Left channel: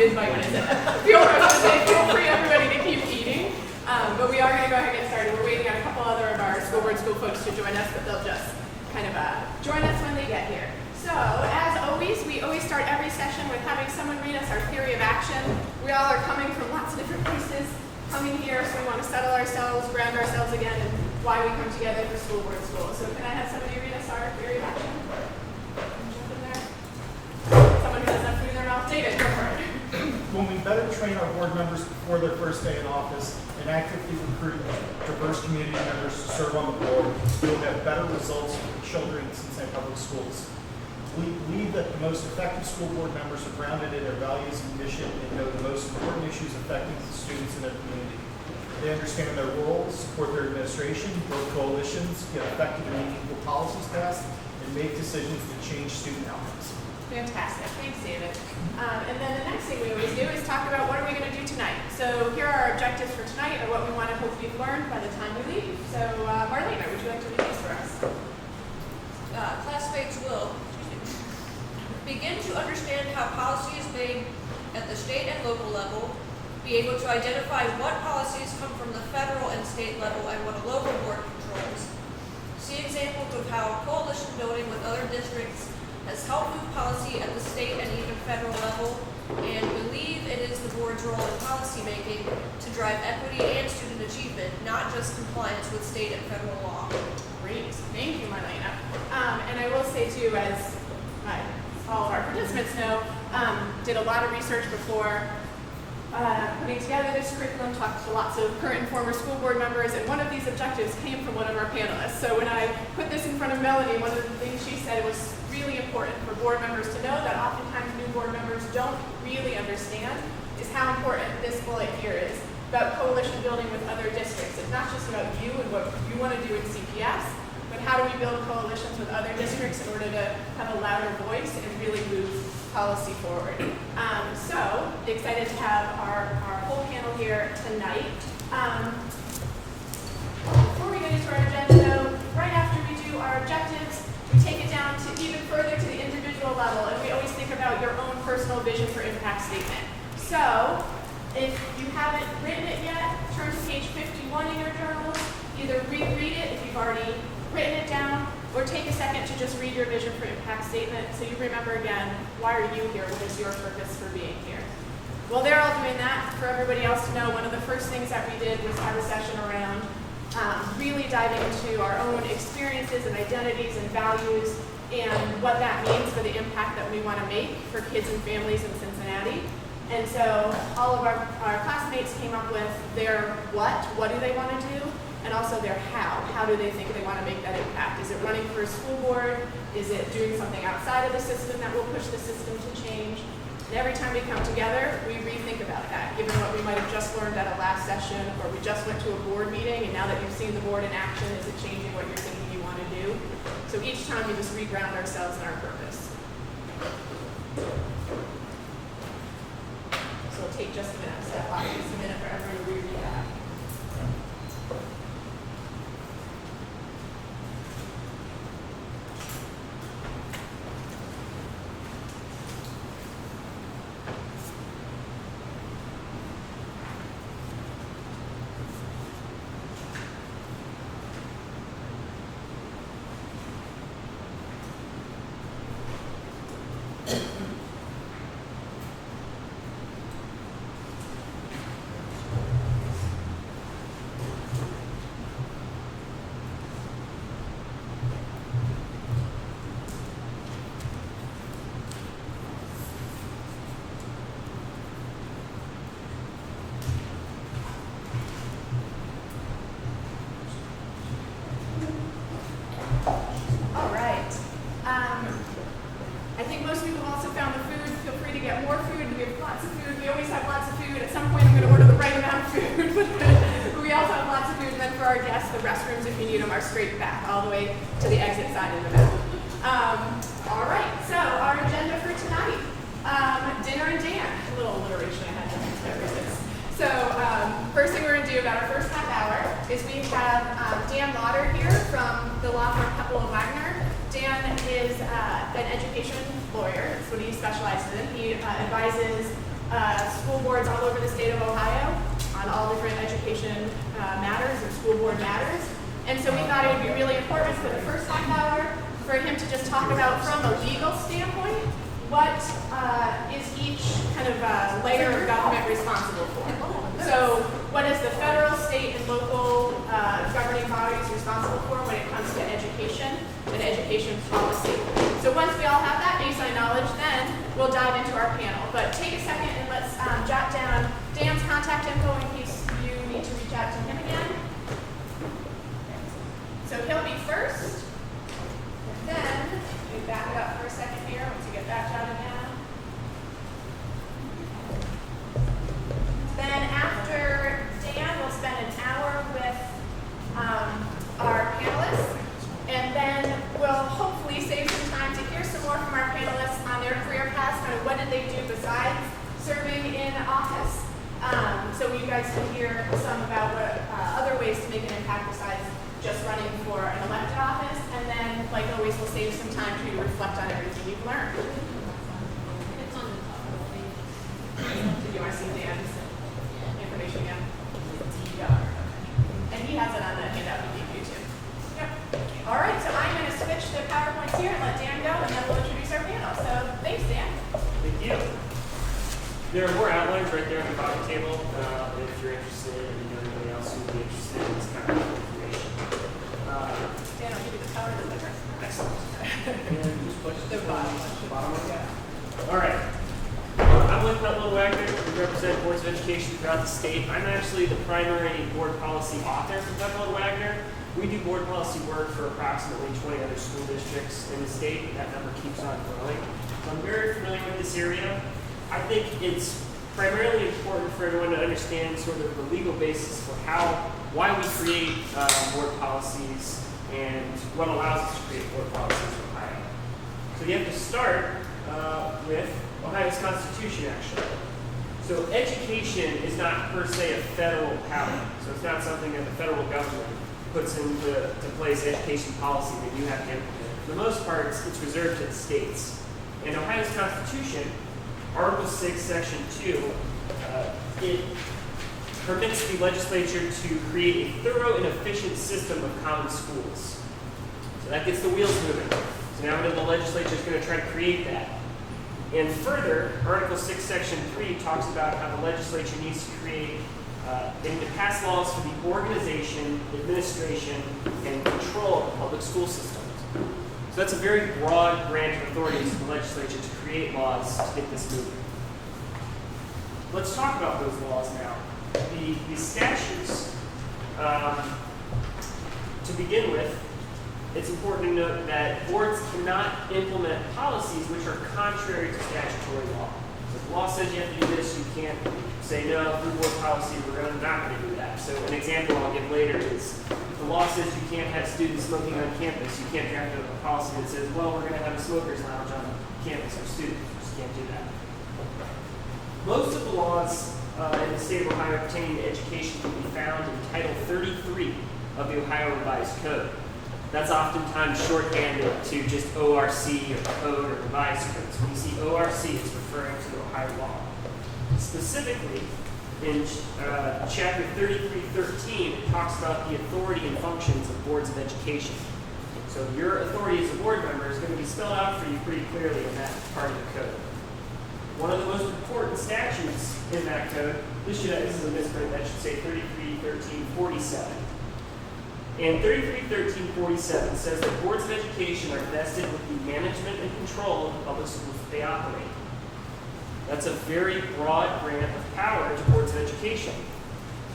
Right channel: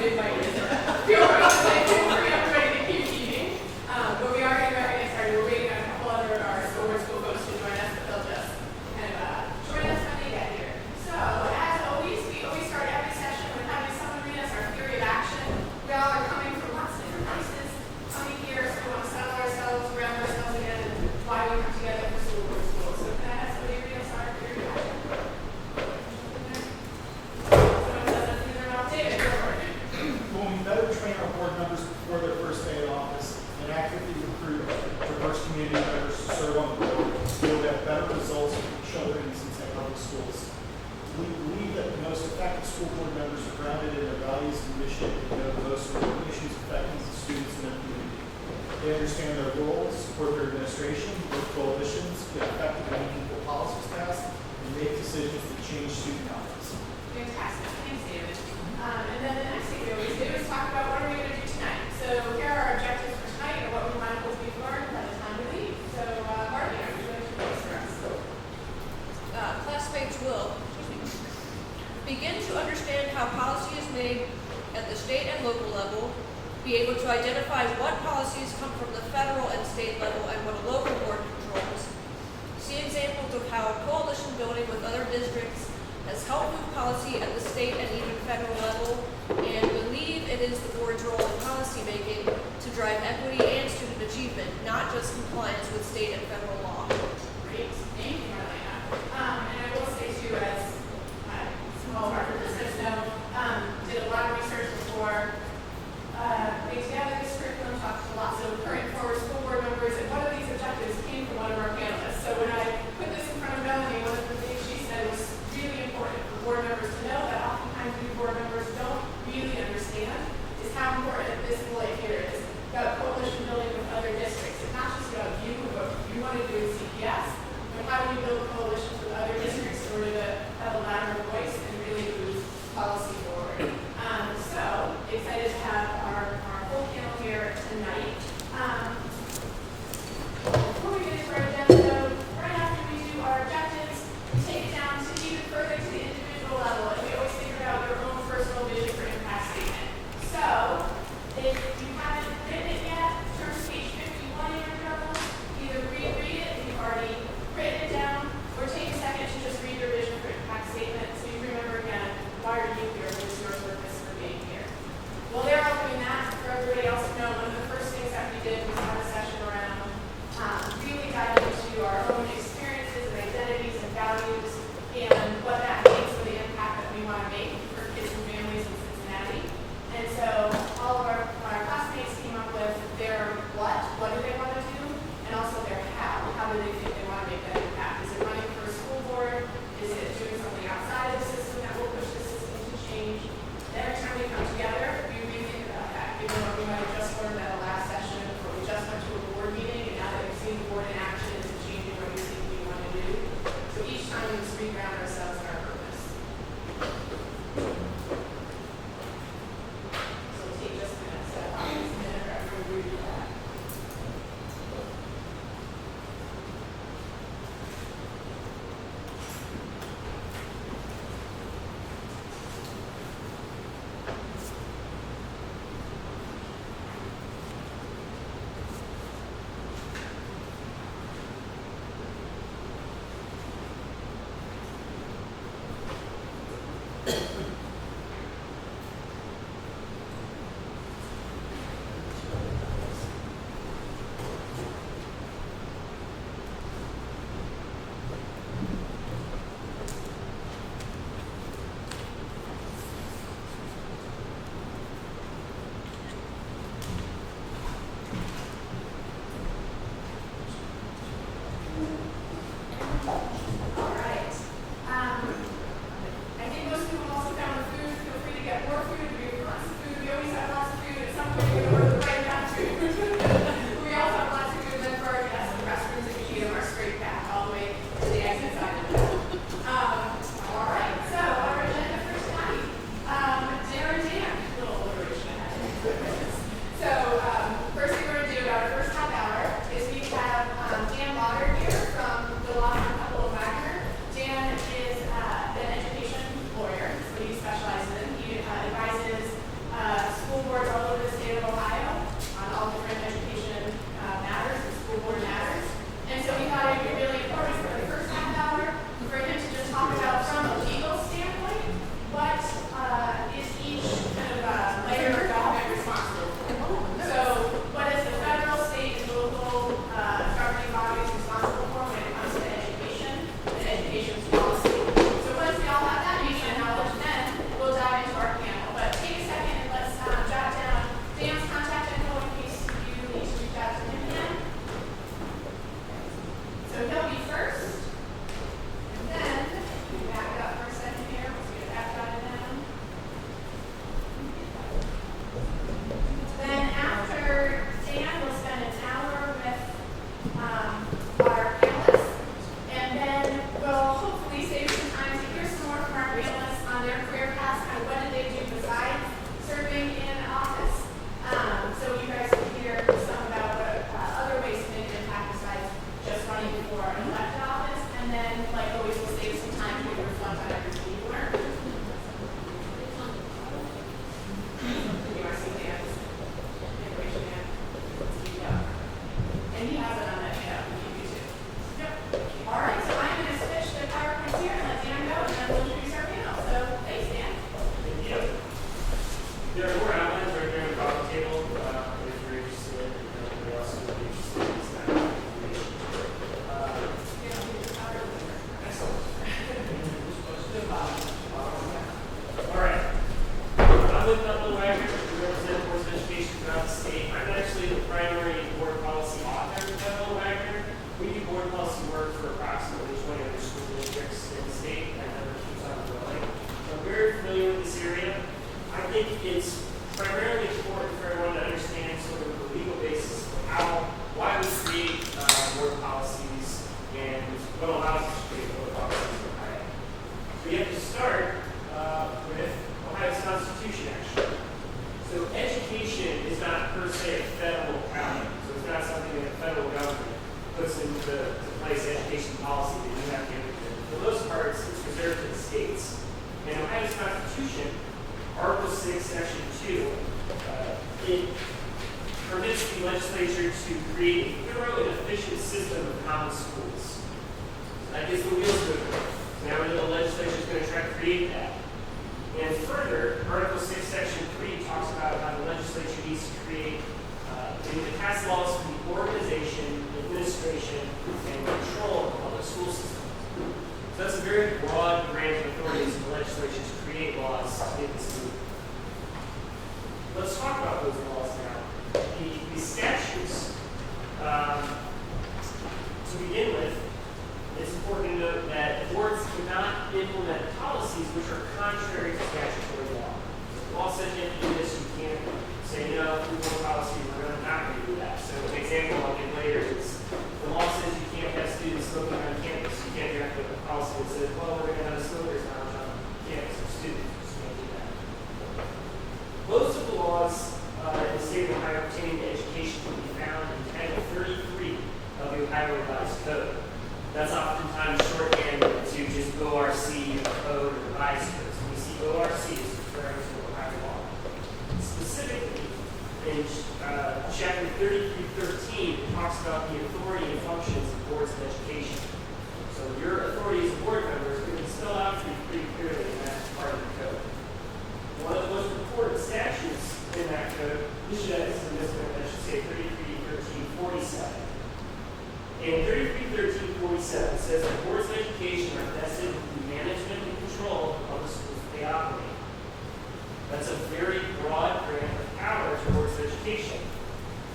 mid-bite. Feel free, everybody, to keep eating. But we are going to go ahead and get started. We're waiting on a couple other of our school board school folks to join us, but they'll just kind of join us when they get here. So, as always, we always start every session with having someone read us our theory of action. We all are coming from lots of different places, coming here, so we want to settle ourselves, ground ourselves again, and why we come together for school board school. So, can I have somebody read us our theory of action? Someone has something in their mouth. David, go for it. When we better train our board members before their first day in office and actively recruit diverse community members to serve on the board, we'll have better results for children in Cincinnati Public Schools. We believe that the most effective school board members are grounded in their values and mission and know the most important issues affecting the students in their community. They understand their roles, support their administration, build coalitions, get effective and meaningful policies passed, and make decisions that change student outcomes. Fantastic. Thanks, David. And then the next thing we always do is talk about what are we going to do tonight. So here are our objectives for tonight and what we want to hopefully learn by the time we leave. So, Marlene, would you like to do this for us? Classmates will begin to understand how policy is made at the state and local level, be able to identify what policies come from the federal and state level and what a local board controls, see examples of how coalition building with other districts has helped move policy at the state and even federal level, and believe it is the board's role in policy making to drive equity and student achievement, not just compliance with state and federal law. Great. Thank you, Marlena. And I will say, too, as all of our participants know, did a lot of research before putting together this curriculum, talked to lots of current and former school board members, and one of these objectives came from one of our panelists. So when I put this in front of Melanie, one of the things she said was really important for board members to know that oftentimes new board members don't really understand is how important this bullet here is about coalition building with other districts. It's not just about you and what you want to do in CPS, but how do you build coalitions with other districts in order to have a louder voice and really move policy forward. So excited to have our whole panel here tonight. Before we get into our agenda, though, right after we do our objectives, we take it down to even further to the individual level, and we always think about their own personal vision for impact statement. So, if you haven't written it yet, turn to page 51 in your journal. Either reread it if you've already written it down, or take a second to just read your vision for impact statement so you remember again, why are you here? What is your purpose for being here? Well, they're all doing that. For everybody else to know, one of the first things that we did was have a session around really diving into our own experiences and identities and values and what that means for the impact that we want to make for kids and families in Cincinnati. And so all of our classmates came up with their what do they want to do, and also their how do they think they want to make that impact. Is it running for a school board? Is it doing something outside of the system that will push the system to change? And every time we come together, we rethink about that, given what we might have just learned at the last session, or we just went to a board meeting, and now that you've seen the board in action, is it changing what you're thinking you want to do? So each time we just reground ourselves in our purpose. So it'll take just a minute, so I'll use a minute for everyone to read that. There are more outlines right there on the coffee table, if you're interested, and anyone else who would be interested in this kind of information. Excellent. All right. I'm Luke Wagner. We represent boards of education throughout the state. I'm actually the primary board policy author for Wagner. We do board policy work for approximately 20 other school districts in the state. That number keeps on growing. So I'm very familiar with this area. I think it's primarily important for everyone to understand sort of the legal basis of why we create board policies and what allows us to create board policies in Ohio. So you have to start with Ohio's Constitution, actually. So education is not per se a federal power. So it's not something that the federal government puts into place education policy that you have to implement. For the most part, it's reserved to the states. In Ohio's Constitution, Article 6, Section 2, it permits the legislature to create a thorough and efficient system of common schools. So that gets the wheels moving. So now the legislature is going to try to create that. And further, Article 6, Section 3 talks about how the legislature needs to create and pass laws for the organization, administration, and control of public school systems. So that's a very broad grant of authority to the legislature to create laws to make this move. Let's talk about those laws now. The statutes, to begin with, it's important to note that boards cannot implement policies which are contrary to statutory law. If the law says you have to do this, you can't say, no, through board policy, we're not going to do that. So an example I'll give later is, the law says you can't have students smoking on campus. You can't have a policy that says, well, we're going to have a smokers lounge on campus for students. You just can't do that. Most of the laws in the state of Ohio pertaining to education can be found in Title 33 of the Ohio Revised Code. That's oftentimes shorthanded to just ORC or Code or Revised Codes. When you see ORC, it's referring to Ohio law. Specifically, in Chapter 3313, it talks about the authority and functions of boards of education. So your authority as a board member is going to be spelled out for you pretty clearly in that part of the code. One of the most important statutes in that code, this should, this is a misprint, I should say 331347. And 331347 says that boards of education are vested with the management and control of the public schools that they operate. That's a very broad grant of power to boards of education.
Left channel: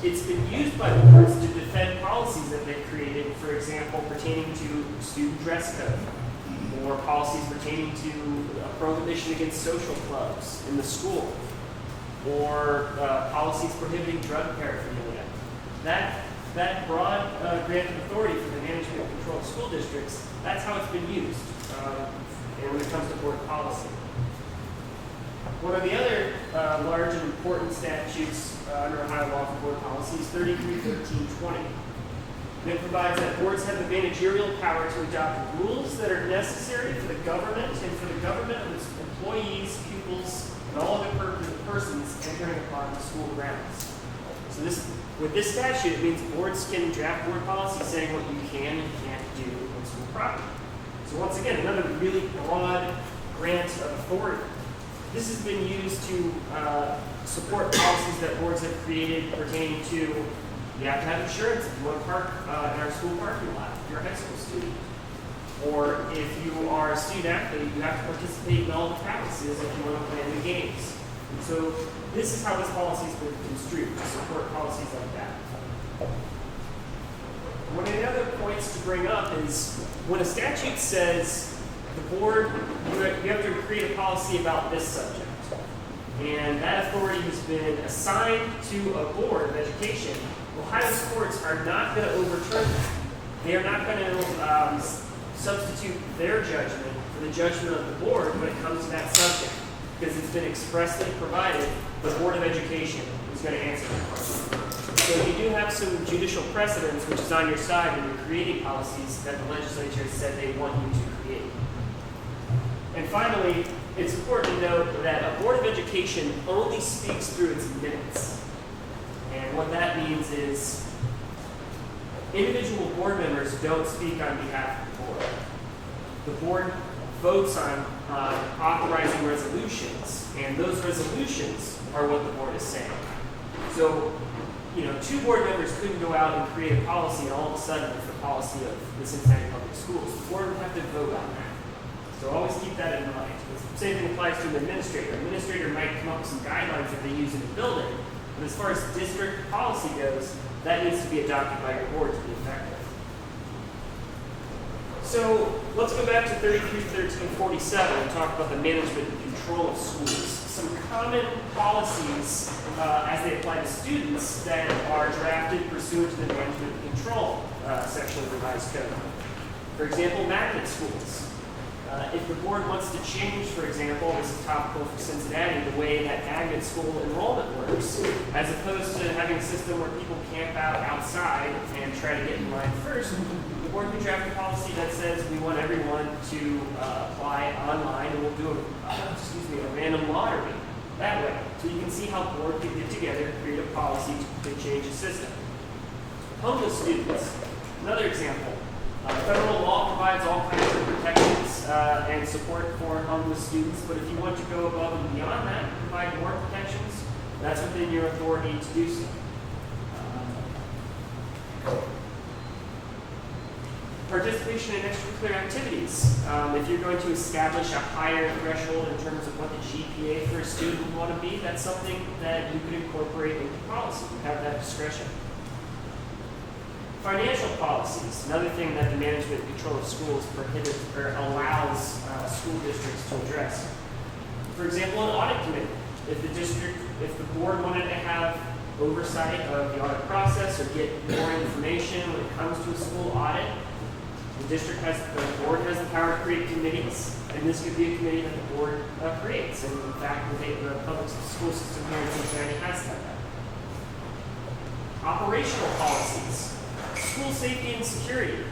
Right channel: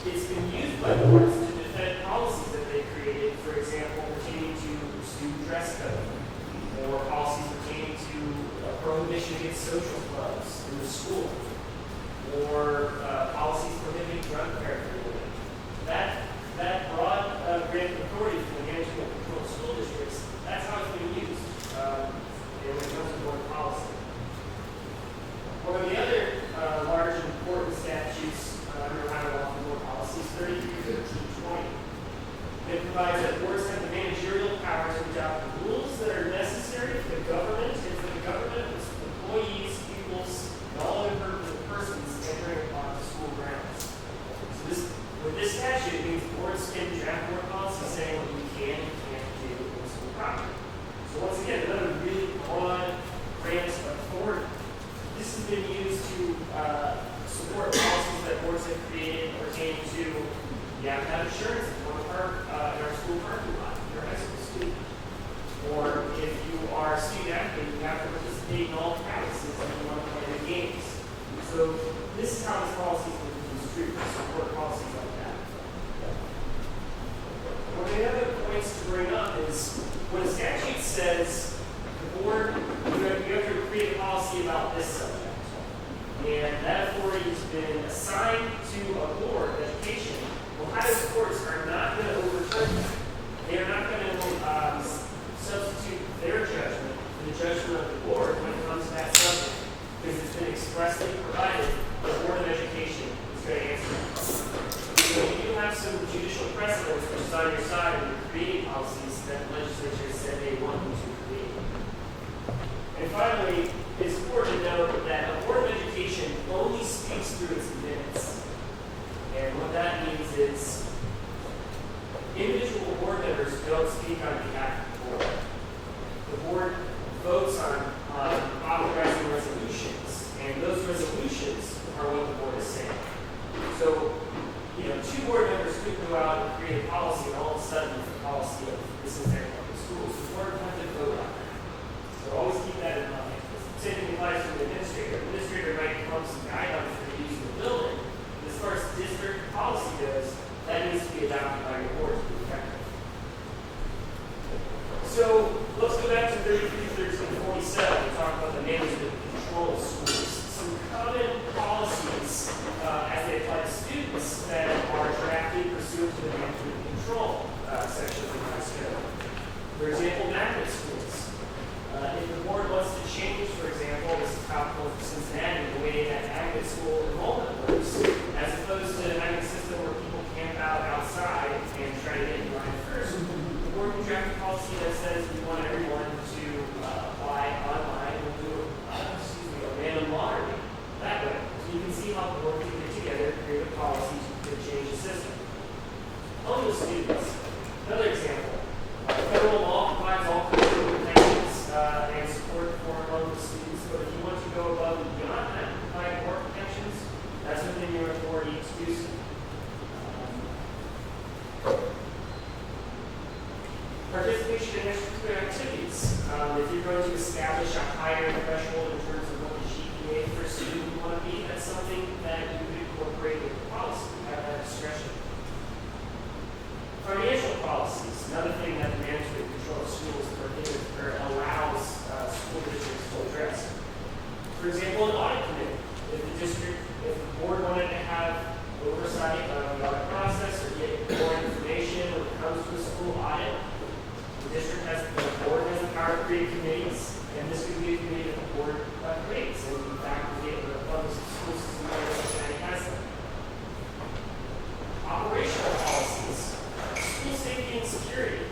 It's been used by boards to defend policies that they created, for example, pertaining to student dress code, or policies pertaining to a prohibition against social clubs in the school, or policies prohibiting drug paraphernalia. That broad grant of authority for the management and control of school districts, that's how it's been used when it comes to board policy. One of the other large and important statutes under Ohio law for board policy is 331320. And it provides that boards have the managerial power to adopt rules that are necessary for the government and for the government of its employees, pupils, and all other persons entering upon the school grounds. So with this statute, it means boards can draft board policy saying what you can and can't do in school property. So once again, another really broad grant of authority. This has been used to support policies that boards have created pertaining to you have to have insurance if you want to park in our school parking lot if you're a high school student. Or if you are a student athlete, you have to participate in all the practices if you want to play in the games. So this is how this policy has been construed to support policies like that. One of the other points to bring up is when a statute says the board, you have to create a policy about this subject. And that authority has been assigned to a board of education. Ohio courts are not going to overturn that. They are not going to substitute their judgment for the judgment of the board when it comes to that subject, because it's been expressly provided the Board of Education is going to answer that question. So you do have some judicial precedents which is on your side when you're creating policies that the legislature said they want you to create. And finally, it's important to note that a Board of Education only speaks through its minutes. And what that means is individual board members don't speak on behalf of the board. The board votes on authorizing resolutions, and those resolutions So, you know, 2 board members couldn't go out and create a policy and all of a sudden it's the policy of the Cincinnati Public Schools. The board would have to vote on that. So always keep that in mind. The same thing applies to an administrator. An administrator might come up with some guidelines that they use in the building, but as far as district policy goes, that needs to be adopted by your board to be effective. So let's go back to 33-13-47 and talk about the management and control of schools. Some common policies as they apply to students that are drafted pursuant to the management and control section of the revised code. For example, magnet schools. If the board wants to change, for example, this is topical for Cincinnati, the way that magnet school enrollment works, as opposed to having a system where people camp out outside and try to get in line first, the board can draft a policy that says we want everyone to apply online and we'll do a random lottery that way. So you can see how the board can get together, create a policy to change the system. Homeless students, another example. Federal law provides all kinds of protections and support for homeless students, but if you want to go above and beyond that, provide more protections, that's within your authority to do so. Participation in extracurricular activities. If you're going to establish a higher threshold in terms of what the GPA for a student you want to be, that's something that you could incorporate into policy. You have that discretion. Financial policies, another thing that the management and control of schools prohibits or allows school districts to address. For example, an audit committee. If the board wanted to have oversight of the audit process or get more information when it comes to a school audit, the board has the power to create committees, and this could be a committee that the board creates. And in fact, the public school system here in Cincinnati has that. Operational policies. School safety and security.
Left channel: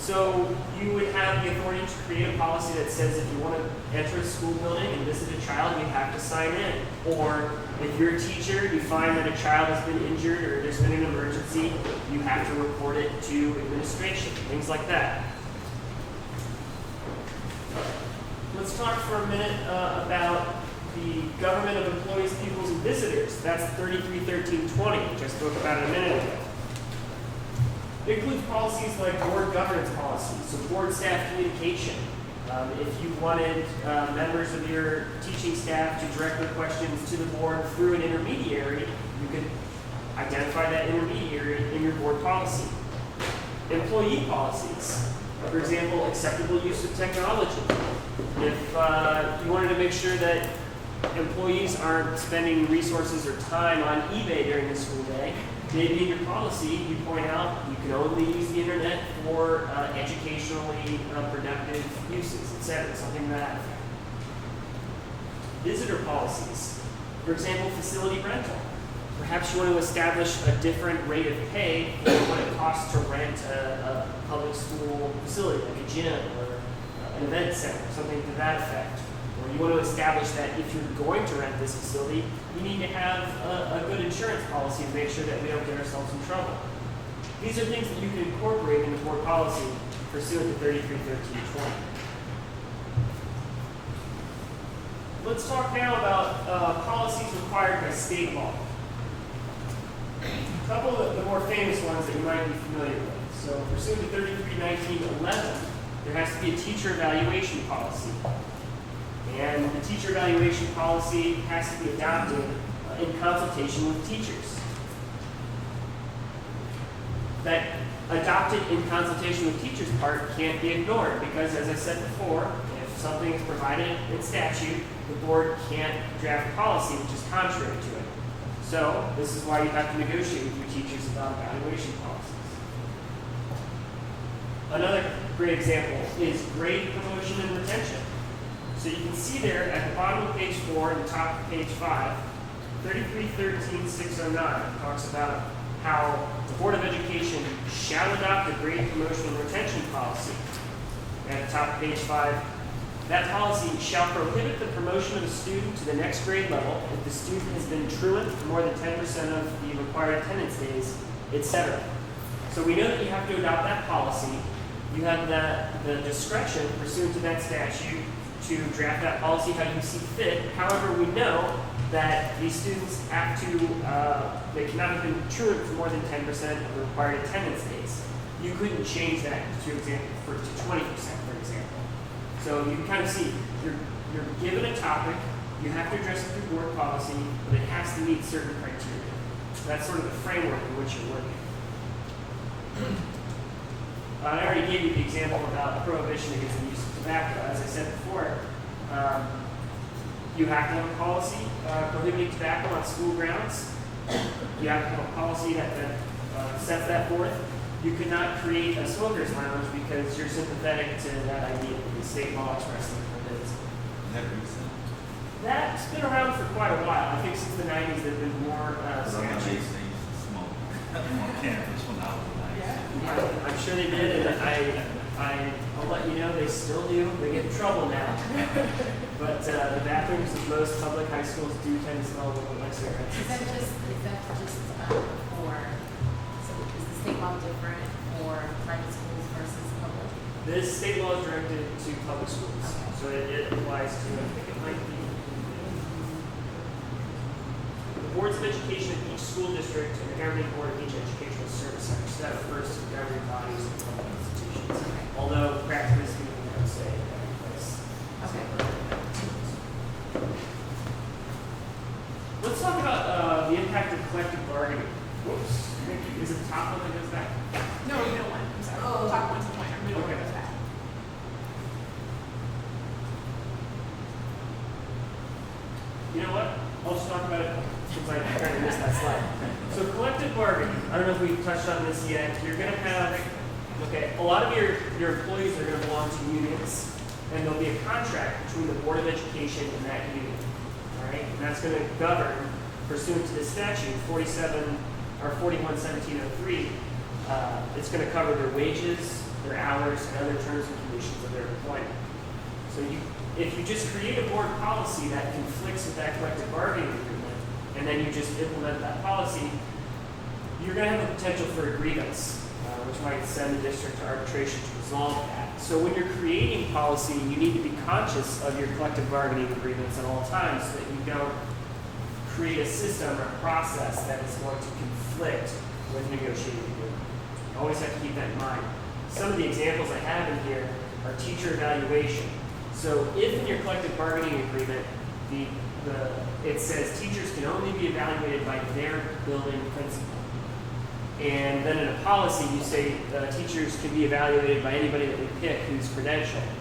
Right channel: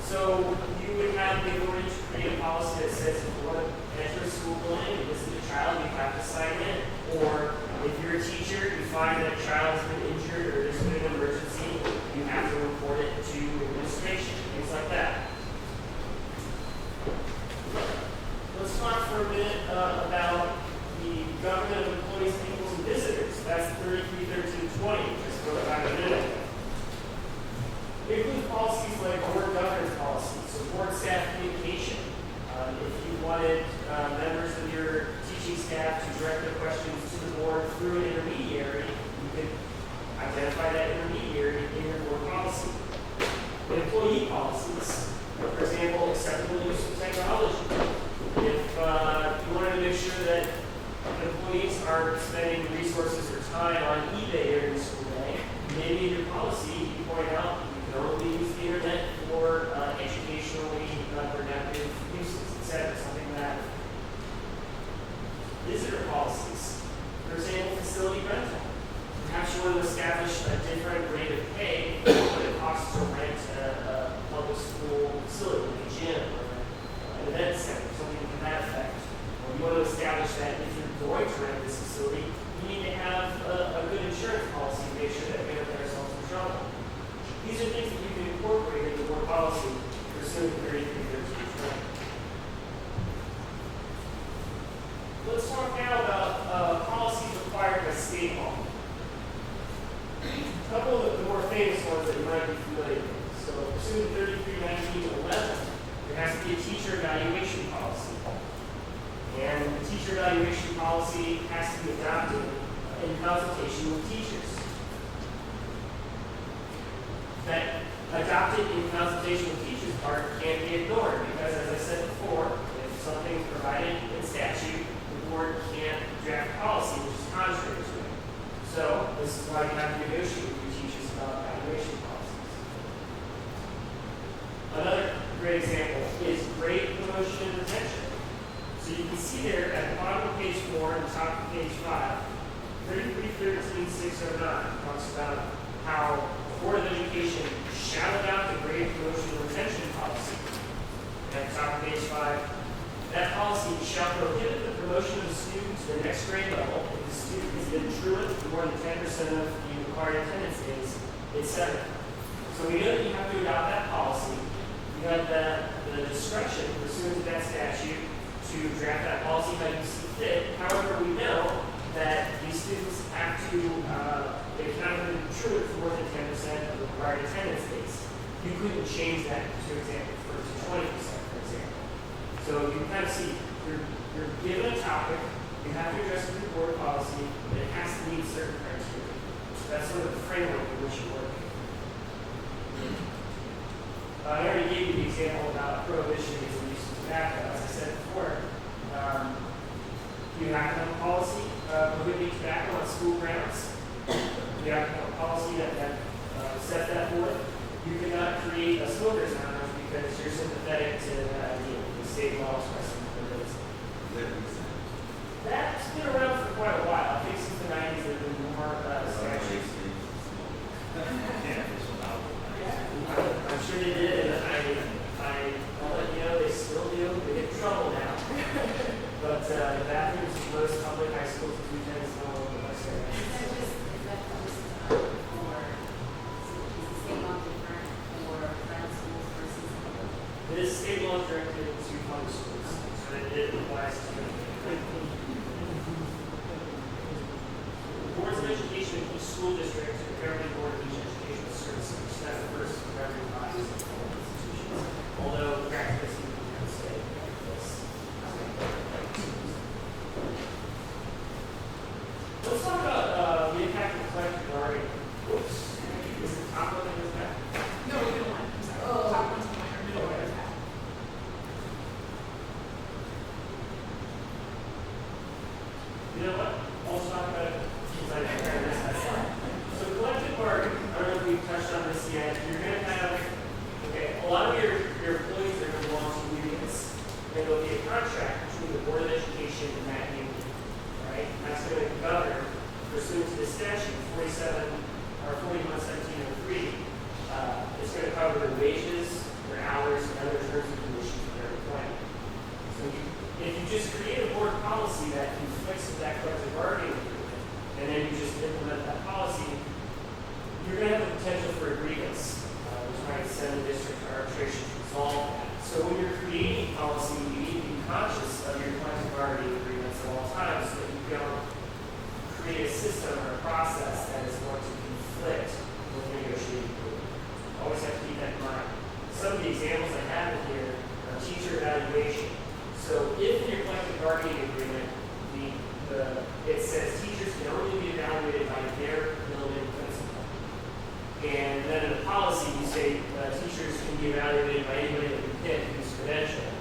So you would have the authority to create a policy that says if you want to enter a school building and visit a child, you have to sign in. Or if you're a teacher, you find that a child has been injured or there's been an emergency, you have to report it to administration, things like that. Let's talk for a minute about the government of employees, peoples, and visitors. That's 33-13-20, which I spoke about a minute ago. It includes policies like board governance policies, so board staff communication. If you wanted members of your teaching staff to direct their questions to the board through an intermediary, you could identify that intermediary in your board policy. Employee policies, for example, acceptable use of technology. If you wanted to make sure that employees aren't spending resources or time on eBay during the school day, maybe in your policy you point out you can only use the internet for educationally productive uses, etc. Something to that. Visitor policies, for example, facility rental. Perhaps you want to establish a different rate of pay for what it costs to rent a public school facility, like a gym or an event center, something to that effect. Or you want to establish that if you're going to rent this facility, you need to have a good insurance policy to make sure that we don't get ourselves in trouble. These are things that you can incorporate into board policy pursuant to 33-13-20. Let's talk now about policies required by state law. A couple of the more famous ones that you might be familiar with. So, pursuant to 33-19-11, there has to be a teacher evaluation policy. And the teacher evaluation policy has to be adopted in consultation with teachers. That adopted in consultation with teachers part can't be ignored because, as I said before, if something is provided in statute, the board can't draft a policy which is contrary to it. So this is why you have to negotiate with your teachers about evaluation policies. Another great example is grade promotion and retention. So you can see there at the bottom of page 4 and the top of page 5, 33-13-609 talks about how the Board of Education shall adopt a grade promotion and retention policy. And at the top of page 5, that policy shall prohibit the promotion of a student to the next grade level if the student has been truant for more than 10% of the required attendance days, etc. So we know that you have to adopt that policy. You have the discretion pursuant to that statute to draft that policy how you see fit. However, we know that these students have to, they cannot have been truant for more than 10% of required attendance days. You couldn't change that to 20%, for example. So you can kind of see, you're given a topic, you have to address it through board policy, but it has to meet certain criteria. So that's sort of the framework in which you're working. I already gave you the example about prohibition against the use of tobacco. As I said before, you have to have a policy prohibiting tobacco on school grounds. You have to have a policy that sets that forth. You cannot create a smoker's lounge because you're sympathetic to that idea. The state law expressly forbids. That's been around for quite a while. I think since the 90s there have been more statutes. I'm sure they did, and I'll let you know they still do. They get in trouble now. But the bathrooms of most public high schools do tend to smell a little bit cigarette. Is that just for, so is the state law different for private schools versus public? This state law is directed to public schools, so that it applies to everything. The boards of education of each school district and the governing board of each educational service center. So that refers to the governing bodies of all institutions. Although practically speaking, it can stay in place. Let's talk about the impact of collective bargaining. Whoops. Is it top of it? Is that? No, middle one. I'm sorry. Top one's point, or middle one is that. You know what? I'll just talk about it since I tried to miss that slide. So collective bargaining, I don't know if we touched on this yet. You're going to have, a lot of your employees are going to belong to unions. And there'll be a contract between the Board of Education and that union. All right? And that's going to govern, pursuant to the statute 411703, it's going to cover their wages, their hours, and other terms and conditions of their employment. So if you just create a board policy that conflicts with that collective bargaining agreement, and then you just implement that policy, you're going to have the potential for a grievance, which might send the district to arbitration to resolve that. So when you're creating policy, you need to be conscious of your collective bargaining agreements at all times so that you don't create a system or a process that is going to conflict with negotiating agreement. Always have to keep that in mind. Some of the examples I have in here are teacher evaluation. So if in your collective bargaining agreement, it says teachers can only be evaluated by their building principal. And then in a policy, you say teachers can be evaluated by anybody that we pick who's credentialed.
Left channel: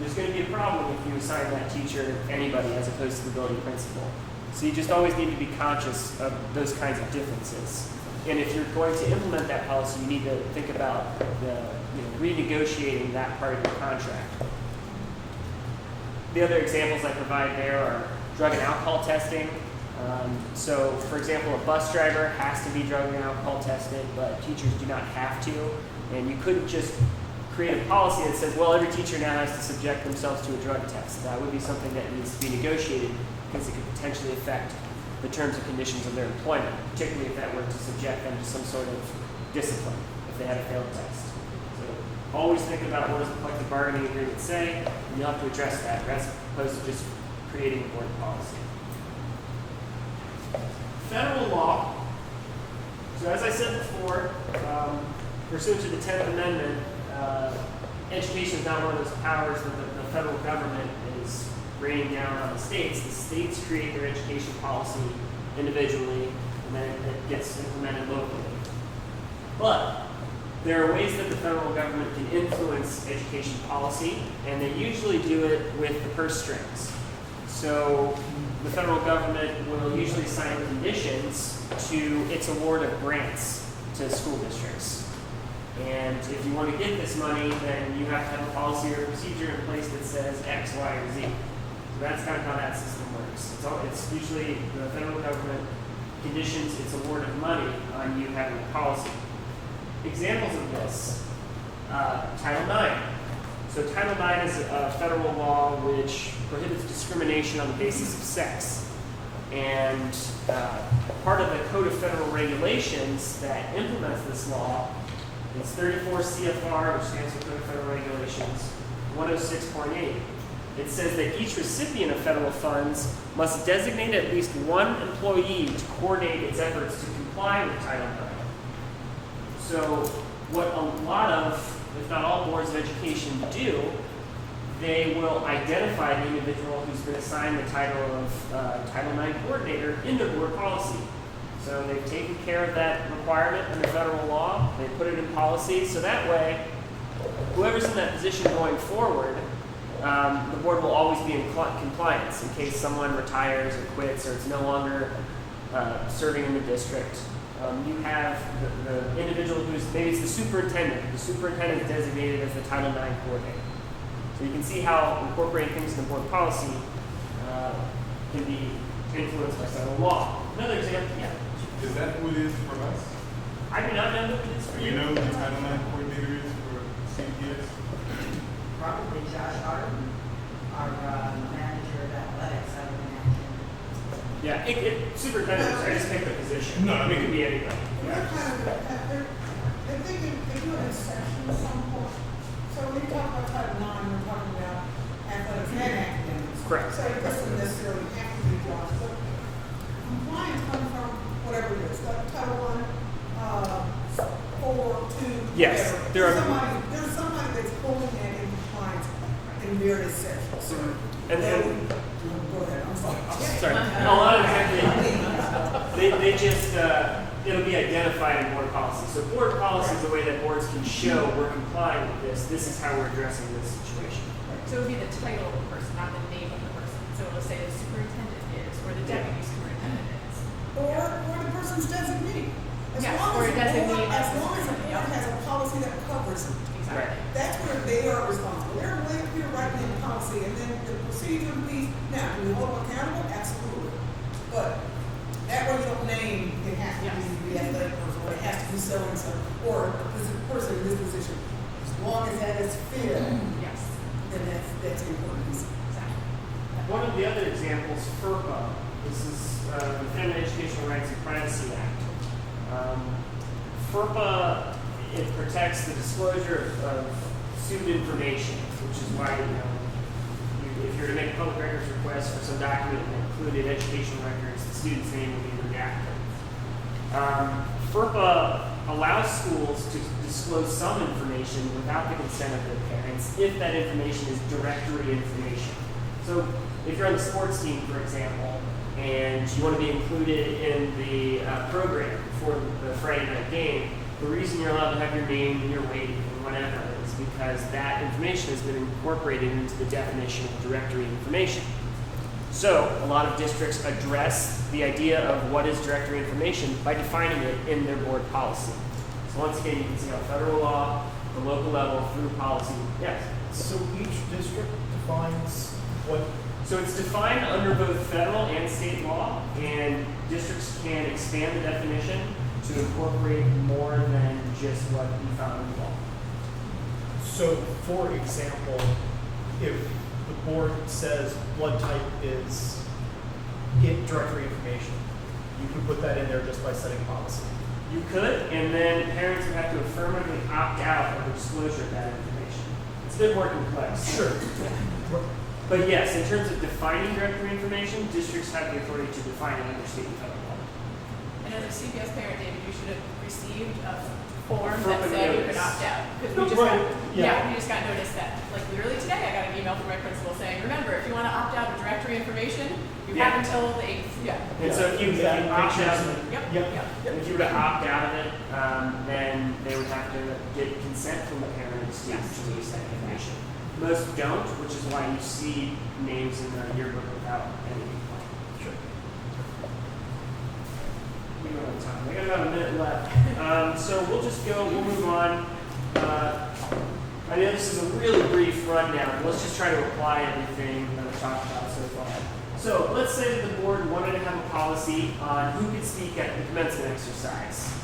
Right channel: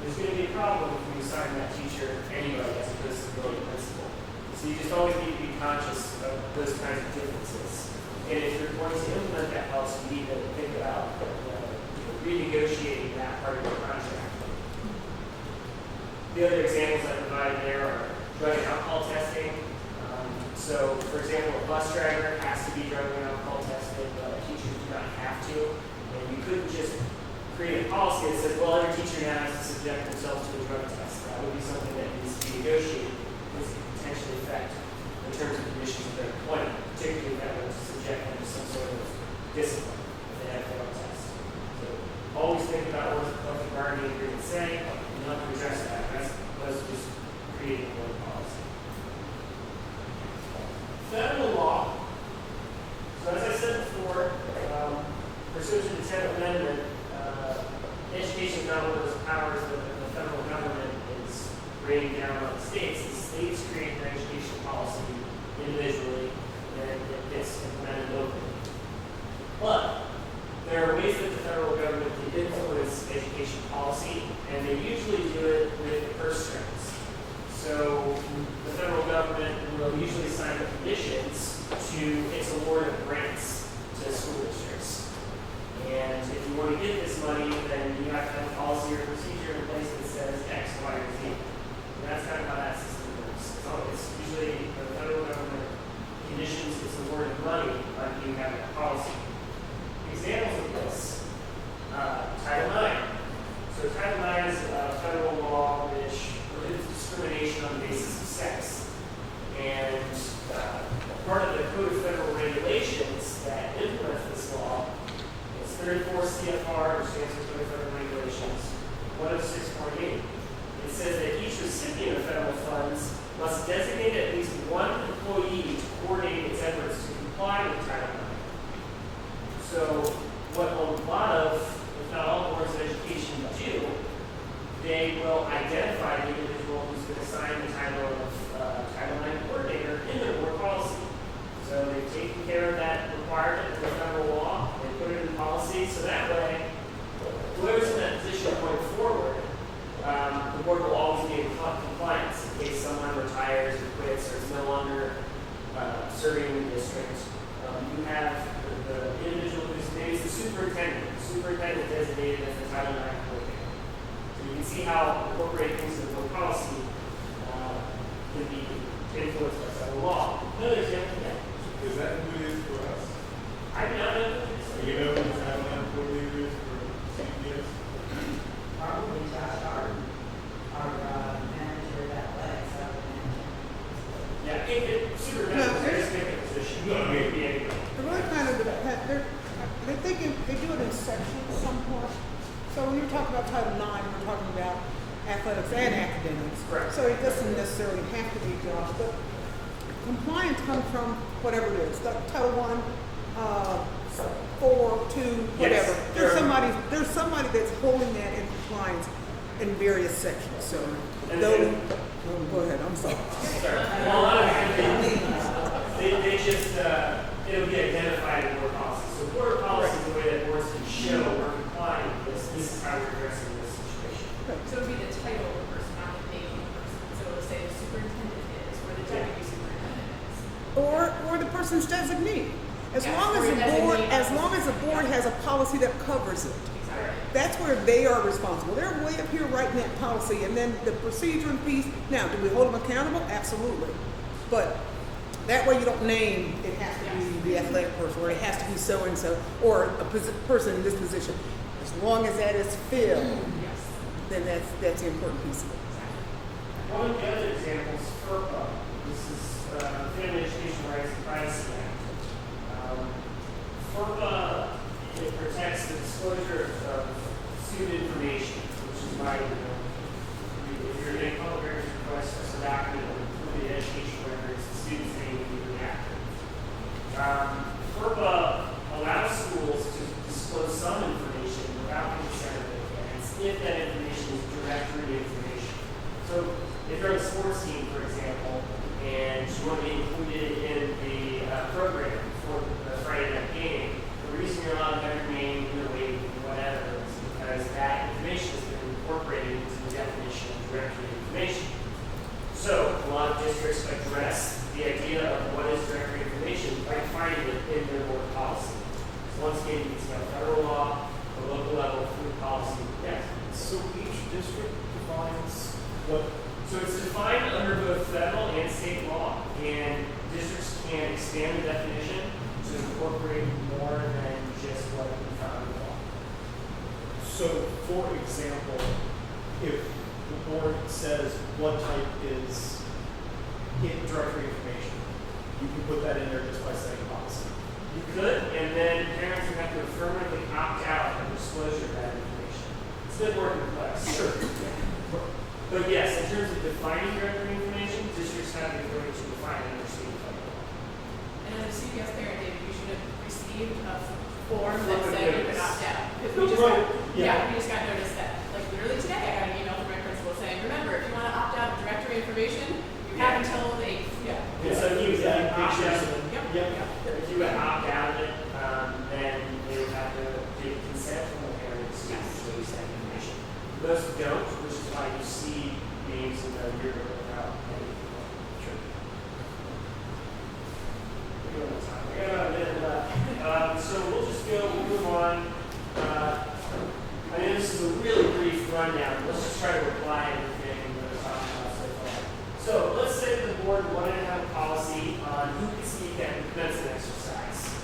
There's going to be a problem if you assign that teacher anybody as opposed to the building principal. So you just always need to be conscious of those kinds of differences. And if you're going to implement that policy, you need to think about renegotiating that part of your contract. The other examples I provide there are drug and alcohol testing. So, for example, a bus driver has to be drug and alcohol tested, but teachers do not have to. And you couldn't just create a policy that says, well, every teacher now has to subject themselves to a drug test. That would be something that needs to be negotiated because it could potentially affect the terms and conditions of their employment, particularly if that were to subject them to some sort of discipline if they had a failed test. So always think about what does the collective bargaining agreement say, and you'll have to address that as opposed to just creating a board policy. Federal law. So as I said before, pursuant to the 10th Amendment, education is not one of those powers that the federal government is raining down on the states. The states create their education policy individually, and then it gets implemented locally. But there are ways that the federal government can influence education policy, and they usually do it with the purse strings. So the federal government will usually sign conditions to its award of grants to school districts. And if you want to get this money, then you have to have a policy or procedure in place that says X, Y, or Z. And that's kind of how that system works. It's usually the federal government conditions its award of money on you having a policy. Examples of this, Title IX. So Title IX is a federal law which prohibits discrimination on the basis of sex. And part of the Code of Federal Regulations that implements this law is 34 CFR, which stands for Code of Federal Regulations, 106.8. It says that each recipient of federal funds must designate at least one employee to coordinate its efforts to comply with Title IX. So what a lot of, if not all boards of education do, they will identify the individual who's been assigned the title of Title IX coordinator in their board policy. So they've taken care of that requirement in the federal law, they put it in policy, so that way, whoever's in that position going forward, the board will always be in compliance in case someone retires or quits or is no longer serving in the district. You have the individual who's, maybe it's the superintendent. The superintendent is designated as the Title IX coordinator. So you can see how incorporating things in board policy can be influenced by federal law. Another example, yeah. Is that who it is for us? I do not know who it is. Do you know who the Title IX coordinator is for CPS? Probably Josh Harden, our manager of athletics, our manager. Yeah, superintendent is a specific position. No, I mean- it could be anybody. And that kind of, I think it put in sections somewhat. So we talk about Title IX, we're talking about athletics and academics. Correct. So it doesn't necessarily have to be jobs, but compliance comes from whatever it is, like Title I, 4, 2, Yes, whatever. there are- There's somebody that's holding that in compliance in various sections, so. And then- Go ahead, I'm sorry. Sorry. And a lot of times they just, it'll be identified in board policy. So board policy is a way that boards can show we're complying with this. This is how we're addressing this situation. So it would be the title of the person, not the name of the person. So it'll say the superintendent is, or the deputy superintendent is. Or the person's designee. As Yes, long or as a the board- designee. As long as the board has a policy that covers it. Exactly. That's where they are responsible. They're way up here writing in policy, and then the procedure piece, now, do we hold them accountable? Absolutely. But that way you don't name, it has to be the athletic person, or it has to be so-and-so, or a person in this position. As long as that is filled, Yes, then that's important. exactly. One of the other examples, FERPA, this is the Family Educational Rights and Privacy Act. FERPA, it protects the disclosure of student information, which is why, if you're going to make public records requests for some document that included education records, the student's name will be redacted. FERPA allows schools to disclose some information without the consent of their parents if that information is directory information. So if you're on the sports team, for example, and you want to be included in the program for the Friday night game, the reason you're allowed to have your name, your weight, and whatever is because that information has been incorporated into the definition of directory information. So a lot of districts address the idea of what is directory information by defining it in their board policy. So once again, you can see how federal law, the local level, through policy, yes. So each district defines what, So it's defined under both federal and state law, and districts can expand the definition to incorporate more than just what we found in the law. so for example, if the board says blood type is in directory information, you can put that in there just by setting policy. You could, and then parents would have to affirmatively opt out of the disclosure of that information. It's a bit more complex. Sure. But yes, in terms of defining directory information, districts have the authority to define it under state and federal law. And as a CPS parent, David, you should have received a form that Affirmative said you notice. could opt out. Because No, we just right, got, yeah. we just got notice that, like literally today, I got an email from my principal saying, remember, if you want to opt out of directory information, you Yeah. have until the 8th. Yeah. And so if you That opt pictures out, and- Yep. Yep. Yeah. if you were to opt out of it, then they would have to get consent from the parents to Yes. release that information. Most don't, which is why you see names in the yearbook without any. Sure. We got time. We got about a minute left. So we'll just go, we'll move on. I know this is a really brief rundown. Let's just try to apply everything that we talked about so far. So let's say that the board wanted to have a policy on who could speak at the commencement exercise.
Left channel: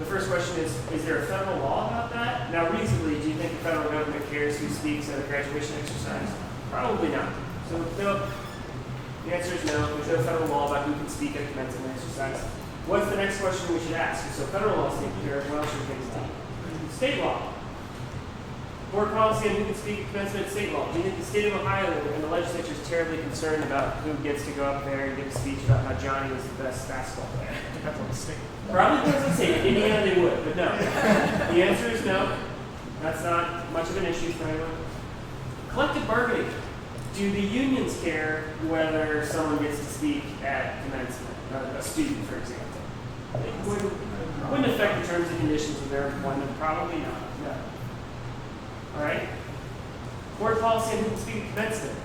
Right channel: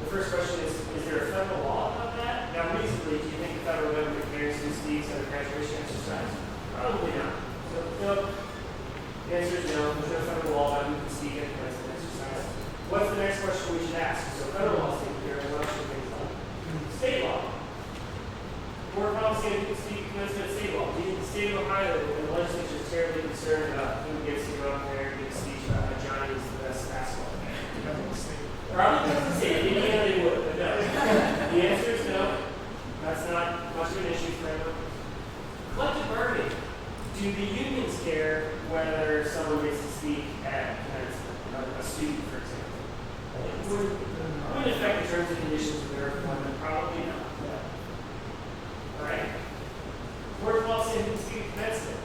The first question is there a federal law about that? Now, reasonably, do you think the federal government cares who speaks at a graduation exercise? Probably not. So, no. The answer is no. There's no federal law about who can speak at commencement exercise. What's the next question we should ask? So, federal law is taken care of. What else should things like? State law. Board policy on who can speak at commencement at state law. We in the state of Ohio, when the legislature is terribly concerned about who gets to go up there and give a speech about how Johnny is the best basketball player. Depends on the state. Probably doesn't say it. Indiana they would, but no. The answer is no. That's not much of an issue for anyone. Collective bargaining. Do the unions care whether someone gets to speak at commencement? A student, for example. It wouldn't affect the terms and conditions of their employment. Probably not. No. All right. Board policy on who can speak at commencement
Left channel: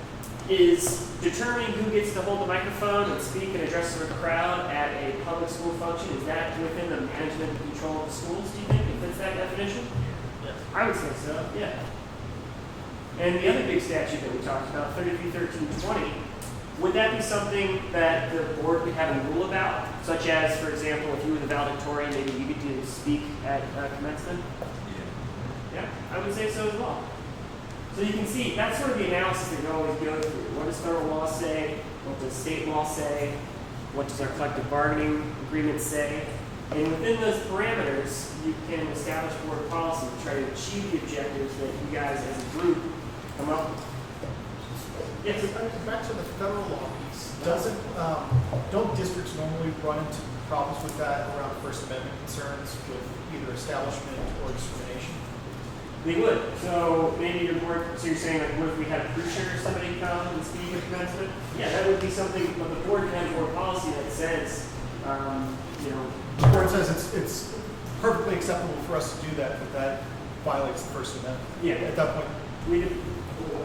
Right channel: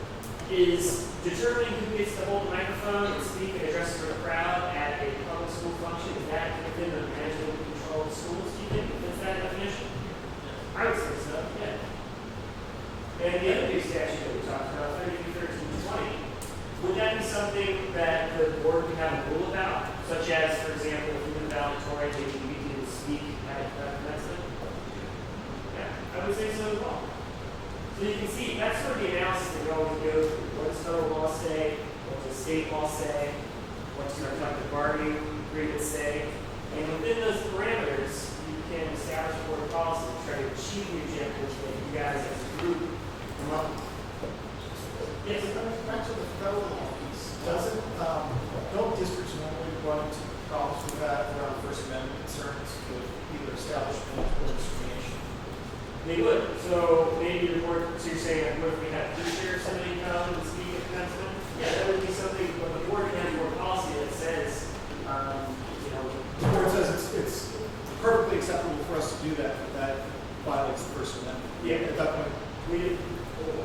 is determining who gets to hold the microphone and speak and address the crowd at a public school function. Is that within the management and control of the schools, do you think? If it's that definition? I would say so, yeah. And the other big statute that we talked about, 331320, would that be something that the board could have a rule about? Such as, for example, if you were the valedictorian, maybe you get to speak at commencement? Yeah, I would say so as well. So you can see, that's sort of the analysis that you always go through. What does federal law say? What does state law say? What does our collective bargaining agreement say? And within those parameters, you can establish board policy to try to achieve the objectives that you guys as a group come up with. Yes? Back to the federal law piece, don't districts normally run into problems with that around First Amendment concerns with either establishment or discrimination? They would. So maybe your board, so you're saying like, what if we had a preacher or somebody come and speak at commencement? Yeah, that would be something, but the board can have board policy that says, you know, The board says it's perfectly acceptable for us to do that, but that violates the First Amendment. Yeah. At that point, we did,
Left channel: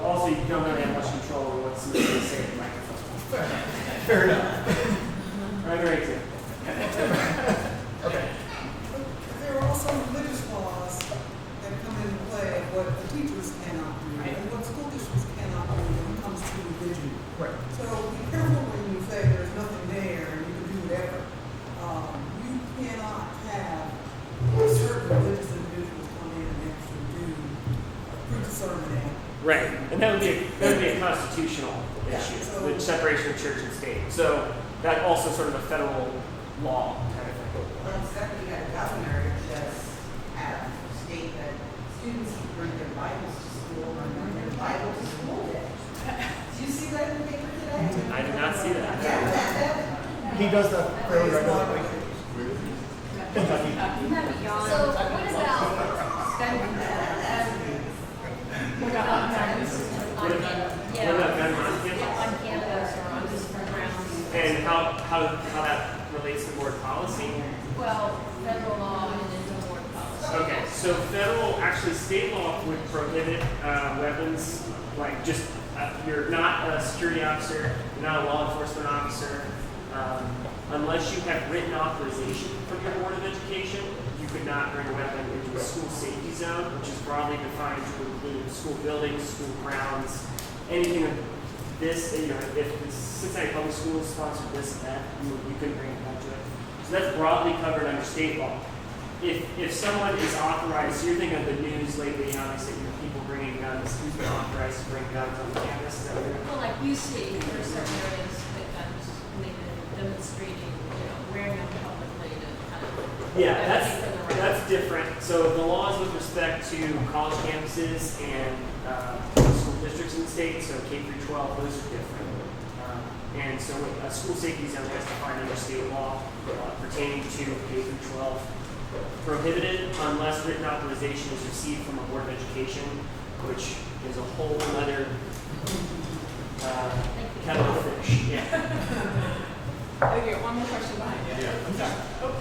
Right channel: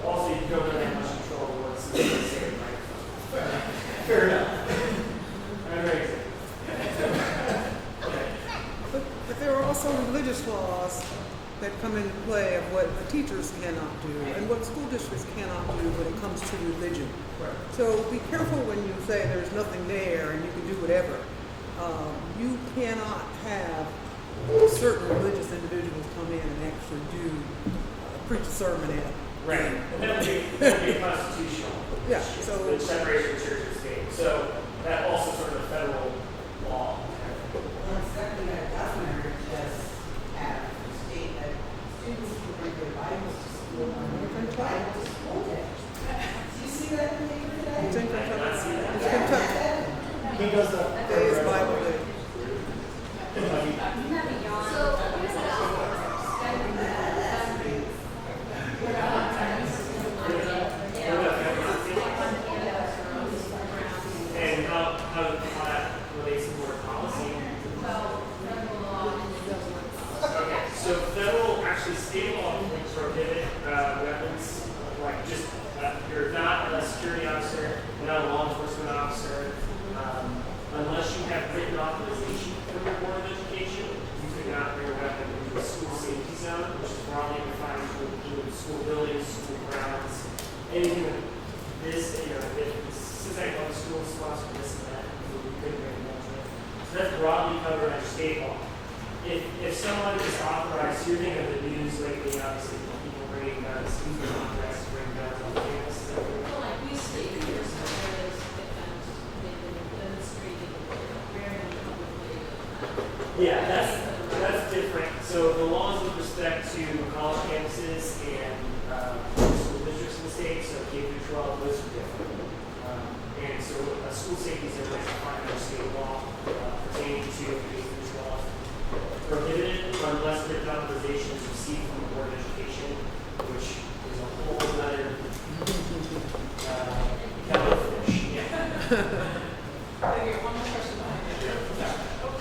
also you don't really have much control over what somebody can say in the microphone. fair enough. Another example. Okay. But there are also religious laws that come into play of what the teachers cannot do, and what school districts cannot do when it comes to religion. Right. So be careful when you say there's nothing there and you can do whatever. You cannot have a certain religious individual come in and actually do preach a sermon and Right. And that would be a constitutional Yeah, issue, so- the separation of church and state. So that also sort of a federal law. Well, second, you got a governor that just had a state that students can bring their Bibles to school and bring their Bible to school day. Did you see that in the paper today? I did not see that. Yeah, He does that fairly regularly. Kentucky. So what about studying that? What about Venmo? On campus or on different grounds? And how that relates to board policy? Well, federal law and then the board policy. Okay, so federal, actually state law would prohibit weapons, like just, you're not a security officer, you're not a law enforcement officer, unless you have written authorization from your Board of Education, you could not bring a weapon into a school safety zone, which is broadly defined to include school buildings, school grounds, anything of this, you know, if the Cincinnati Public Schools sponsored this and that, you couldn't bring it into it. So that's broadly covered under state law. If someone is authorized, so you're thinking of the news lately, obviously, people bringing guns, who's been authorized to bring guns on campus? Is that what you're- Well, like we see, there are some areas that kind of demonstrating, wearing them publicly to kind of. Yeah, advocate for the that's rights. different. So the laws with respect to college campuses and school districts in the state, so K through 12, those are different. And so a school safety zone is defined under state law pertaining to K through 12. Prohibited unless written authorization is received from a Board of Education, which is a whole other kettle of fish. Yeah. Okay, one more question behind you. Sorry. Oh,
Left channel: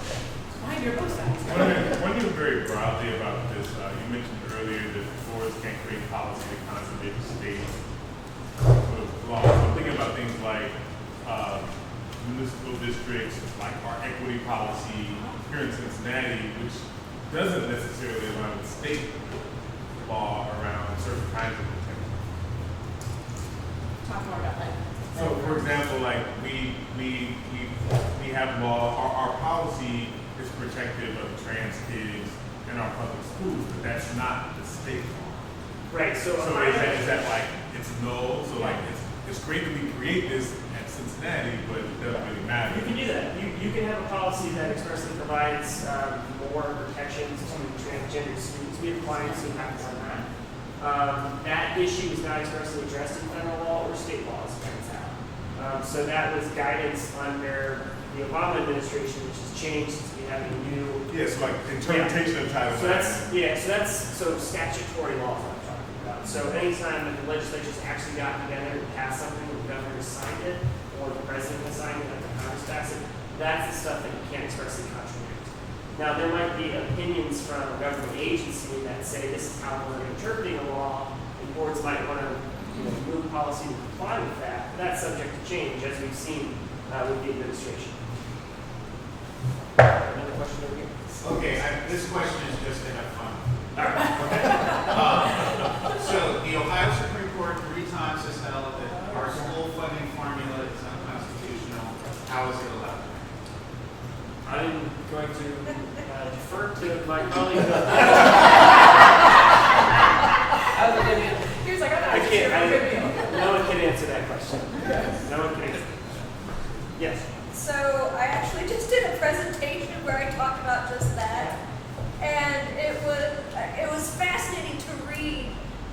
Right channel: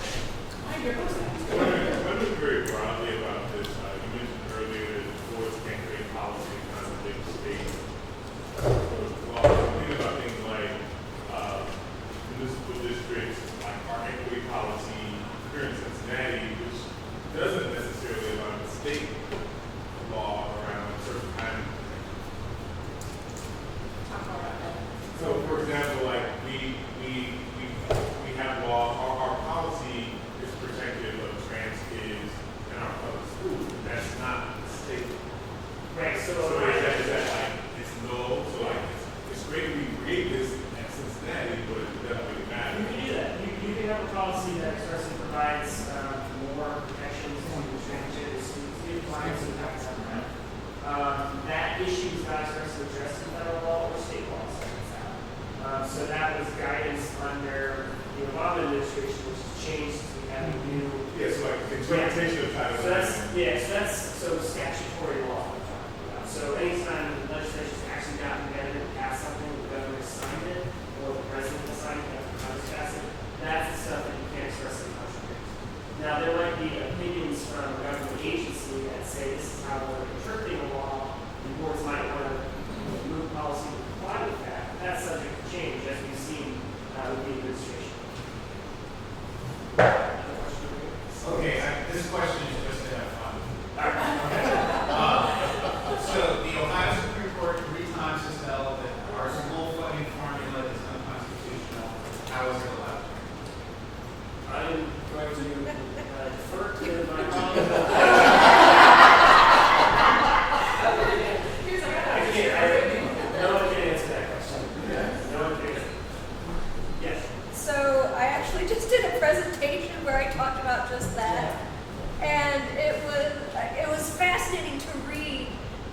behind your post When you very broadly about this, you mentioned earlier that boards can't create policy that contradicts state law. I'm thinking about things like municipal districts, like our equity policy here in Cincinnati, which doesn't necessarily allow the state law around a certain kind of thing. Talk more about that. So, for example, like we have law, our policy is protective of trans kids in our public schools, but that's not the state. Right, so So is that like, it's null, so like, it's great that we create this at Cincinnati, but it doesn't really matter. you can do that. You can have a policy that expressly provides more protections to transgender students. We apply it, so you have to have that. That issue is not expressly addressed in federal law or state laws. So that was guidance under the Obama administration, which has changed since we have a new. Yes, like interpretation of Title So that's, IX. yeah, so statutory law I'm talking about. So anytime the legislature's actually gotten together to pass something, the governor has signed it, or the president has signed it, the Congress passed it, that's the stuff that you can't expressly contradict. Now, there might be opinions from a government agency that say this is how we're interpreting the law, and boards might want to move policy to comply with that. But that's subject to change, as we've seen with the administration. Another question? Okay, this question is just to have fun. So the Ohio Supreme Court 3 times has held that our school funding formula is unconstitutional. How is it allowed? I'm going to defer to my colleague. He was like, I I thought can't, no one can answer that question. No one can. Yes. So I actually just did a presentation where I talked about just that, and it was fascinating to read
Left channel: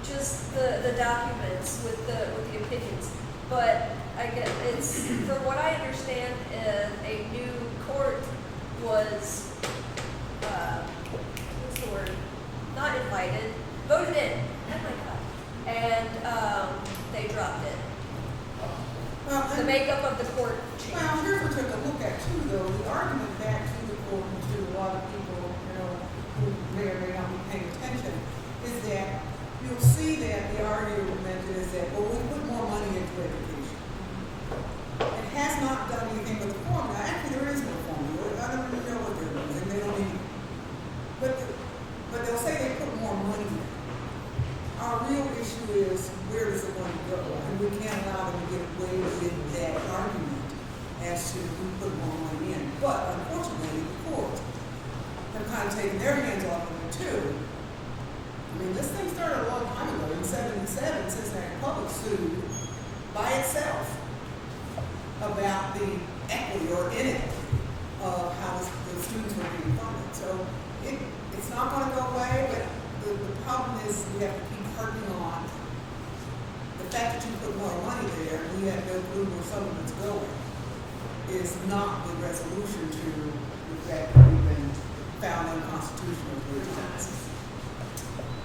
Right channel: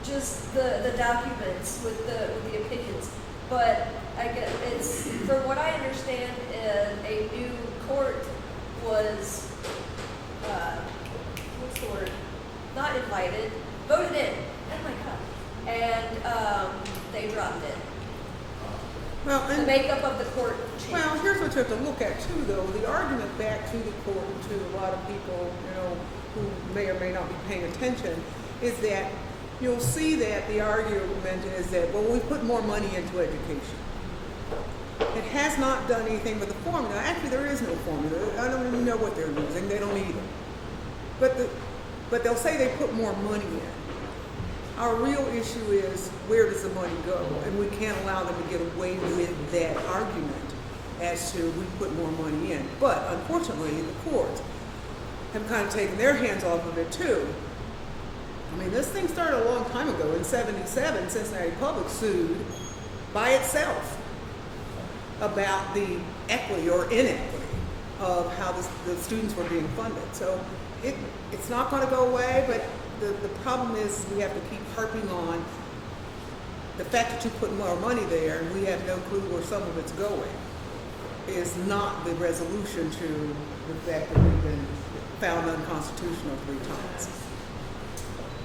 just the documents with the opinions. But I get it's from what I understand, a new court was what's the word? Not invited, voted in. Oh my god! And they dropped it. Well, The makeup of the court changed. Well, here's what you have to look at too, though. The argument back to the court, and to a lot of people, who may or may not be paying attention, is that you'll see that the argument is that, well, we put more money into education. It has not done anything with the formula. Actually, there is no formula. I don't really know what they're doing. They don't even. But they'll say they put more money in. Our real issue is, where does the money go? And we can't allow them to get away with that argument as to who put more money in. But unfortunately, the courts have kind of taken their hands off of it too. I mean, this thing started a long time ago. In '77, Cincinnati Public sued by itself about the equity or inequity of how the students were being funded. So it's not going to go away, but the problem is we have to keep harping on the fact that you put more money there and we have no clue where some of it's going is not the resolution to the fact that we've been found unconstitutional.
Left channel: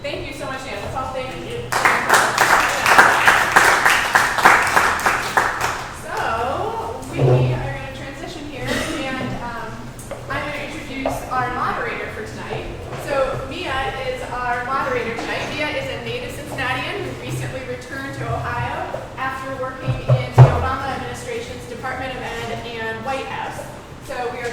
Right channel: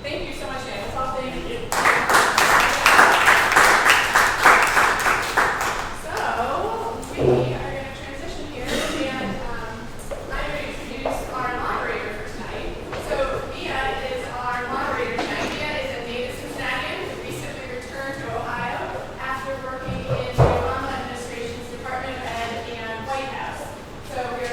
Thank you so much, Anna. That's all. Thank you. So we are going to transition here, and I'm going to introduce our moderator for tonight. So Mia is our moderator tonight. Mia is a native Cincinnatian who recently returned to Ohio after working in the Obama administration's Department of Ed and White House. So we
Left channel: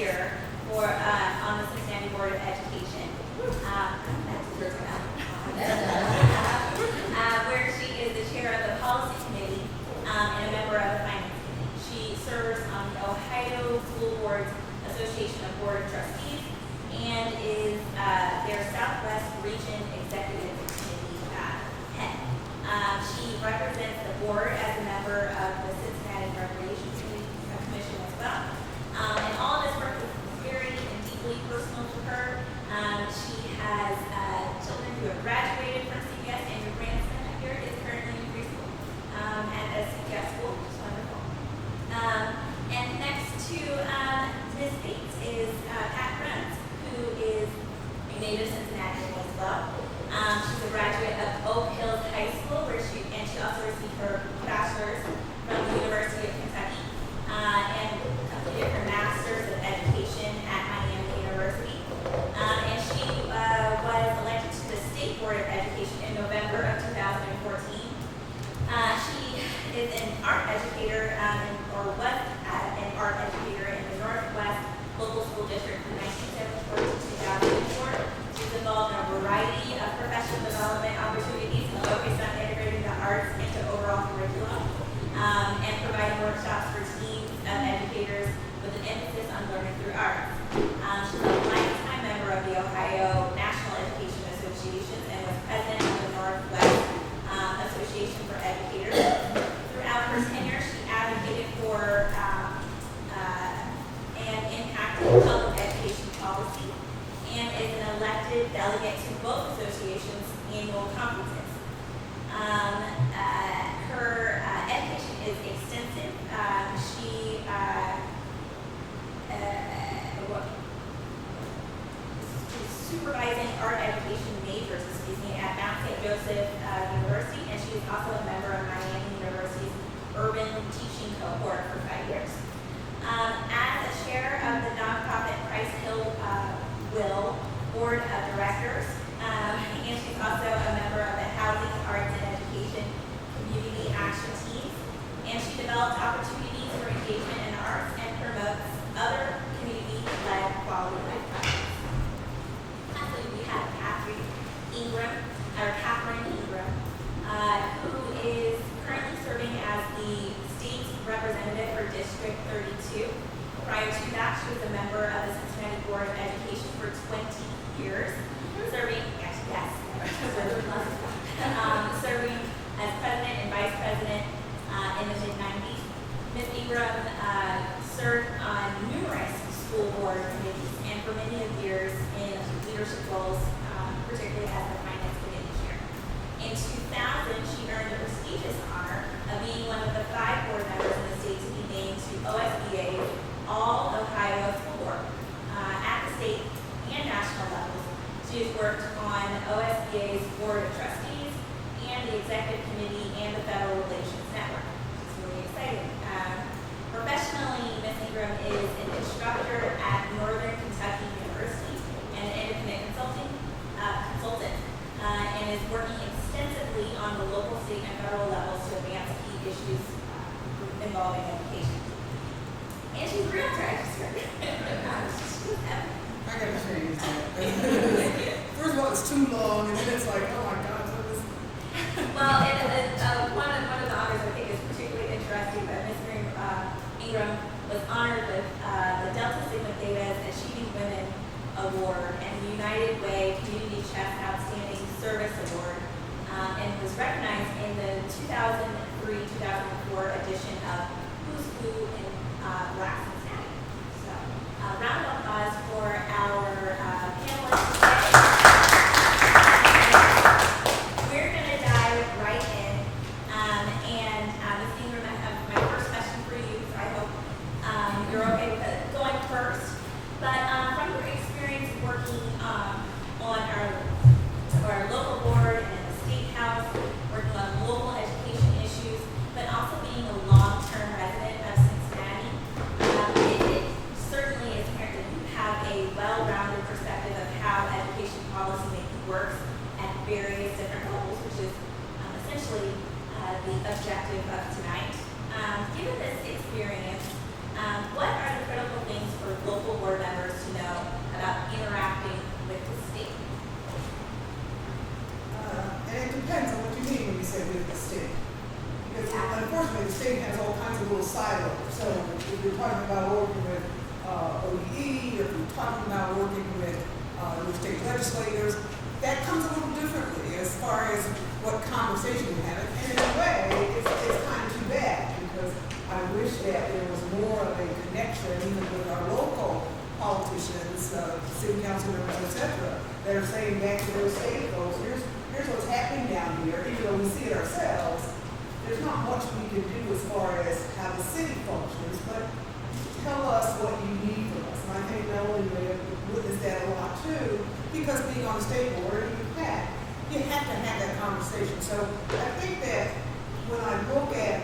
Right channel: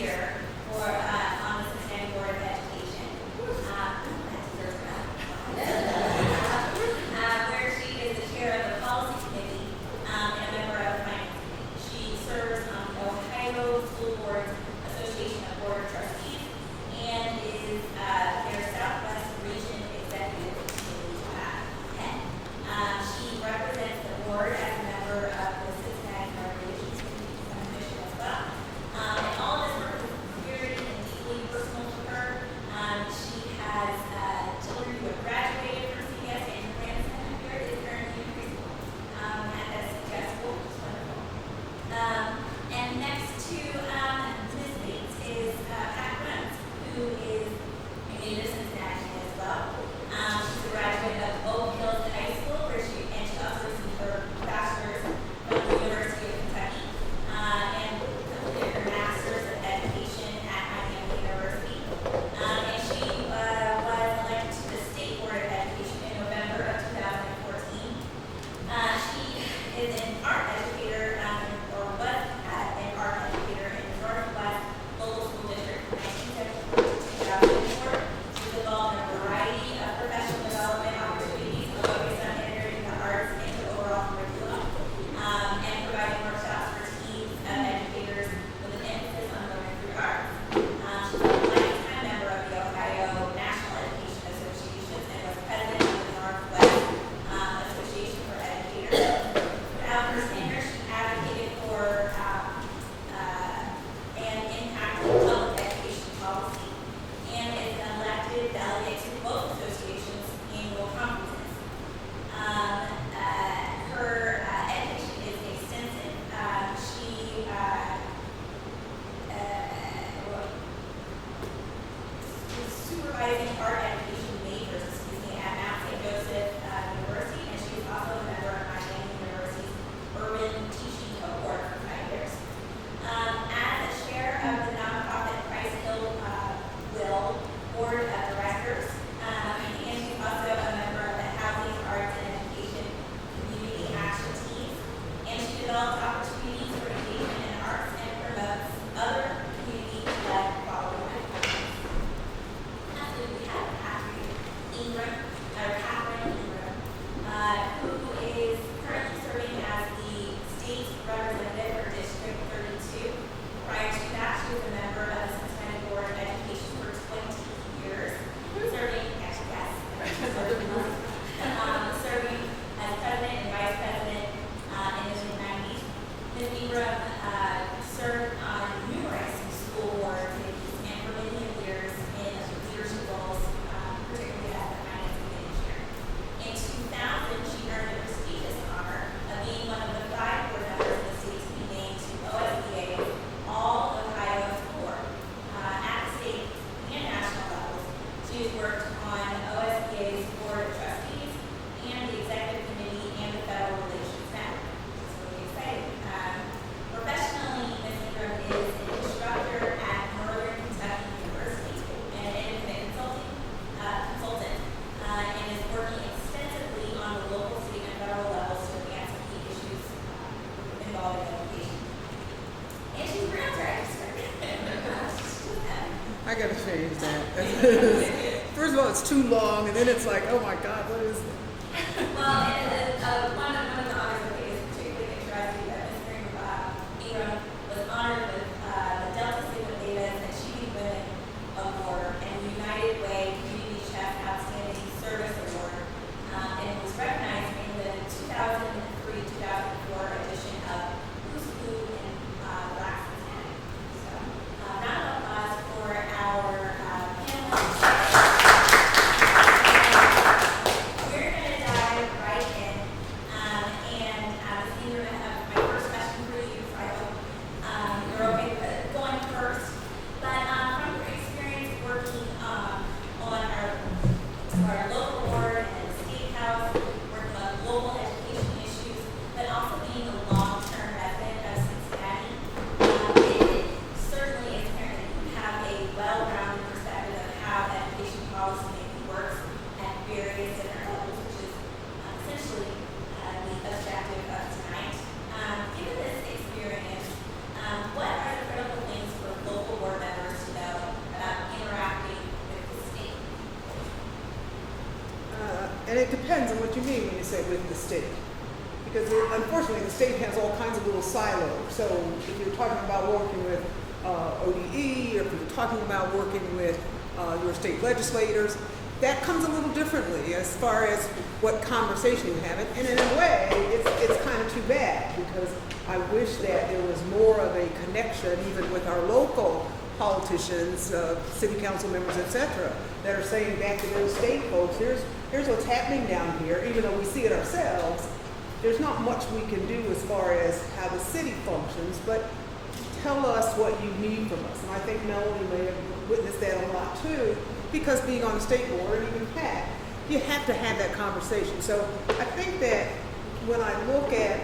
year for, on the Cincinnati Board of Education. That's Elizabeth. Where she is the chair of the policy committee, and a member of the finance committee. She serves on the Ohio School Boards Association of Board of Trustees and is, their Southwest Region Executive Committee, head. She represents the board as a member of the Cincinnati Recreation Commission as well. And all this work is very and deeply personal to her. She has children who have graduated from CBS, and her grandson here is currently in preschool at the CBS school. It's wonderful. And next to Ms. Bates is Pat Brent, who is a native Cincinnati as well. She's a graduate of Oak Hills High School, where she also received her bachelor's from the University of Kentucky, and completed her master's of education at Miami University. And she was elected to the State Board of Education in November of 2014. She is an art educator, or was an art educator in the Northwest Local School District from 1974 to 2004. She's involved in a variety of professional development opportunities focused on integrating the arts into overall curriculum, and providing workshops for teams of educators with an emphasis on learning through art. She's a lifetime member of the Ohio National Education Association and was president of the Northwest Association for Educators. Throughout her tenure, she advocated for and impacted public education policy, and is an elected delegate to both associations' annual conferences. Her education is extensive. She is supervising art education majors, at Mount St. Joseph University, and she is also a member of Miami University's Urban Teaching Cohort for 5 years. As a chair of the nonprofit Price Hill Will Board of Directors, and she's also a member of the Housing, Arts, and Education Community Action Team, and she develops opportunities for engagement in arts and promotes other community-led quality life projects. Lastly, we have Catherine Ingram, who is currently serving as the state representative for District 32. Prior to that, she was a member of the Cincinnati Board of Education for 20 years, serving as president and vice president in the mid-90s. Ms. Ingram served on numerous school board committees and for many years in leadership roles, particularly as the finance committee chair. In 2000, she earned the prestigious honor of being one of the 5 board members of the state to be named to OSBA's All Ohio Board. At the state and national levels, she has worked on OSBA's Board of Trustees and the Executive Committee and the Federal Relations Network. It's really exciting. Professionally, Ms. Ingram is an instructor at Northern Kentucky University and an independent consultant, and is working extensively on the local, state, and federal levels to advance key issues involving education. And she's a realtor, actually. I gotta change that. First of all, it's too long, and then it's like, oh my God, what is it? Well, and one of the honors I think is particularly interesting that Ms. Ingram was honored with the Delta Sigma Theta Achieving Women Award and the United Way Community Chef Outstanding Service Award, and was recognized in the 2003-2004 edition of Who's Who in Black Cincinnati. So, round of applause for our panel. talking about working with your state legislators, that comes a little differently as far as what conversation we have. And in a way, it's kind of too bad because I wish that there was more of a connection even with our local politicians, city council members, etc. that are saying back to their state folks, here's what's happening down here, even though we see it ourselves. There's not much we can do as far as how the city functions, but tell us what you need from us. And I think Melody may have witnessed that a lot too, because being on the state board, you have to have that conversation. So I think that when I look at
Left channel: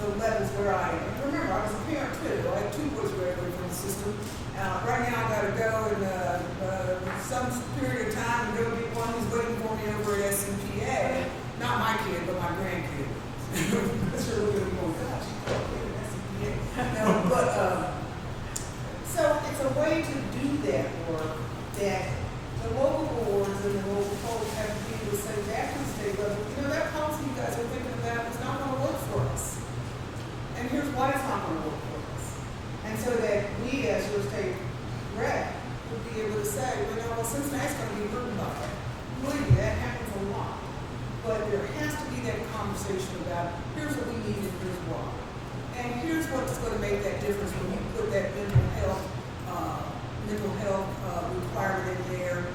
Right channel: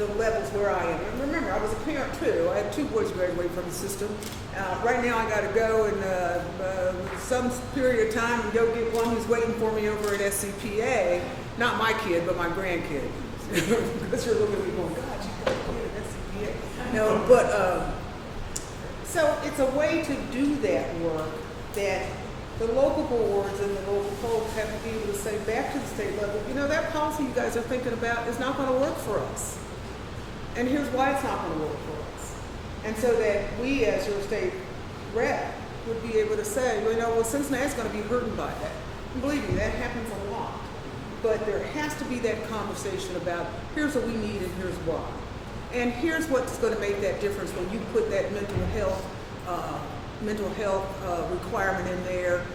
the levels where remember, I was a parent too. I had 2 boys graduated from the system. Right now I gotta go in some period of time and go get one who's waiting for me over at SCPA. Not my kid, but my grandkid. That's really what we're doing. No, but so it's a way to do that work that the local boards and the local folks have to be able to send back to the state level. You know, that policy you guys are thinking about is not going to work for us. And here's why it's not going to work for us. And so that we, as your state rep, would be able to say, well, Cincinnati's going to be hurting by that. Believe me, that happens a lot. But there has to be that conversation about here's what we need and here's why. And here's what's going to make that difference when you put that mental health requirement in there,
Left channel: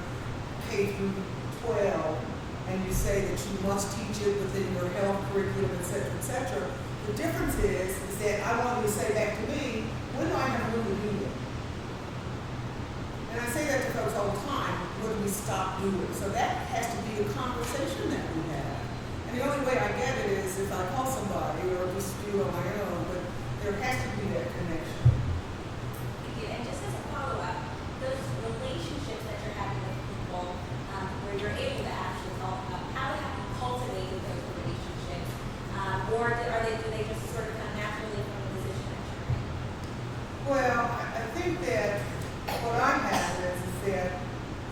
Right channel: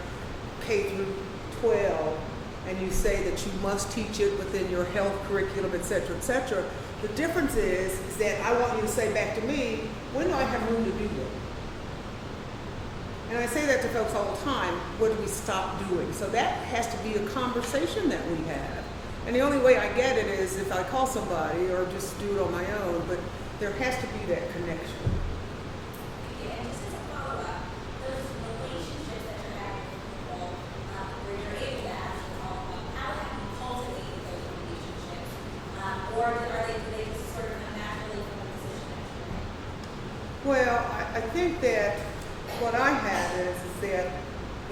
K through 12, and you say that you must teach it within your health curriculum, et cetera, The difference is that I want you to say back to me, when do I have room to do it? And I say that to folks all the time, when do we stop doing? So that has to be the conversation that we have. And the only way I get it is if I call somebody or just do it on my own, but there has to be that connection. And just as a follow-up, those relationships that you're having with people, where you're able to actually talk about how have you cultivated those relationships, or are they just sort of come naturally from the position that you're in? Well, I think that what I have is that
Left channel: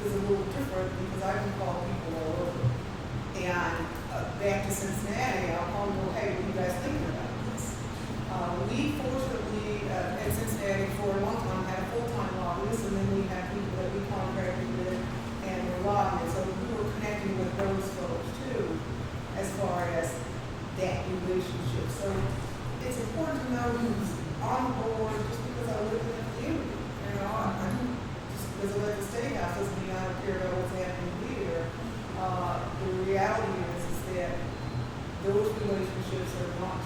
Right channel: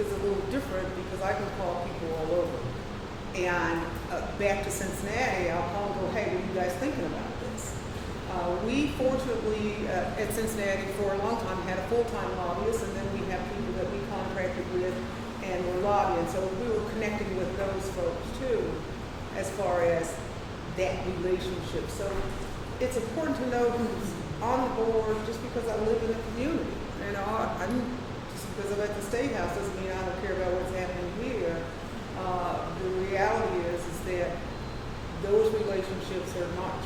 is a little different because I can call people all over. And back to Cincinnati, I'll call them, hey, what are you guys thinking about this? We fortunately in Cincinnati for a long time had a full-time office, and then we have people that we contracted with and were lobbying. So we were connecting with those folks too, as far as that relationship. So it's important to know who's on board just because I live in the community. You know, I'm just because I'm at the state house doesn't mean I don't care about what's happening here. The reality is that those relationships are not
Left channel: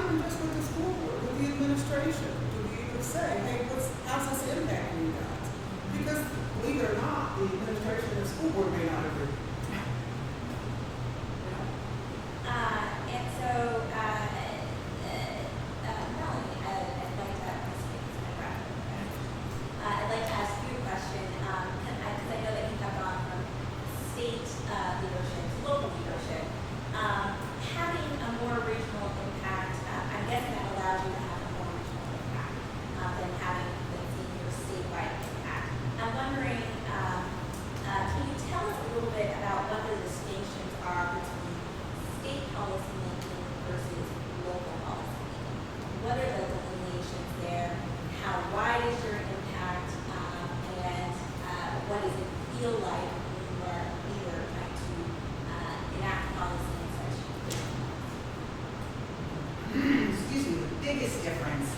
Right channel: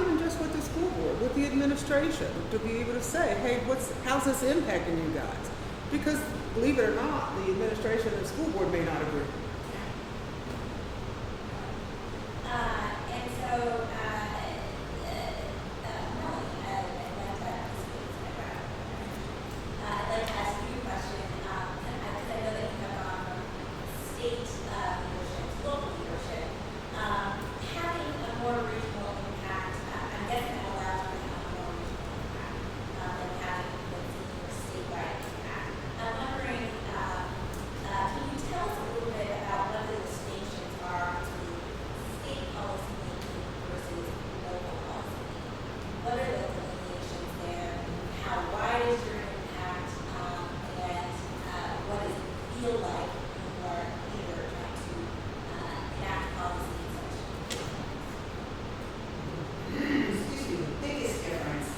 even just with the school board, with the administration, to be able to say, hey, how's this impacting you guys? Because believe it or not, the administration and the school board may not agree. And so, Melanie, I'd like to ask you a question. I know that you have gone from state leadership to local leadership. Having a more regional impact, I'm guessing that allows you to have a more regional impact than having the statewide impact. I'm wondering, can you tell us a little bit about what the distinctions are between state policy making versus local policy? What are the delineations there? How wide is your impact? And what does it feel like when you are either trying to enact policy in such Excuse me, the biggest difference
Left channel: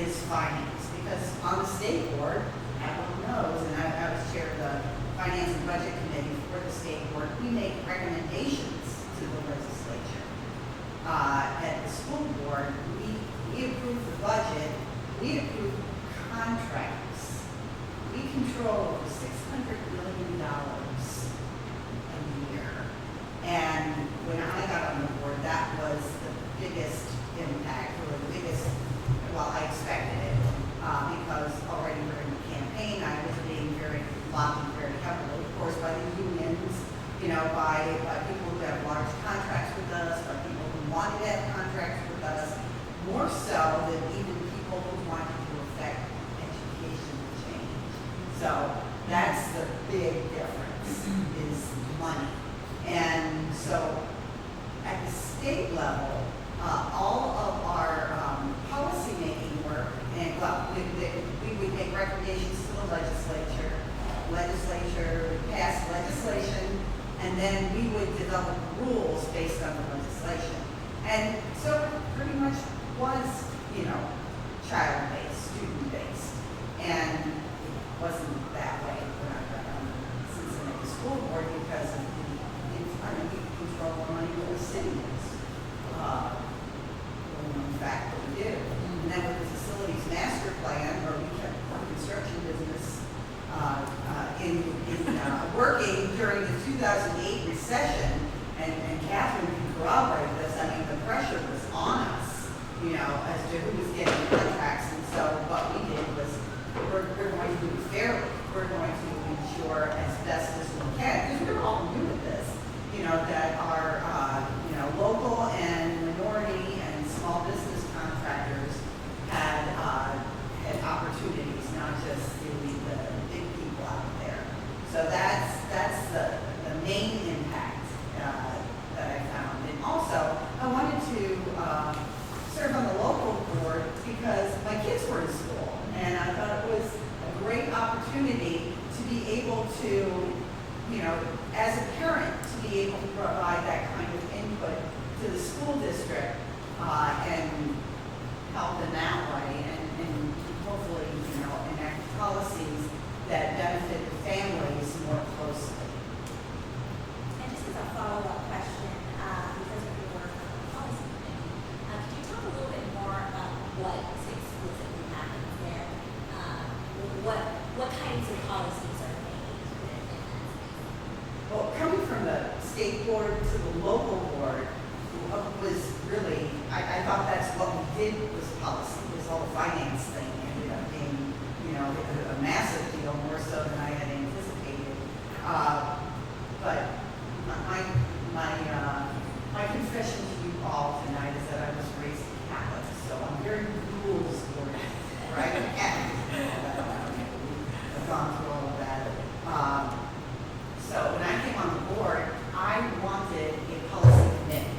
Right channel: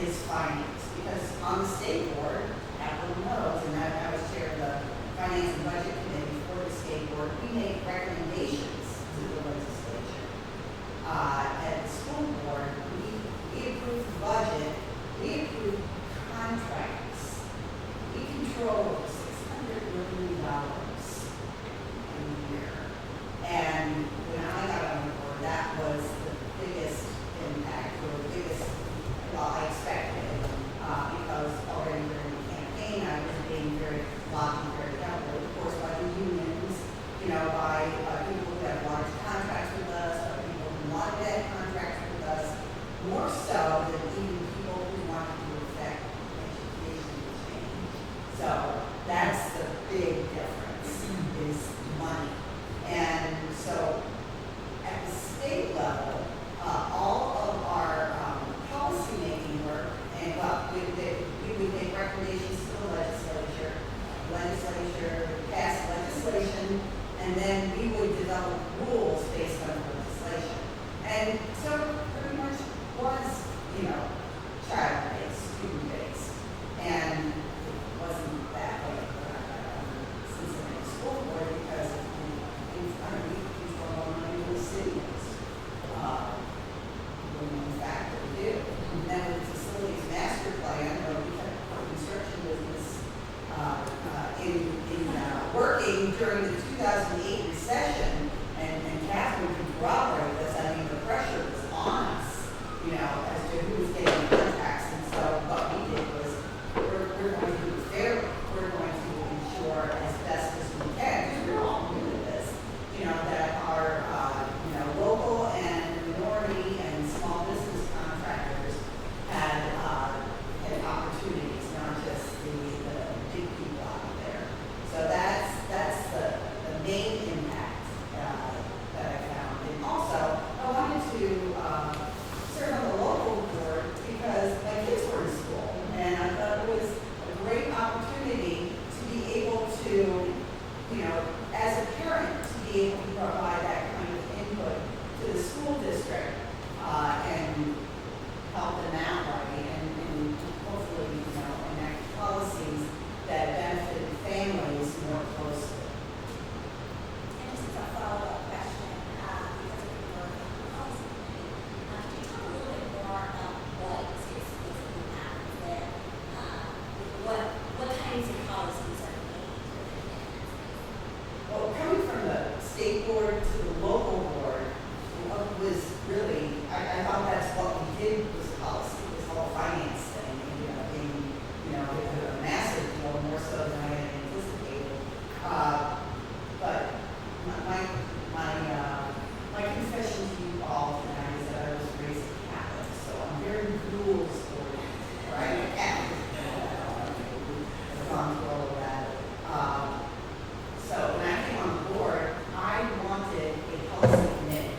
is finance, because on the state board, everyone knows, and I was chair of the Finance and Budget Committee for the state board, we make recommendations to the legislature. At the school board, we approve the budget, we approve contracts. We control $600 million a year. And when I got on the board, that was the biggest impact, or the biggest, well, I expected it, because already we're in the campaign, I was being lobbied very heavily, of course, by the unions, you know, by people who have large contracts with us, by people who wanted to have contracts with us, more so than even people who wanted to affect education change. So that's the big difference, is money. And so at the state level, all of our policy making work, and well, we would make recommendations to the legislature then we would develop rules based on the legislation. And so pretty much was, child-based, student-based. And it wasn't that way when I got on the Cincinnati School Board because of the incredibly control money in the city is. In fact, we do. And then with the facilities master plan, where we kept the construction business working during the 2008 recession, and Catherine can corroborate this. I mean, the pressure was on us, as to who was getting contracts. And so what we did was, we're going to do it fairly. We're going to ensure as best as we can, because we're all new to this, that our, local and minority and small business contractors had opportunities, not just the big people out there. So that's the main impact that I found. And also, I wanted to serve on the local board because my kids were in school, and I thought it was a great opportunity to be able to, as a parent, to be able to provide that kind of input to the school district and help them out, right? And hopefully, enact policies that benefit the families more closely. And this is a follow-up question, because of your work on the policy committee. Can you talk a little bit more about what state schools do happens there? What kinds of policies are made? Well, coming from the state board to the local board was really, I thought that's what we did was policy, this whole finance thing ended up being, a massive deal, more so than I had anticipated. But my confession to you all tonight is that I was raised Catholic, so I'm very rules oriented, right? Catholic. I've gone through all of that. So when I came on the board, I wanted a policy committee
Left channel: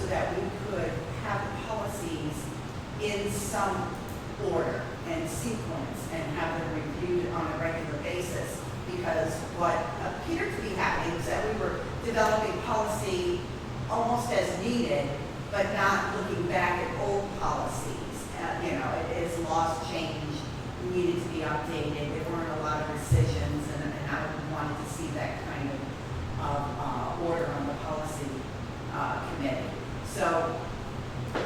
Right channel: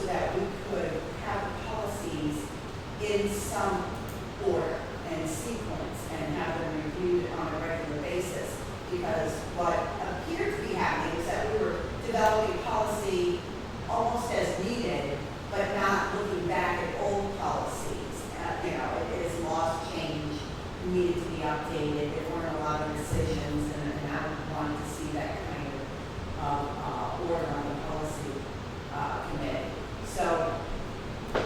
so that we could have policies in some order and sequence and have them reviewed on a regular basis. Because what appeared to be happening is that we were developing policy almost as needed, but not looking back at old policies. As laws change, needed to be updated. There weren't a lot of decisions, and I wanted to see that kind of order on the policy committee. So it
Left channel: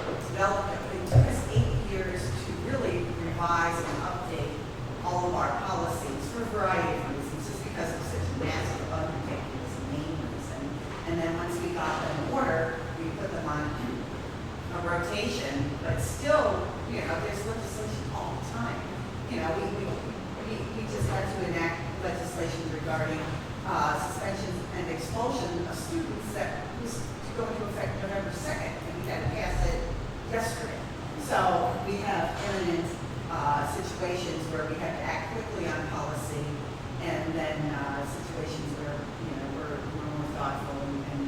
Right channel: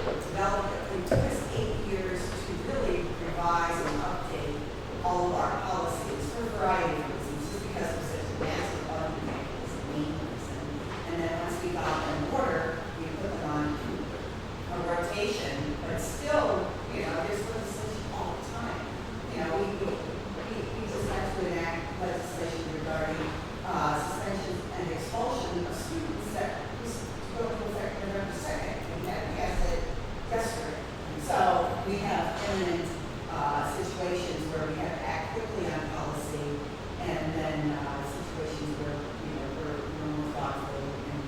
took us 8 years to really revise and update all of our policies for a variety of reasons, just because of such a massive undertaking was the main reason. And then once we got them in order, we put them on a rotation, but still, there's legislation all the time. We just had to enact legislation regarding suspension and expulsion of students that was to go into effect November 2nd, and we had to pass it yesterday. So we have imminent situations where we have to act quickly on policy, and then situations where we're more thoughtful and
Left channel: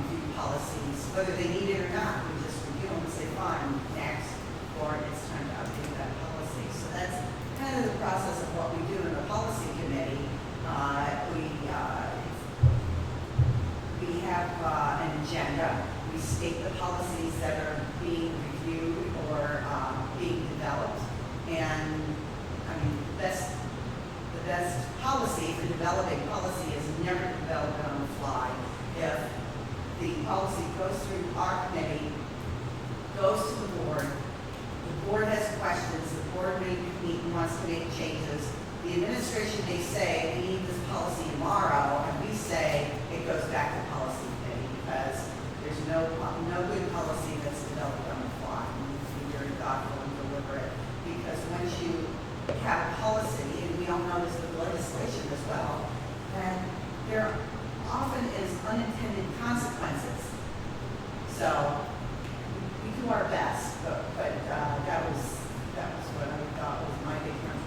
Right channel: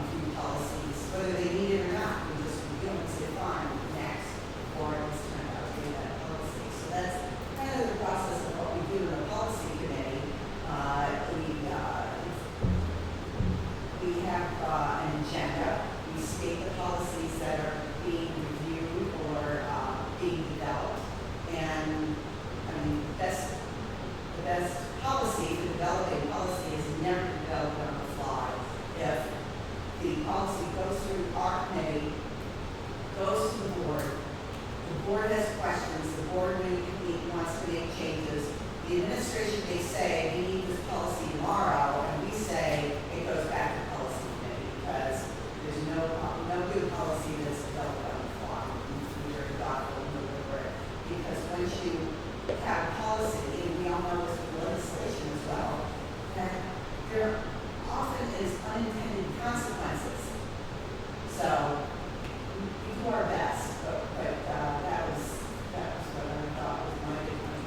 review policies, whether they need it or not. We just review them and say, fine, next, or it's time to update that policy. So that's kind of the process of what we do in the policy committee. We have an agenda. We state the policies that are being reviewed or being developed. And the best policy for developing policy is never developed on the fly. If the policy goes through our committee, goes to the board has questions, the board wants to make changes. The administration may say, we need this policy tomorrow, and we say it goes back to policy committee because there's no good policy that's developed on the fly. You need to be very thoughtful and deliberate, because once you have a policy, and we all know this with legislation as well, that there often is unintended consequences. So we do our best, but that was what I thought was my big concern.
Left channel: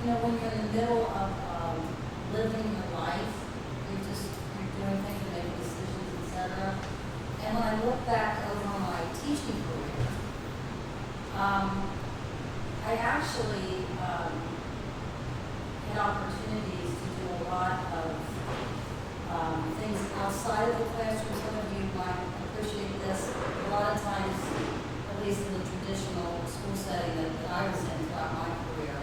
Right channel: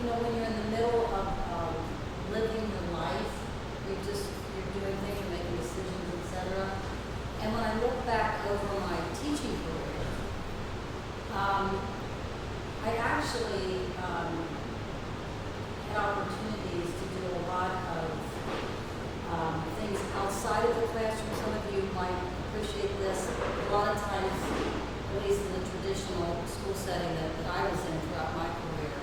you know, when you're in the middle of living your life, you're doing things, making decisions, etc. And when I look back over my teaching career, I actually had opportunities to do a lot of things outside of the classroom. Some of you might appreciate this. A lot of times, at least in the traditional school setting that I was in throughout my career,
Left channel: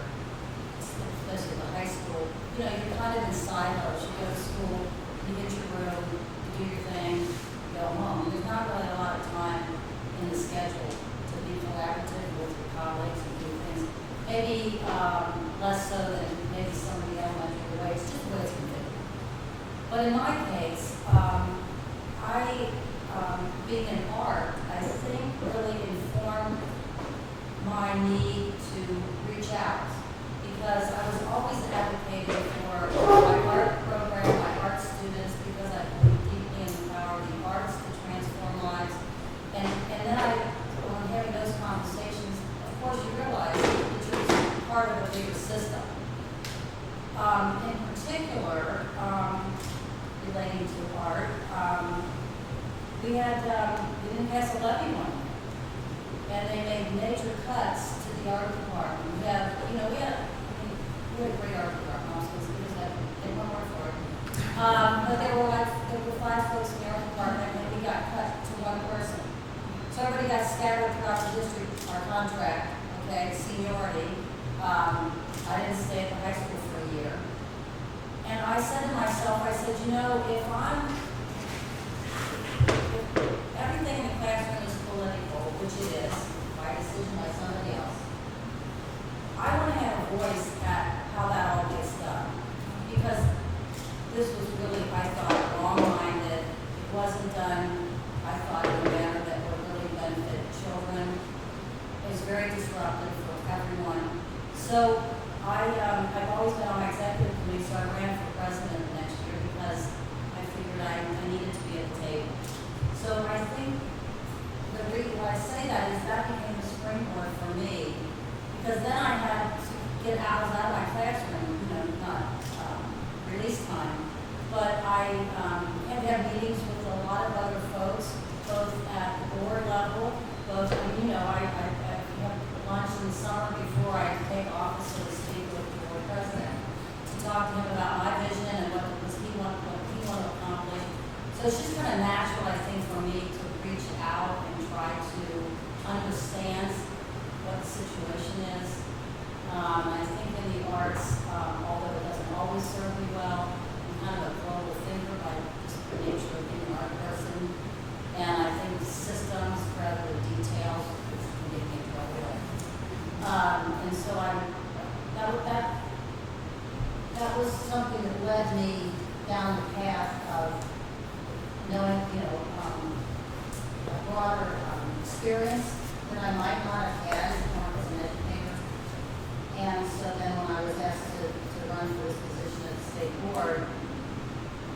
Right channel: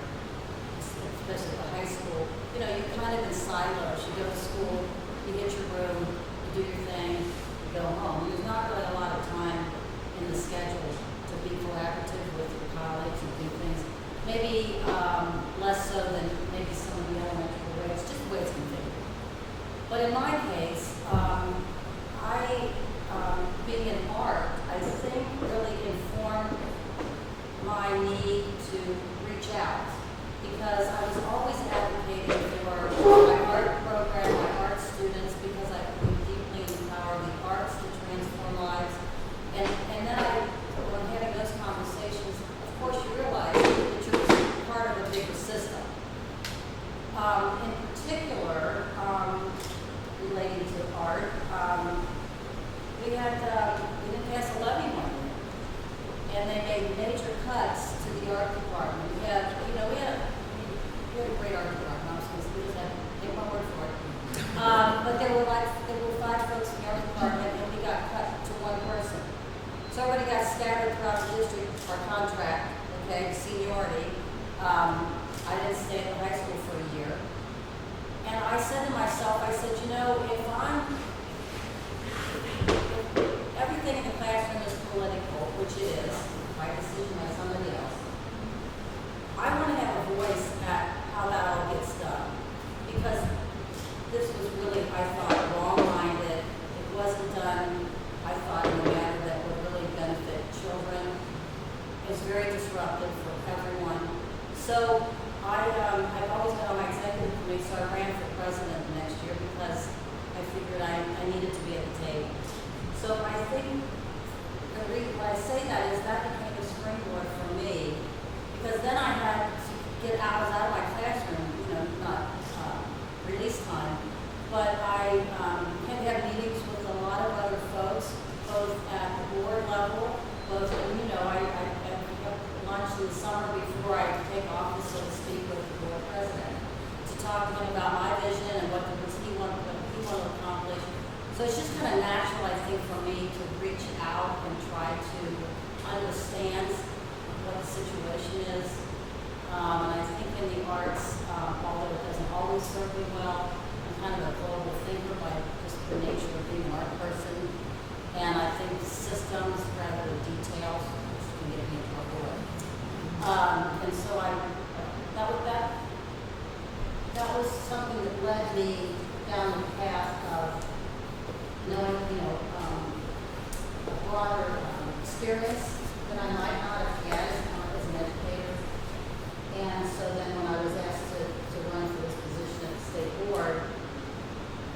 especially in high school, you know, you're kind of in silos. You go to school, you get your room, you do your thing, you go home. There's not really a lot of time in the schedule to be collaborative with your colleagues and do things. Maybe less so than maybe some of the elementary ways, just ways to do. But in my case, being in art, I think really informed my need to reach out, because I was always advocating for my art program, my art students, because I believe deeply in the power of the arts to transform lives. And then when having those conversations, of course you realize that you're part of a bigger system. In particular, relating to art, we didn't pass a levy one year, and they made major cuts to the art department. We had a great art department. I was going to get my word for it. But there were 5 folks in the art department, and we got cut to 1 person. So everybody got scattered throughout the district, our contract, okay, seniority. I didn't stay at high school for a year. And I said to myself, you know, if everything in the classroom is political, which it is, by decision by somebody else, I want to have a voice at how that all gets done. Because this was really, I thought, wrong-minded. It wasn't done, I thought, in a manner that would really benefit children. It's very disruptive for everyone. So I've always been on my executive committee, so I ran for president next year because I figured I needed to be at the table. So I think the reason why I say that is that became a springboard for me, because then I had to get out of my classroom, you know, not release time, but I had to have meetings with a lot of other folks, both at the board level, both, you know, I had lunch in the summer before I take office, so to speak, with the board president, talking about my vision and what he wanted to accomplish. So it's just kind of natural, I think, for me to reach out and try to understand what the situation is. I think in the arts, although it doesn't always serve me well, I'm kind of a global thinker by just the nature of being an art person. And I think systems rather than details can get me appropriate. And so that was something that led me down the path of knowing, you know, a broader experience than I might not have had as an educator. And so then when I was asked to run for this position at the state board,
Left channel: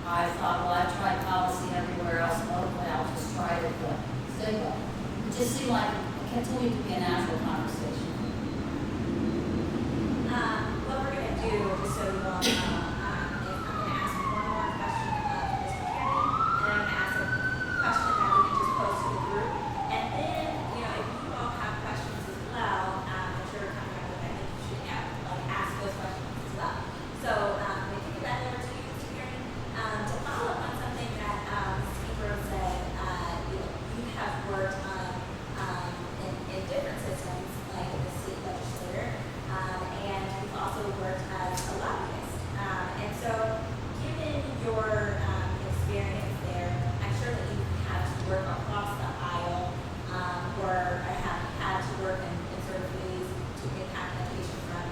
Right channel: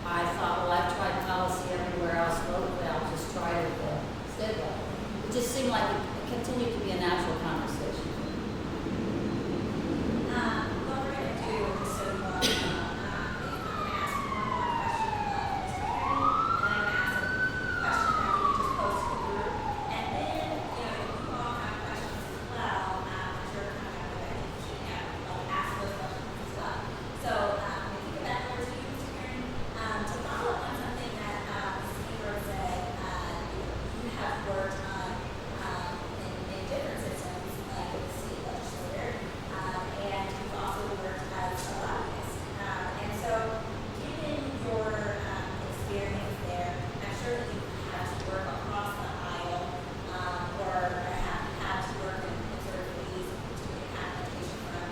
I thought, well, I've tried policy everywhere else locally, I'll just try it at the state level. It just seemed like it continued to be a natural conversation. What we're going to do is so you all know, I'm going to ask one more question of Mr. Kennedy, and I'm going to ask a question that we just posed to the group. And then, you know, if you all have questions as well, that you're kind of going to ask those questions as well. So, if you give that over to you, Mr. Kennedy, to follow up on something that Mr. Ingram said, you have worked on in different systems, like the state legislature, and you've also worked as a lobbyist. And so, given your experience there, I'm sure that you've had to work across the aisle, or have had to work in sort of committees to get application from,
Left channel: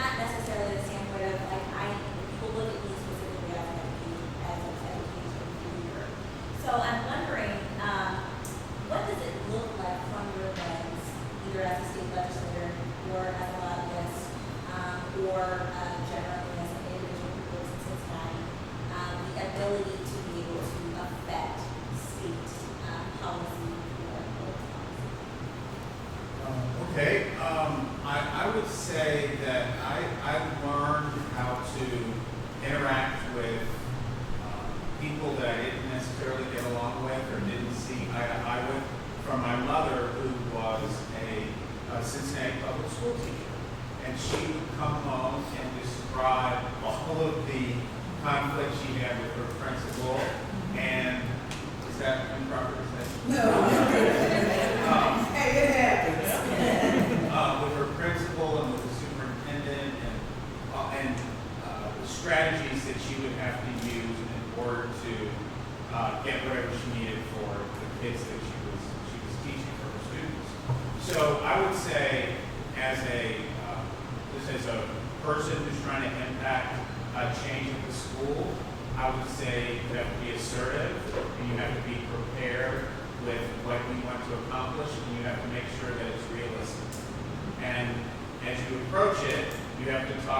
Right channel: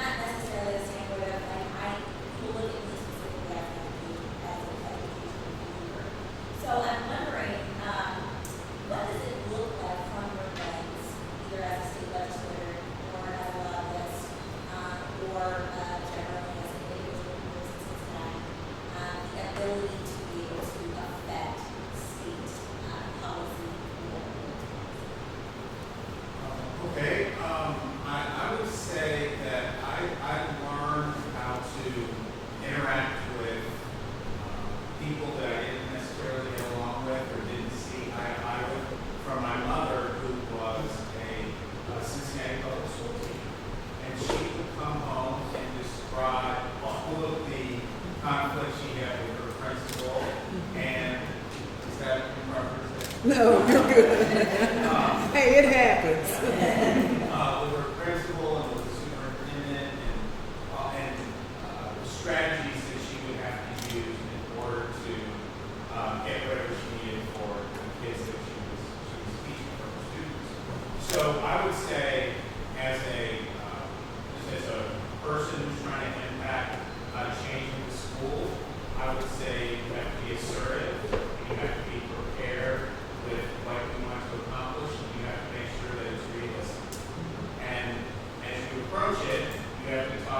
not necessarily the standpoint of, I will look at you specifically as an education member. So I'm wondering, what does it look like from your lens, either as a state legislator or as a lobbyist, or generally as an individual who lives in Cincinnati, the ability to be able to affect state policy? Okay, I would say that I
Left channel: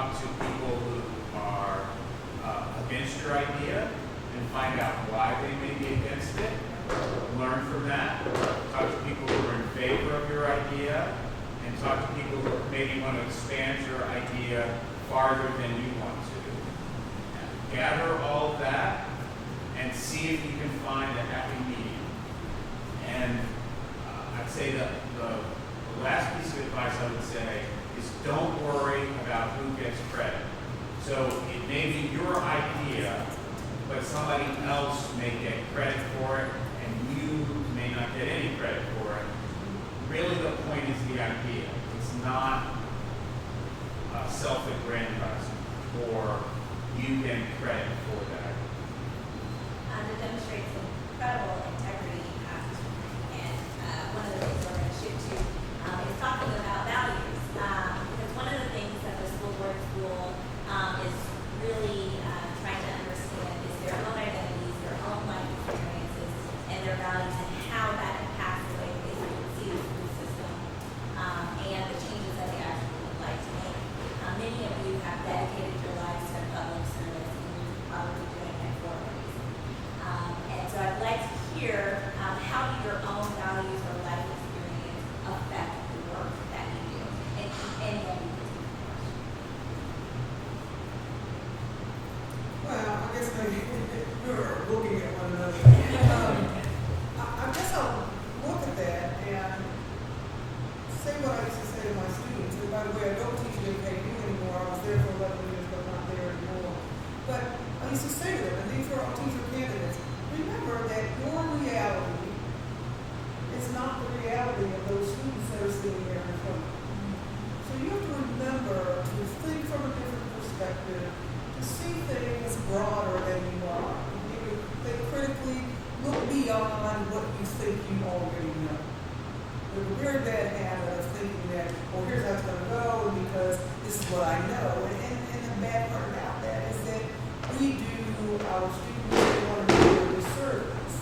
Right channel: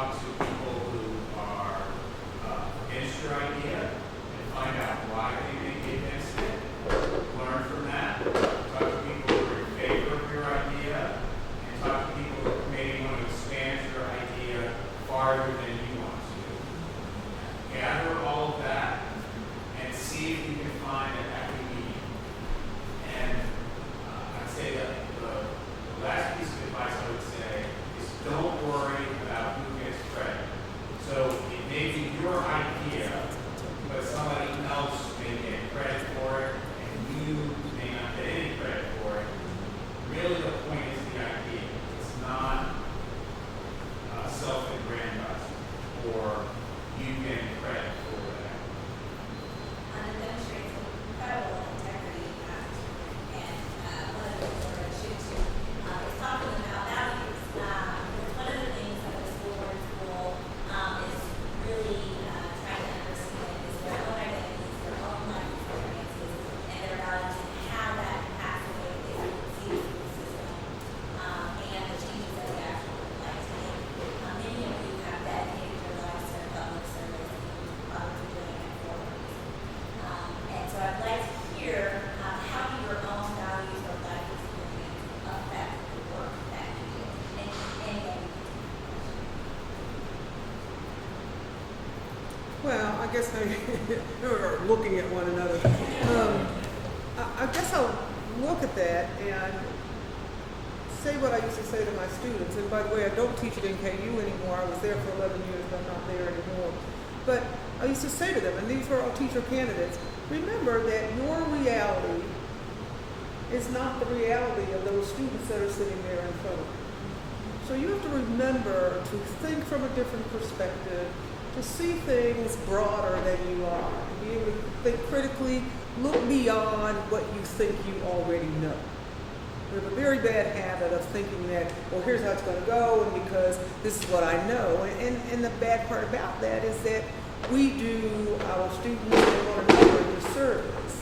talk to people who are against your idea and find out why they may be against it. Learn from that. Talk to people who are in favor of your idea, and talk to people who maybe want to expand your idea farther than you want to. Gather all of that and see if you can find a happy medium. And I'd say that the last piece of advice I would say is don't worry about who gets credit. So it may be your idea, but somebody else may get credit for it, and you may not get any credit for it. Really, the point is the idea. It's not self-aggrandizing or you getting credit for that. It demonstrates incredible integrity and passion. And one of the things we're going to shoot to is talking about values. One of the things that the school board school is really trying to understand is their own identities, their own life experiences, and their values, and how that impacts the way they see the school system and the changes that they actually would like to make. Many of you have dedicated your lives to public service and others are doing it for you. And so I'd like to hear how do your own values or life experience affect the work that you do in any way you can. Well, I guess maybe you're looking at one another. I guess I'll look at that and say what I used to say to my students. And by the way, I don't teach at NKU anymore. I was there for 11 years, I'm not there anymore. But I used to say to them, and these were all teacher candidates, remember that your reality is not the reality of those students that are sitting here in front of you. So you have to remember to think from a different perspective, to see things broader than you are. You think critically, look beyond what you think you already know. There's a very bad habit of thinking that, well, here's how it's going to go because this is what I know. And the bad part about that is that we do our students a service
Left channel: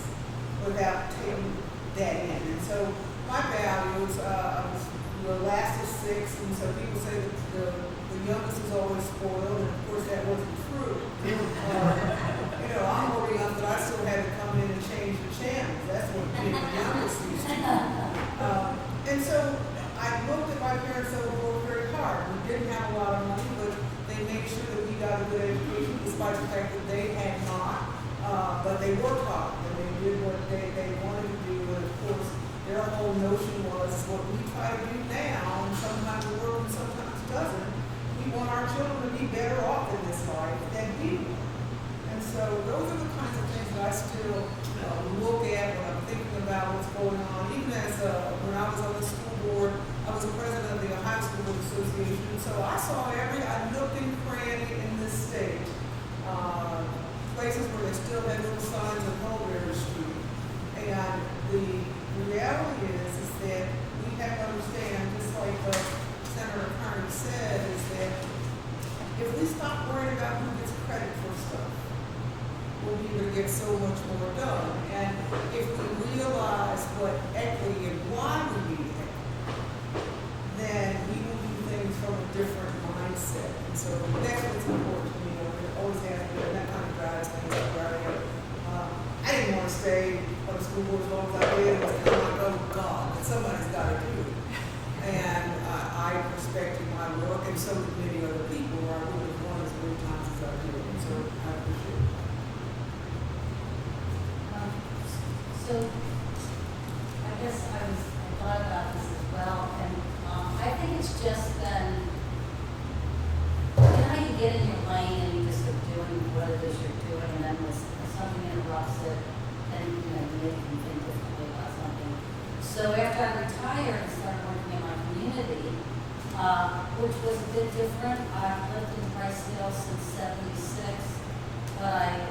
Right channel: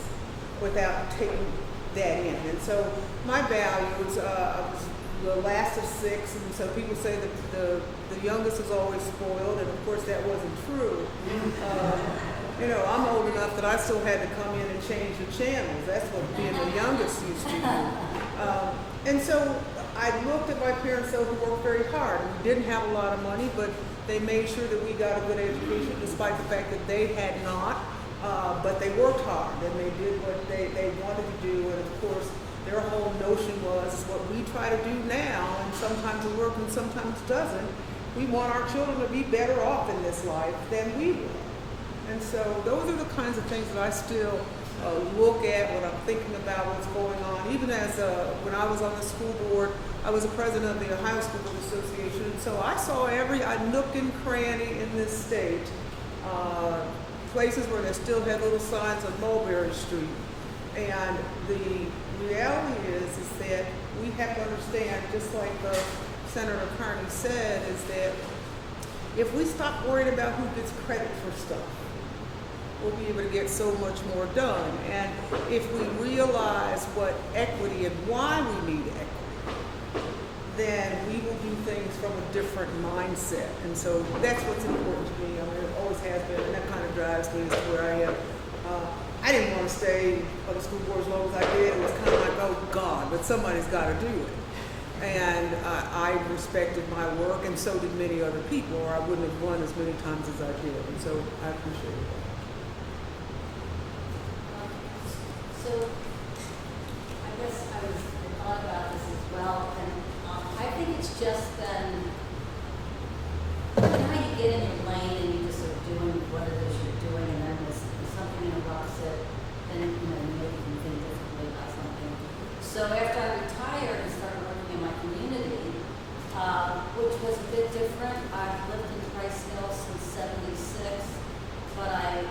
without taking that in. And so my values, the last is 6, and so people say that the youngest is always spoiled, and of course that wasn't true. I'm old enough that I still had to come in and change the channels. That's what being the youngest used to do. And so I looked at my parents that would work very hard. We didn't have a lot of money, but they made sure that we got a good education despite the fact that they had not. But they worked hard and they did what they wanted to do. And of course, their whole notion was what we try to do now, and sometimes it works and sometimes it doesn't. We want our children to be better off in this life than we do. And so those are the kinds of things that I still look at when I'm thinking about what's going on. Even as when I was on the school board, I was the president of the Ohio School Association. So I saw every nook and cranny in this state. Places where they still had little signs on Mulberry Street. And the reality is that we have to understand, just like Senator Carney said, is that if we stop worrying about who gets credit for stuff, we'll be able to get so much more done. And if we realize what equity and why we need it, then we will do things from a different mindset. And so that's what's important to me. It always has been, and that kind of drives me to where I am. I didn't want to stay on the school board as long as I did. It was kind of like, oh God, but somebody's got to do it. And I respected my work, and so did many other people, or I wouldn't have gone as many times as I did. And so I appreciate it. So, I guess I thought about this as well, and I think it's just then, how you get in your lane and you just are doing what it is you're doing, and then when something interrupts it, then maybe you can think differently about something. So after I retired and started working in my community, which was a bit different, I've lived in Briceville since '76, but I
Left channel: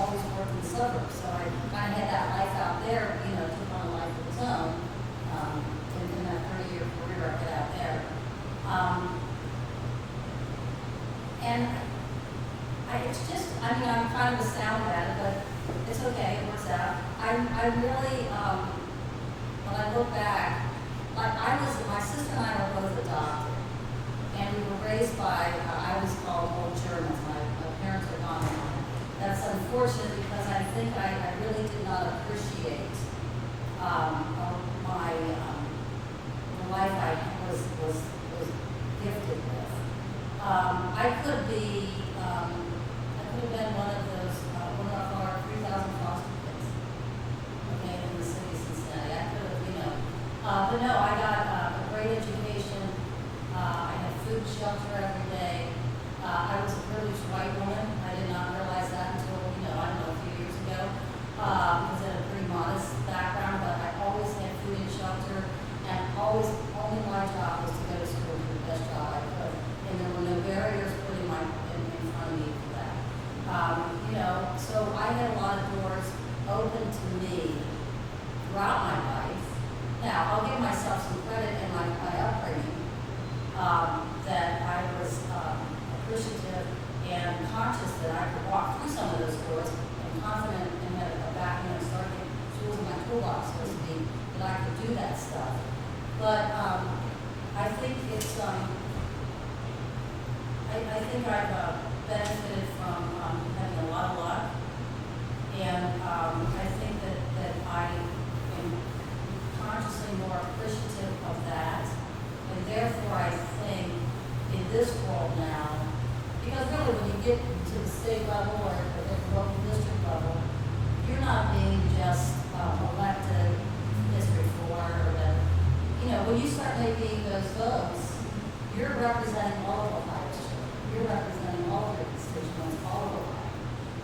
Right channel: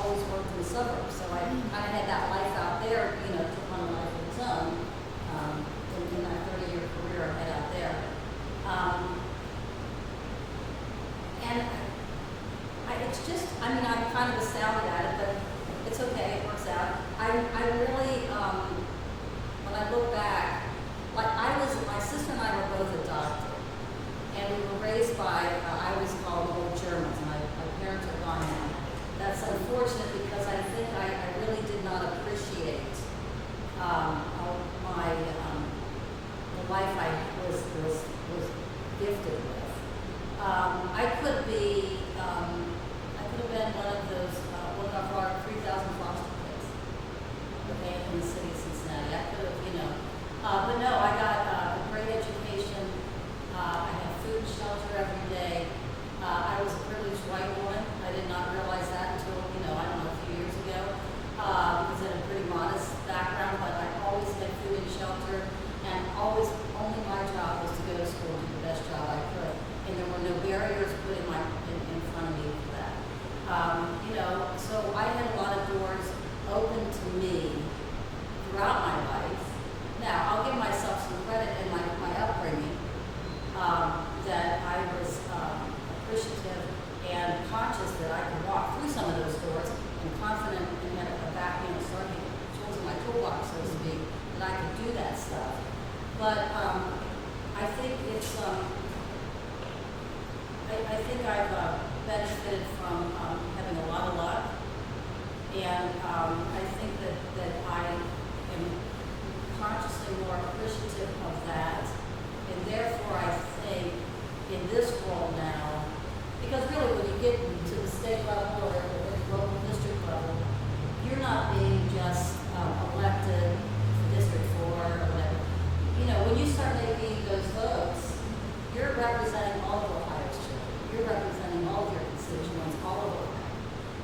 always worked in the suburbs, so I had that life out there, took on a life of its own. In my 30-year career I had out there. And it's just, I'm kind of astounded at it, but it's okay, it works out. I really, when I look back, like my sister and I were both adopted, and we were raised by, I was the shelter every day. I was a privileged white woman. I did not realize that until, I don't know, a few years ago. Because I had a pretty modest background, but I always had food and shelter, and always, only my job was to go to school and do the best job I could. And there were no barriers put in front of me for that. So I had a lot of doors open to me throughout my life. Now, I'll give myself some credit in my upbringing, that I was appreciative and conscious that I could walk through some of those doors and confident in a backing and starting tools in my toolbox, so to speak, that I could do that stuff. But I think it's, I think I've benefited from having a lot of luck, and I think that I am consciously more appreciative of that, and therefore I think in this world now, because really when you get to the state level or the local district level, you're not being just elected District 4 or whatever. When you start making those votes, you're representing all of Ohio. You're representing all of your constituents all over.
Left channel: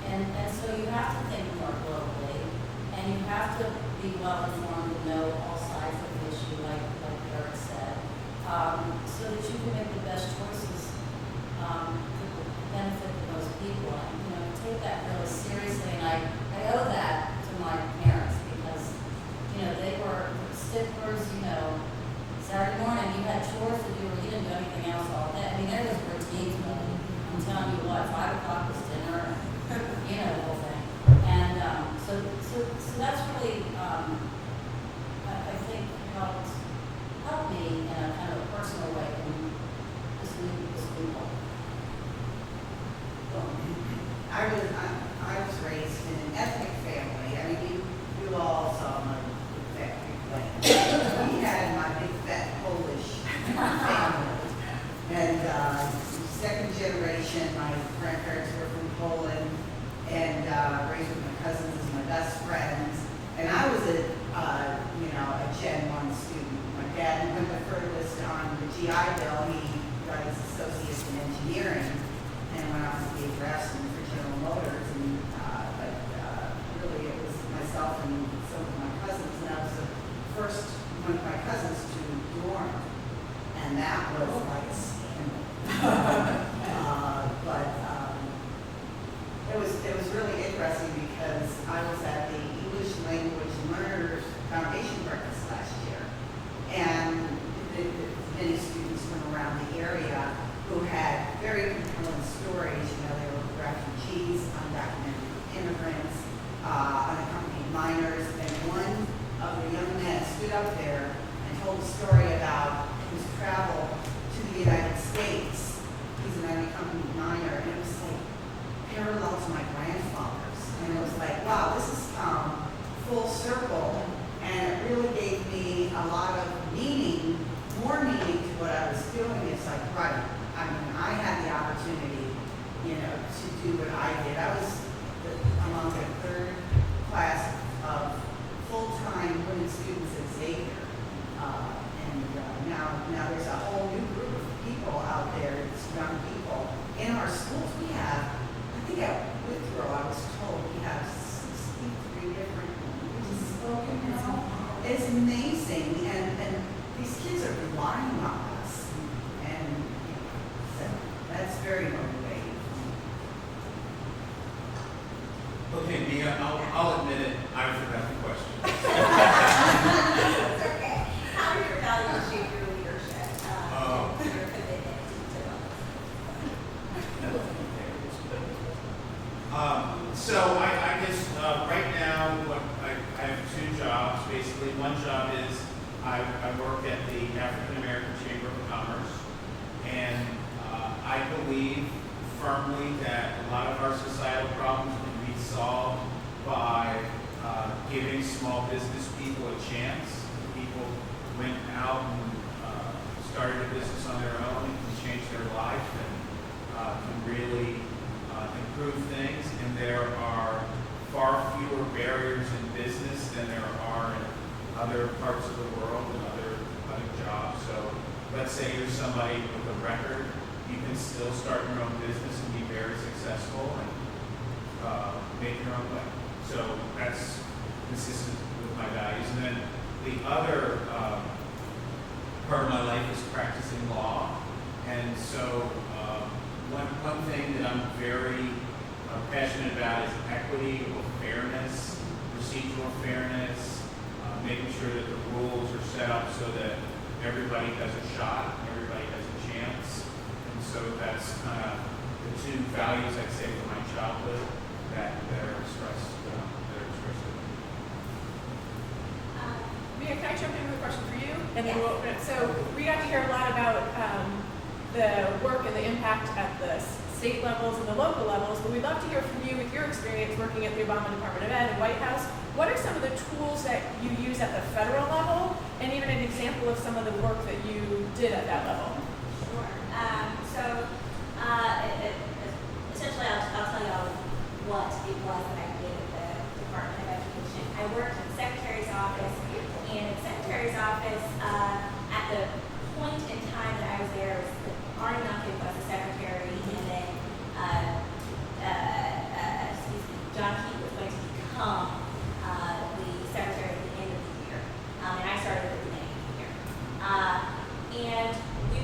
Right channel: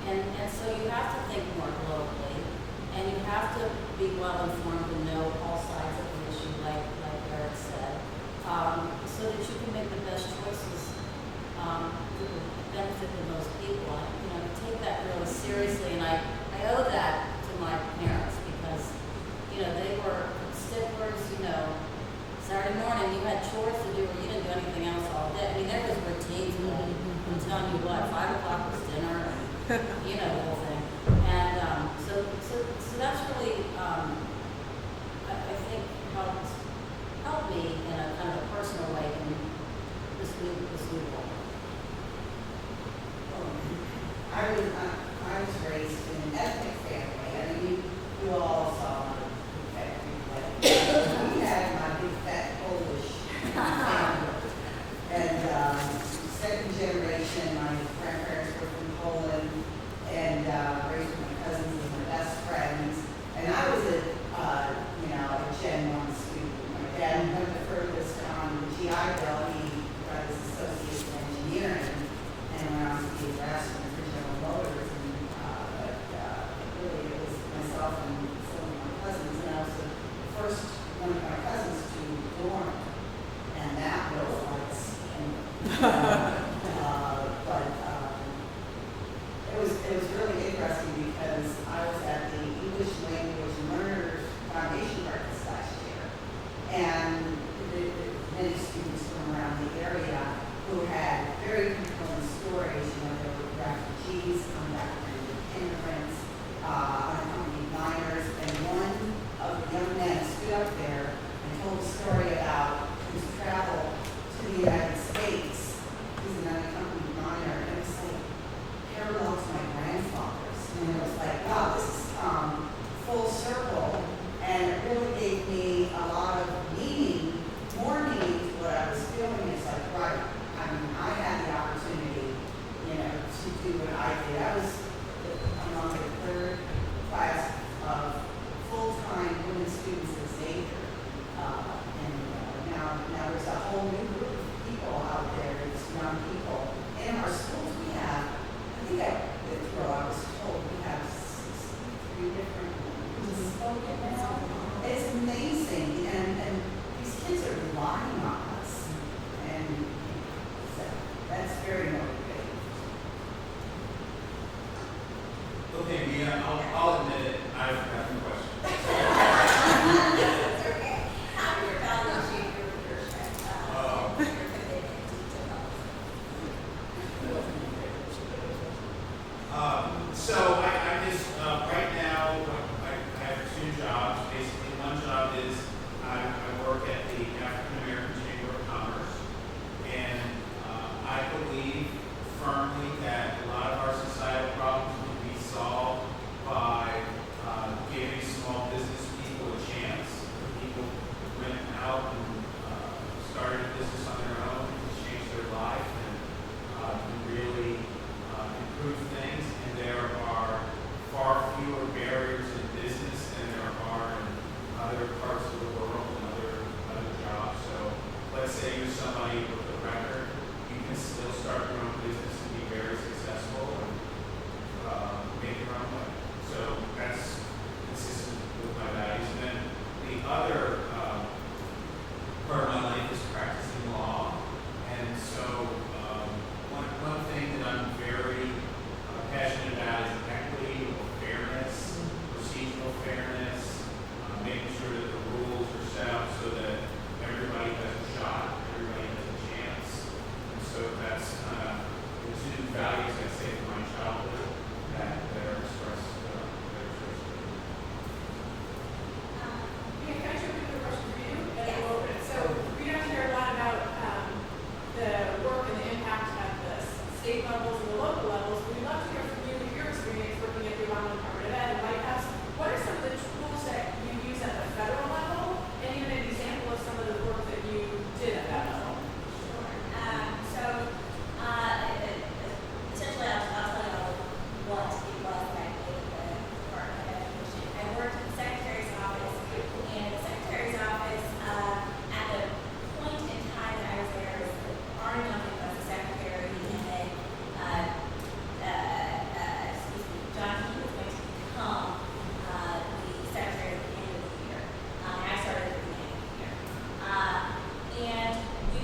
And so you have to think more globally, and you have to be well informed and know all sides of the issue, like Eric said, so that you can make the best choices that will benefit the most people. Take that really seriously, and I owe that to my parents because, they were sticklers, Saturday morning you had chores to do or you didn't do anything else all day. There was routine. I'm telling you what, 5 o'clock was dinner, the whole thing. And so that's really, I think helped me in a kind of a personal way in this week. I was raised in an ethnic family. I mean, you all saw my big fat Greek family. We had my big fat Polish family. And second generation, my grandparents were from Poland, and raised with my cousins as my best friends. And I was a Gen 1 student. My dad went the furthest on the GI Bill. He got his associates in engineering and went on to be a draftsman for General Motors. And really, it was myself and some of my cousins. And I was the first one of my cousins to dorm, and that was like a scandal. It was really interesting because I was at the English Language Learners Foundation breakfast last year, and many students from around the area who had very compelling stories. There were refugees, undocumented immigrants, unaccompanied minors, and one of the young men stood up there and told a story about his travel to the United States. He's an unaccompanied minor, and it was like parallel to my grandfather's. And it was like, wow, this is full circle, and it really gave me a lot of meaning, more meaning to what I was feeling. It's like, right, I mean, I had the opportunity still start your own business and be very successful and make your own way. So that's consistent with my values. And then the other part of my life is practicing law. And so one thing that I'm very passionate about is equity, fairness, procedural fairness, making sure that the rules are set up so that everybody has a shot, everybody has a chance. And so that's kind of the two values I'd say from my childhood that are expressed. Mia, can I jump in with a question for you? And then we'll open it. So we got to hear a lot about the work and the impact at the state levels and the local levels, but we'd love to hear from you with your experience working at the Obama Department of Ed and White House. What are some of the tools that you use at the federal level, and even an example of some of the work that you did at that level? Sure. Essentially, I'll tell you what it was that I did at the Department of Education. I worked in the Secretary's office, and the Secretary's office, at the point in time that I was there, Arnie Duncan was the Secretary, and then John Keith was going to become the Secretary at the beginning of the year, and I started at the beginning of the year. And we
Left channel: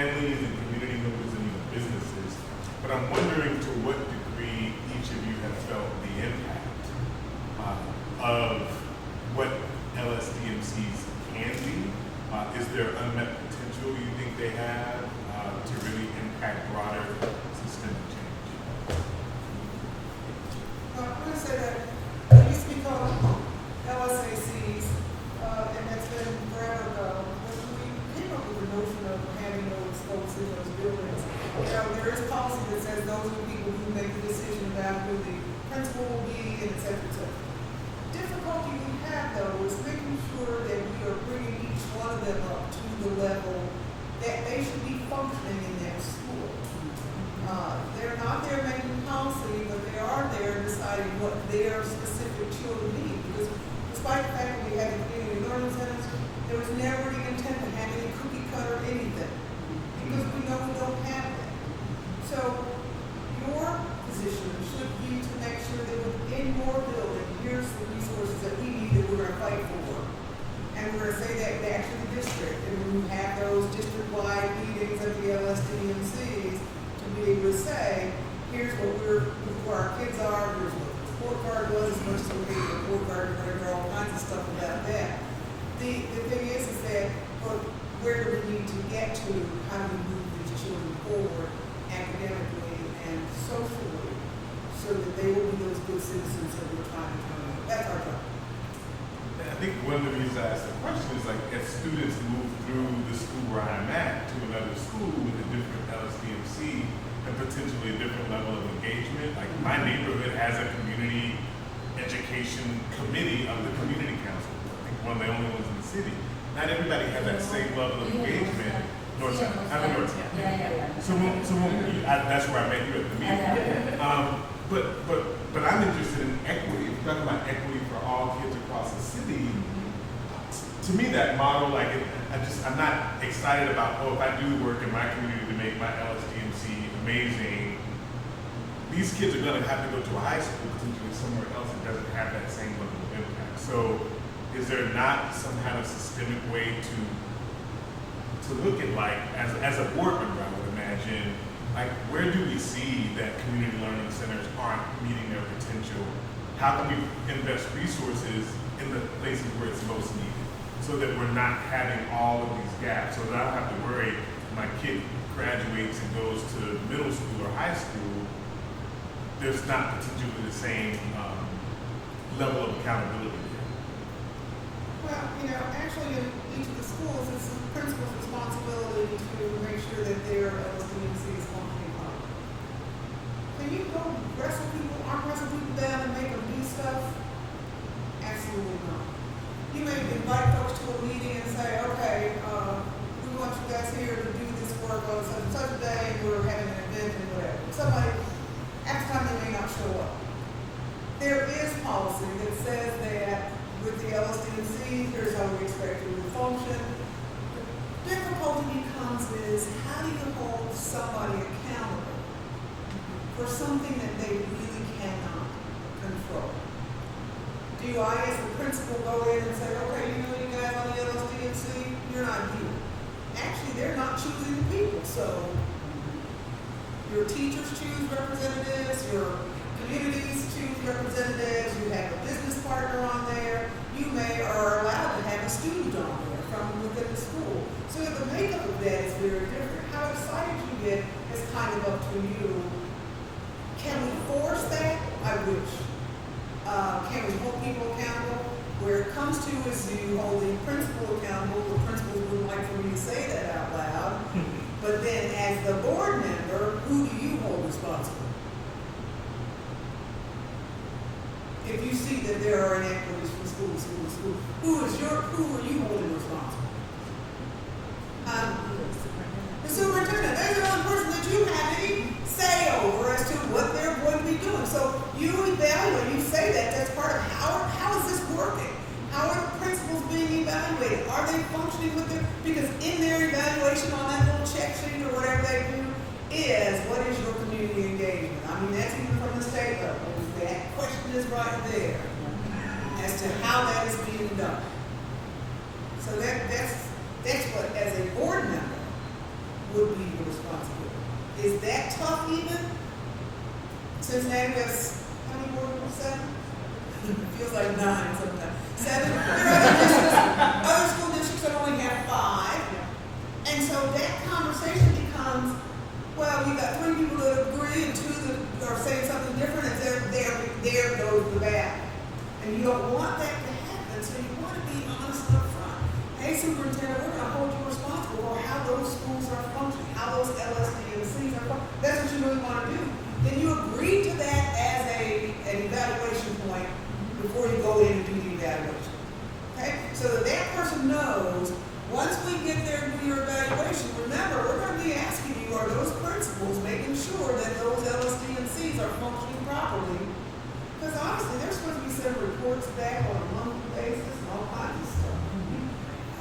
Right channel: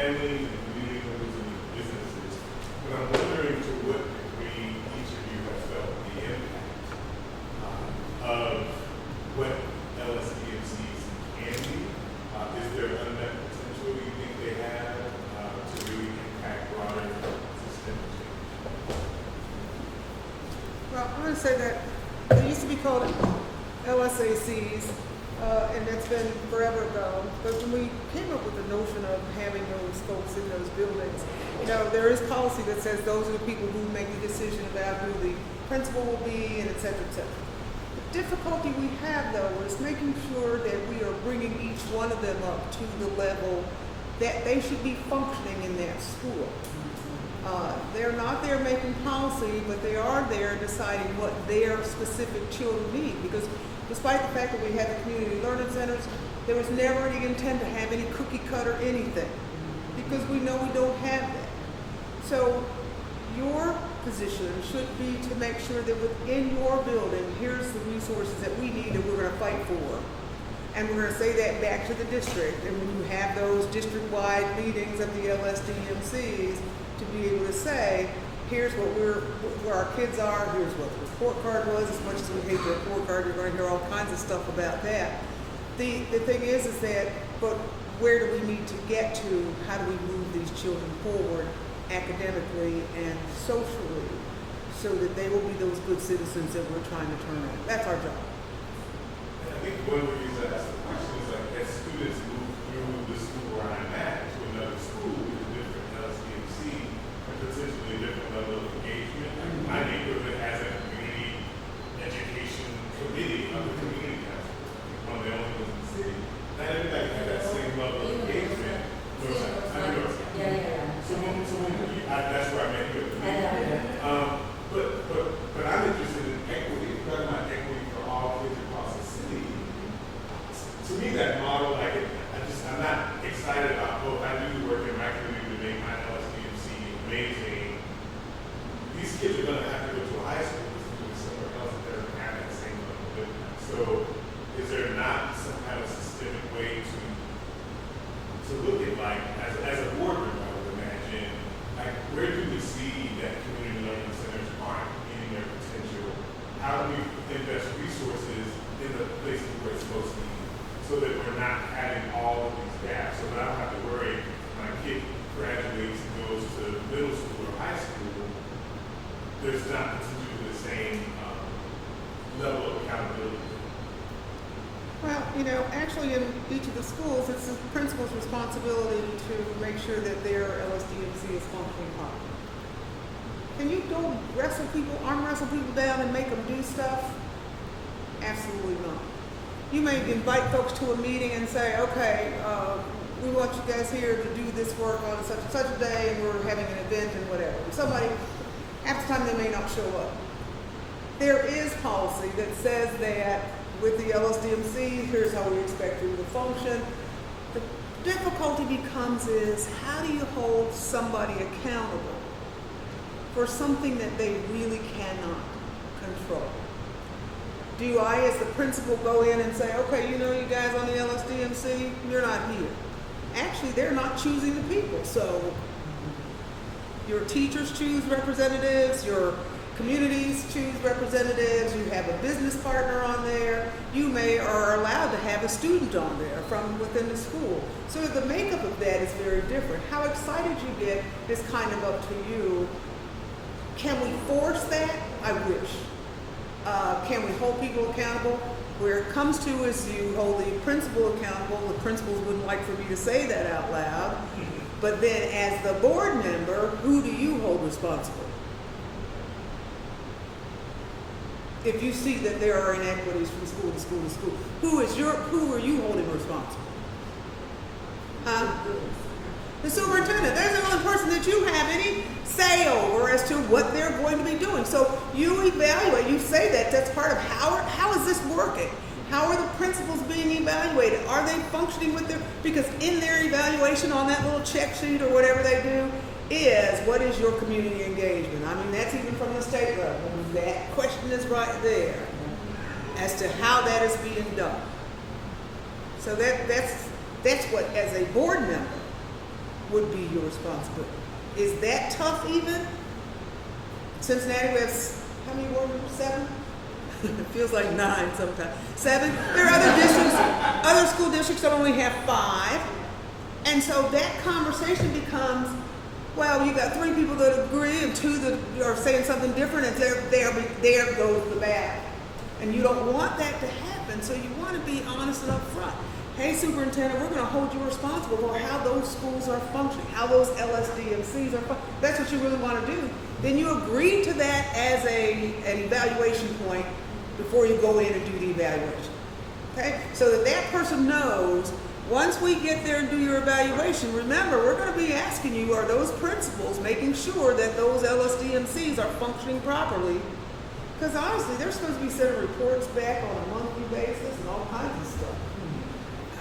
families and community members and even businesses. But I'm wondering to what degree each of you have felt the impact of what LSDMCs can be. Is there unmet potential you think they have to really impact broader systemic change? I'm going to say that it used to be called LSACs, and that's been forever ago. But when we came up with the notion of having those folks in those buildings, there is policy that says those are the people who make the decision about who the principal will be, and et cetera, et cetera. Difficulty we have, though, is making sure that we are bringing each one of them up to the level that they should be functioning in that school. They're not there making policy, but they are there deciding what their specific children need. Because despite the fact that we have community learning centers, there was never the intent to have any cookie cutter anything. Because we know we don't have that. So your position should be to make sure that within your building, here's the resources that we need that we're going to fight for. And we're going to say that back to the district. And when you have those district-wide meetings of the LSDMCs, to be able to say, here's what where our kids are, here's what the report card was, as much as we get the report card, we're going to do all kinds of stuff about that. The thing is that, but where do we need to get to? How do we move these children forward academically and socially so that they will be those good citizens that we're trying to turn out? That's our job. I think one of the reasons I asked the question is like as students move through the school where I'm at to another school with a different LSDMC and potentially a different level of engagement. Like my neighborhood has a community education committee under the community council, one of the only ones in the city. Not everybody has that same level of engagement. That's where I make it with me. But I'm interested in equity. We're talking about equity for all kids across the city. To me, that model, like, I'm not excited about, if I do work in my community to make my LSDMC amazing, these kids are going to have to go to a high school to do somewhere else that doesn't have that same level of impact. So, is there not some kind of systemic way to look at, like, as a board member, I would imagine, like, where do we see that community learning centers aren't meeting their potential? How do we invest resources in the places where it's most needed so that we're not having all of these gaps? So that I don't have to worry when my kid graduates and goes to middle school or high school, there's not potentially the same level of accountability. Well, actually in each of the schools, it's the principal's responsibility to make sure that their LSDMC is functioning well. Can you go arm wrestle people down and make them do stuff? Absolutely not. You may invite folks to a meeting and say, okay, we want you guys here to do this work on such a day, and we're having an event and whatever. Somebody, after time they may not show up. There is policy that says that with the LSDMC, here's how we expect it to function. The difficulty becomes is, how do you hold somebody accountable for something that they really cannot control? Do I, as the principal, go in and say, okay, you guys on the LSDMC, you're not here. Actually, they're not choosing people, so your teachers choose representatives, your communities choose representatives, you have a business partner on there, you may are allowed to have a student on there from within the school. So the makeup of that is very different. How excited you get is kind of up to you. Can we force that? I wish. Can we hold people accountable? Where it comes to is you hold the principal accountable. The principal wouldn't like for me to say that out loud. But then as the board member, who do you hold responsible? If you see that there are inequities from school to school to school, who are you holding responsible? The superintendent. They're the only person that you have any say over as to what they're going to be doing. So you evaluate, you say that's part of how is this working? How are the principals being evaluated? Are they functioning with their, because in their evaluation on that little check sheet or whatever they do is, what is your community engagement? I mean, that's even from the state level. That question is right there as to how that is being done. So that's what, as a board member, would be your responsibility. Is that tough even? Cincinnati has, how many wards? 7? It feels like 9 sometimes. 7? There are other districts, other school districts that only have 5. And so that conversation becomes, well, you got 3 people that agree and 2 that are saying something different, and there goes the back. And you don't want that to happen, so you want to be honest and upfront. Hey, superintendent, we're going to hold you responsible for how those schools are functioning, how those LSDMCs are functioning. That's what you really want to do. Then you agree to that as an evaluation point before you go in and do the evaluation. Okay? So that that person knows, once we get there and do your evaluation, remember, we're going to be asking you, are those principals making sure that those LSDMCs are functioning properly? Because honestly, they're supposed to be sending reports back on a monthly basis and all kinds of stuff.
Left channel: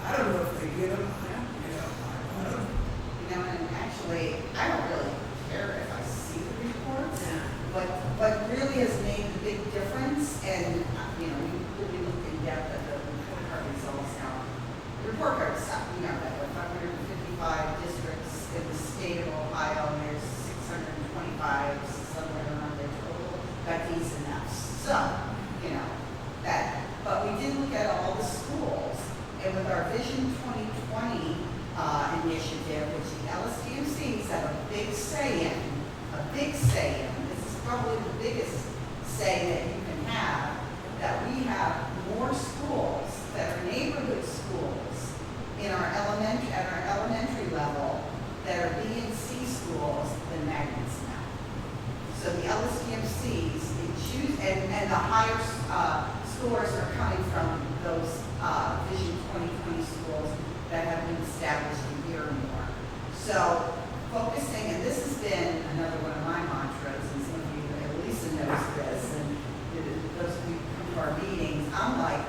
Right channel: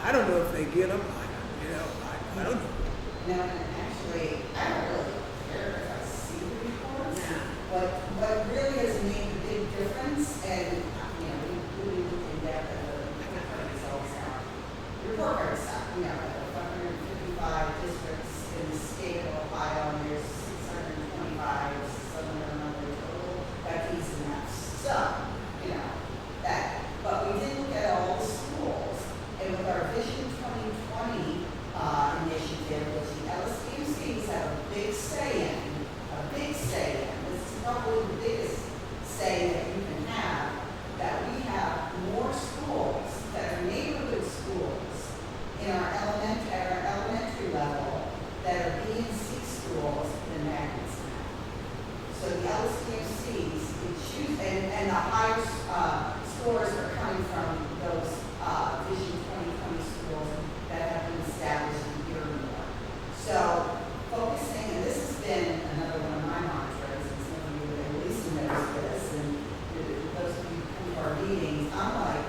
I don't know if they get them. I don't know. And actually, I don't really care if I see the reports. What really has made the big difference, and we looked in depth at the report card results now. Report card stuff, there are 555 districts in the state of Ohio, and there's 625, somewhere around there total. Got these and that. So, that. But we did look at all the schools, and with our Vision 2020 initiative, which the LSDMCs have a big say in, this is probably the biggest say that you can have, that we have more schools that are neighborhood schools at our elementary level that are B and C schools than Magnus now. So the LSDMCs, and the higher scores are coming from those Vision 2020 schools that have been established a year or more. So focusing, and this has been another one of my mantras, and some of you, Lisa knows this, and those of you who come to our meetings, I'm like,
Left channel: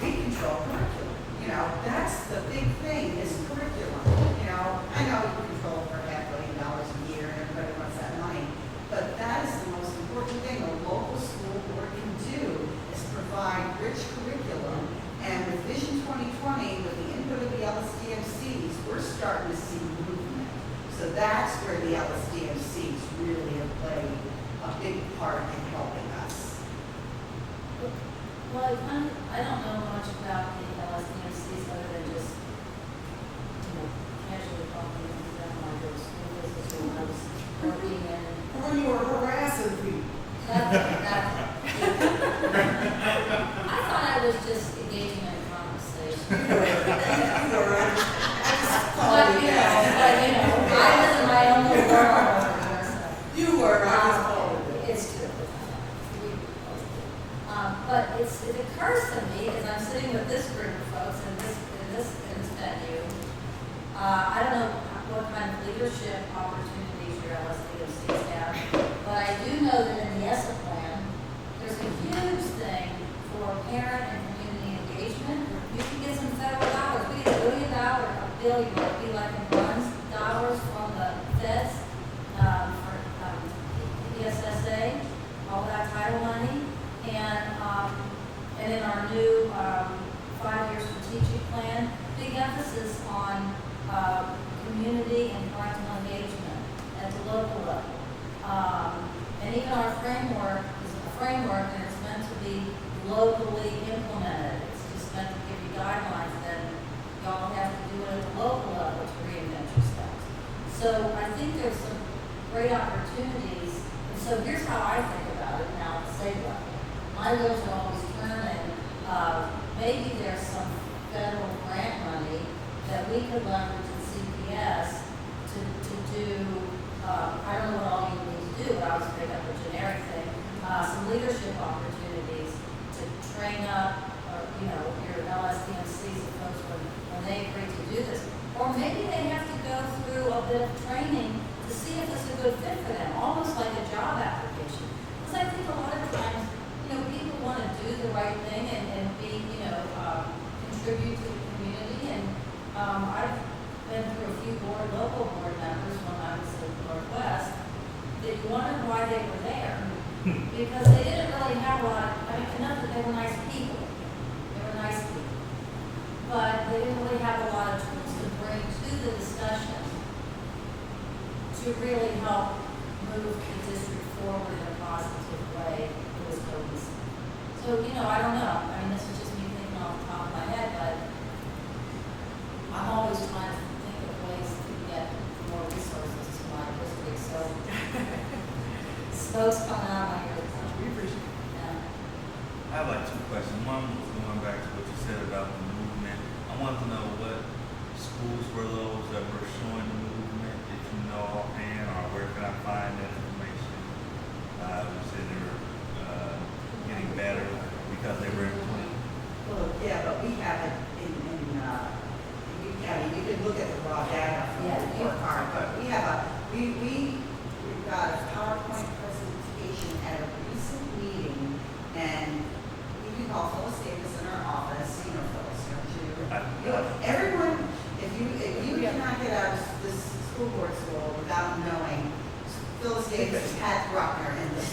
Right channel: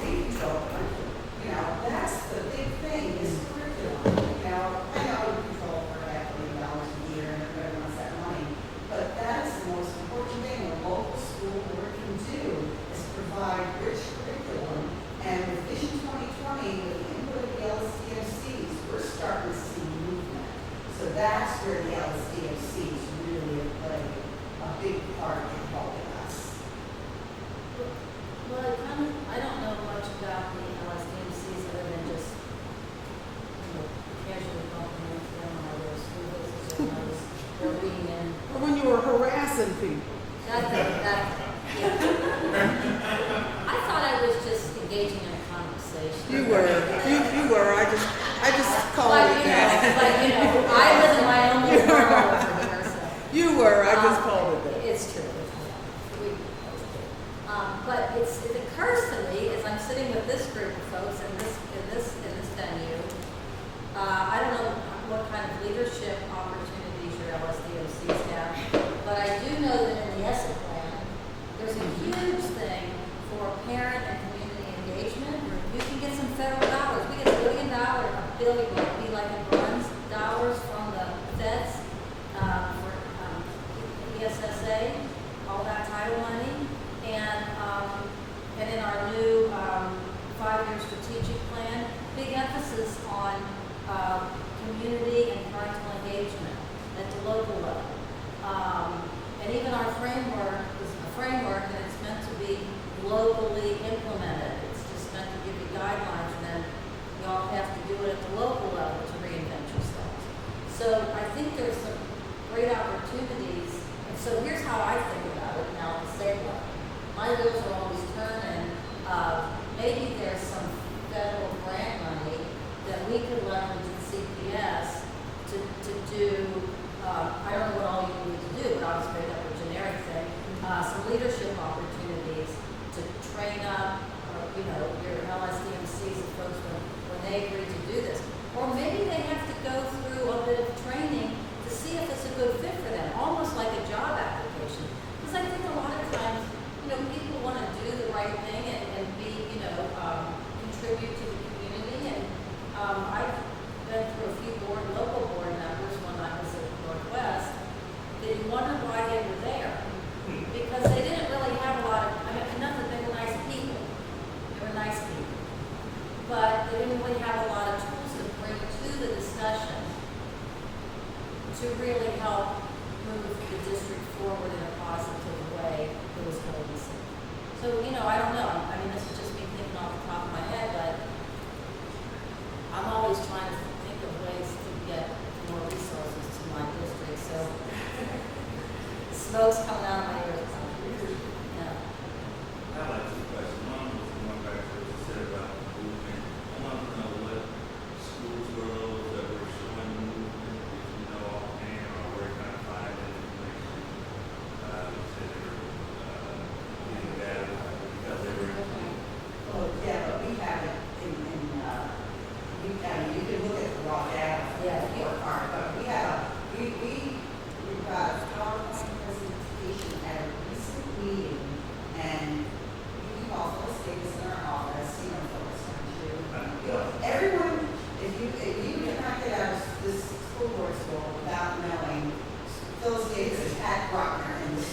we control curriculum. That's the big thing is curriculum. I know we control for $500 million a year and everybody wants that money, but that is the most important thing a local school board can do is provide rich curriculum. And with Vision 2020, with the input of the LSDMCs, we're starting to see movement. So that's where the LSDMCs really have played a big part in helping us. Well, I don't know much about the LSDMCs other than just, casually talking to them on those schools when I was working in. When you were harassing people. I thought I was just engaging in a conversation. You were. I just called But, you that. I was in my own little world. You were. I just called you. It's true. But it occurs to me as I'm sitting with this group of folks in this venue, I don't know what kind of leadership opportunities your LSDMCs have, but I do know that in the ESSA plan, there's a huge thing for parent and community engagement. You can get some federal dollars. We get $1 billion, it'd be like dollars from the feds for ESSA, all that title money, and in our new 5-year strategic plan, big emphasis on community and parental engagement at the local level. And even our framework is a framework that is meant to be locally implemented. It's just meant to give you guidelines, and y'all have to do it at the local level to reinvent yourself. So I think there's some great opportunities. And so here's how I think about it now at the state level. My wheels are always turning. Maybe there's some federal grant money that we could leverage in CPS to do, I don't know what all you need to do, but I'll straight up a generic thing, some leadership opportunities to train up, your LSDMCs, folks when they agree to do this. Or maybe they have to go through a bit of training to see if it's a good fit for them, almost like a job application. Because I think a lot of times, people want to do the right thing and be, contribute to the community. And I've been through a few local board members when I was at Northwest, to really help move the district forward in a positive way for the students. So, you know, I don't know, I mean, this is just me thinking off the top of my head, but I'm always trying to think of ways to get more resources to my district, so smoke's coming out of my ears. Yeah. I have like two questions. One was going back to what you said about the movement. I want to know what schools were those that were showing the movement, if you know offhand, or where can I find that information? You said they were getting better because they were. Well, yeah, but we have it you can look at the raw data from the report card, but we've got a PowerPoint presentation at a recent meeting, and you can call Phyllis Davis in our office, you know, Phyllis, aren't you? You know, everyone, if you cannot get out of this school board school without knowing Phyllis Davis, Pat Bruckner, and this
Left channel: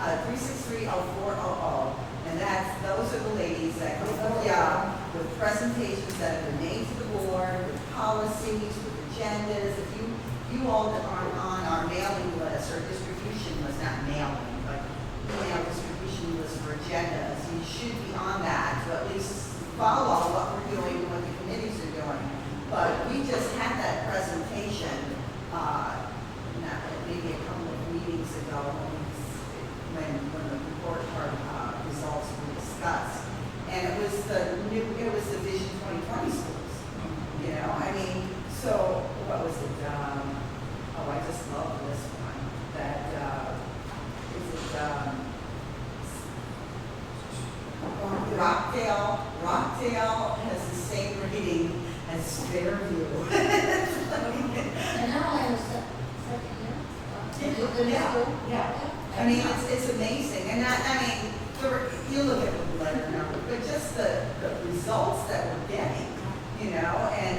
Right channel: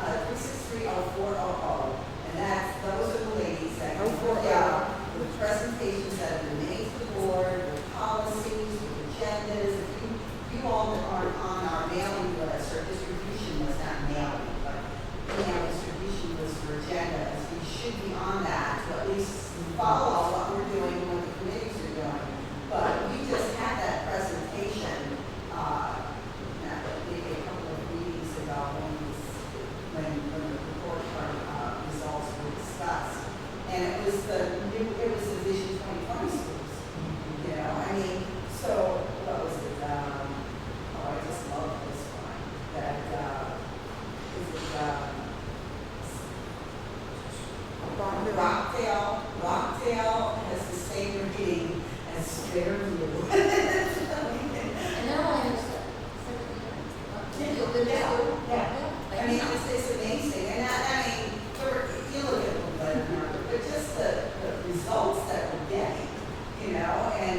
3630400, and those are the ladies that go forth out with presentations that have been made to the board, with policies, with agendas. If you all that aren't on our mailing list or distribution list, not mailing, but email distribution list for agendas, you should be on that to at least follow what we're doing, what the committees are doing. But we just had that presentation, maybe a couple of meetings ago when the report card results were discussed. And it was the Vision 2020 schools, you know, I mean, so what was it, I just love this one, that, Rockdale has the same rating as Fairview. And now I understand. Yeah. I mean, it's amazing, and I mean, you look at the letter number, but just the results that we're getting, you know, and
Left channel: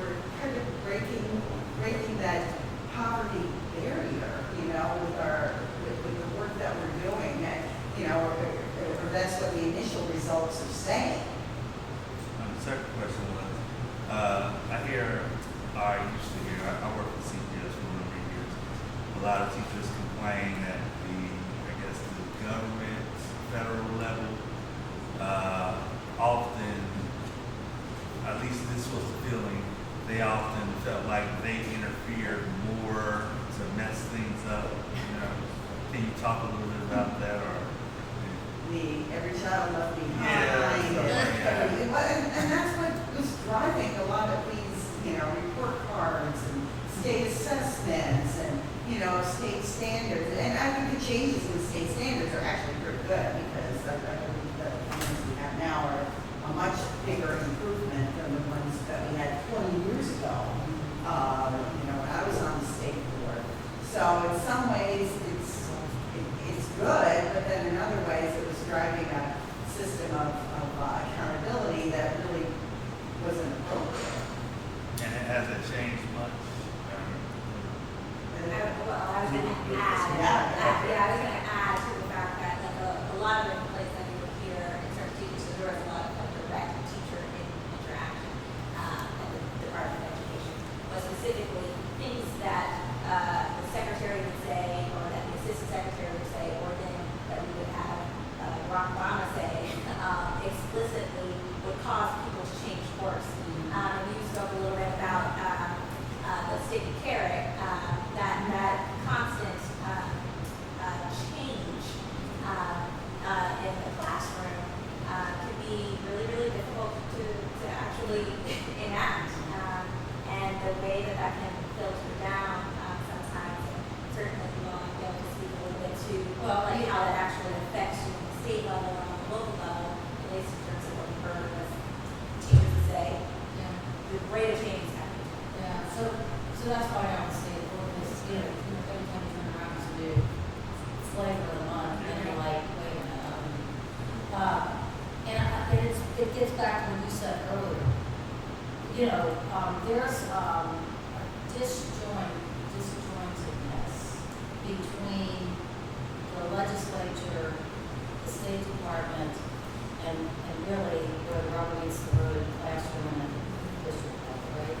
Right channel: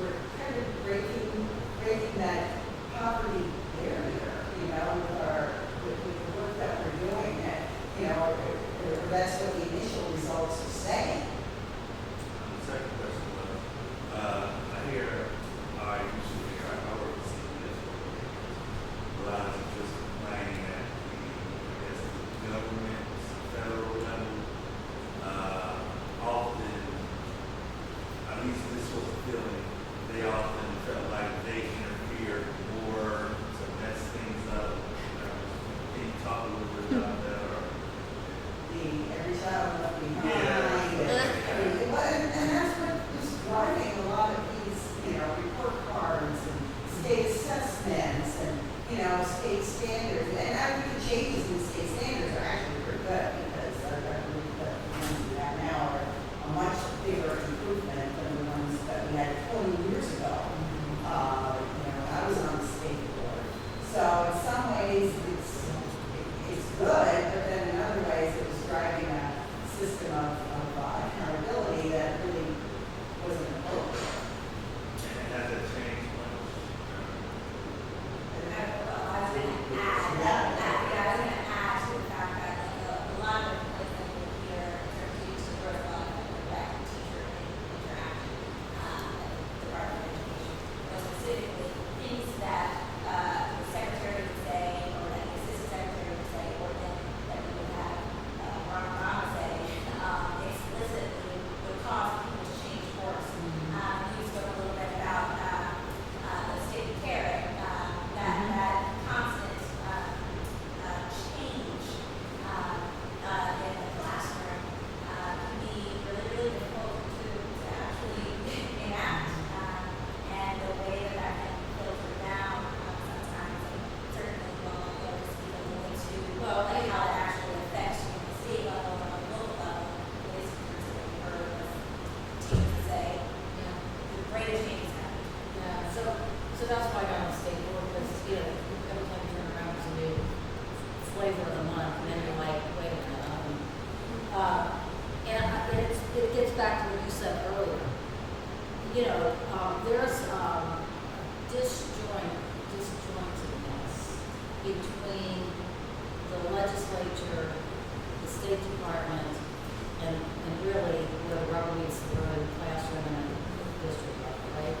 we're kind of breaking that poverty barrier, you know, with the work that we're doing, and, you know, or that's what the initial results are saying. The second question was, I used to hear, I work with CPS for a lot of teachers complaining that the government, federal level, often, at least this was the feeling, they often felt like they interfered more to mess things up. You know, can you talk a little bit about that, or? Every child left behind. Yeah. And that's what was driving a lot of these, you know, report cards and state assessments and, you know, state standards. And I think the changes in state standards are actually pretty good because I believe that the ones we have now are a much bigger improvement than the ones that we had 20 years ago. You know, I was on the state board. So in some ways it's good, but then in other ways it was driving a system of accountability that really wasn't appropriate. And has it changed much? And I was going to add to the fact that a lot of the places that we look here in terms of students, there was a lot of direct teacher interaction with the Department of Education, but specifically things that the secretary would say, or that the assistant secretary would say, or that we would have Ron Obama say explicitly would cause people to change course. You spoke a little bit about the state of Carrick, that constant change in the classroom can be really, really difficult to actually enact. And the way that can filter down sometimes, certainly you all be able to speak a little bit to how that actually affects you at the state level and on the local level, at least in terms of what we heard the teachers say, the rate of change is happening. Yeah, so that's why I don't say ordinance is everything turn around to be flavor of the month, and you're like, wait a minute. And it gets back to what you said earlier. You know, there's disjointedness between the legislature, the State Department, and really where the rubber meets the road, classroom and district level, right?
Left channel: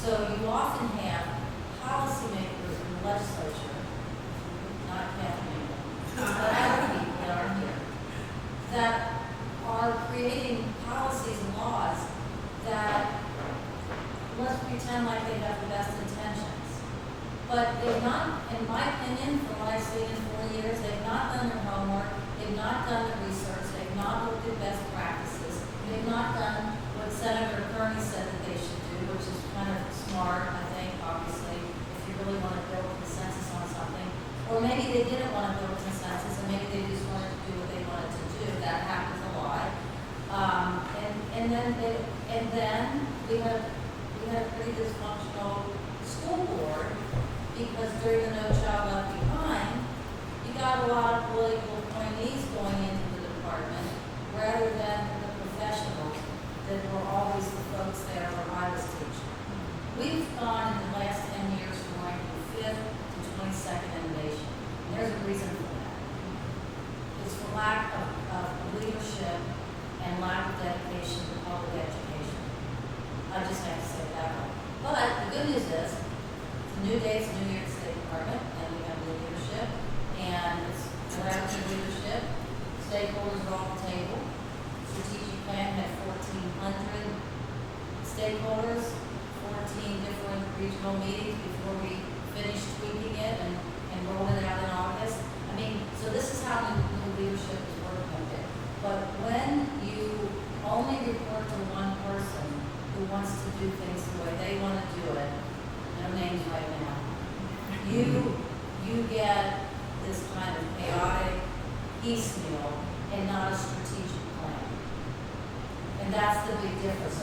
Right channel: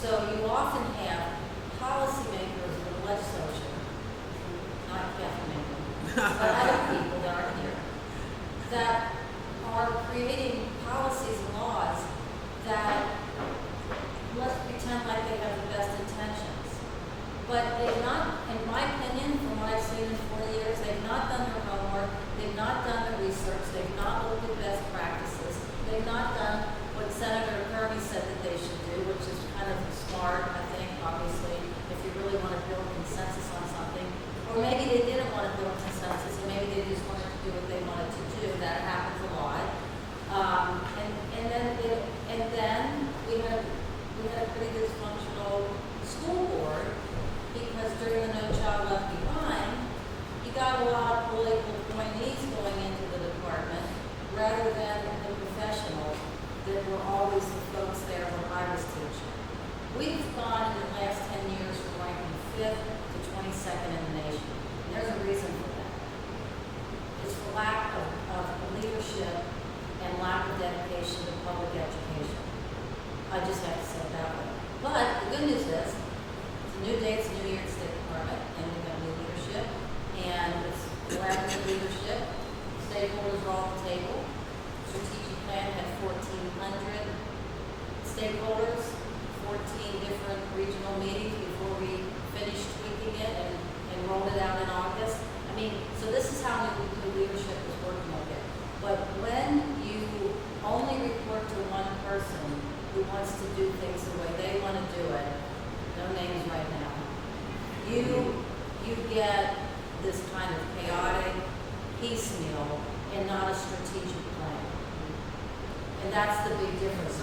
So you often have let's pretend like they have the best intentions. But they've not, in my opinion, from what I've seen in 4 years, they've not done their homework, they've not done the research, they've not looked at best practices, they've not done what Senator Kearney said that they should do, which is kind of smart, I think, obviously, if you really want to build consensus on something. Or maybe they didn't want to build consensus, and maybe they just wanted to do what they wanted to do. That happens a lot. And then we had a pretty dysfunctional school board because during the No Child Left Behind, you got a lot of political appointees going into the department rather than the professionals that were always the folks there when I was teaching. We've gone in the last 10 years from ranking 5th to 22nd in the nation. And there's a reason for that. It's for lack of leadership and lack of dedication to public education. I just have to say that way. But the good news is, it's a new day, it's a new York State Department, and we have new leadership, and it's collaborative leadership. Stakeholders are off the table. Strategic plan had 1,400 stakeholders, 14 different regional meetings before we finished tweaking it and rolled it out in August. I mean, so this is how new leadership is working with it. But when you only report to one person who wants to do things the way they want to do it, no names right now, you get this kind of chaotic piecemeal and not a strategic plan. And that's the big difference.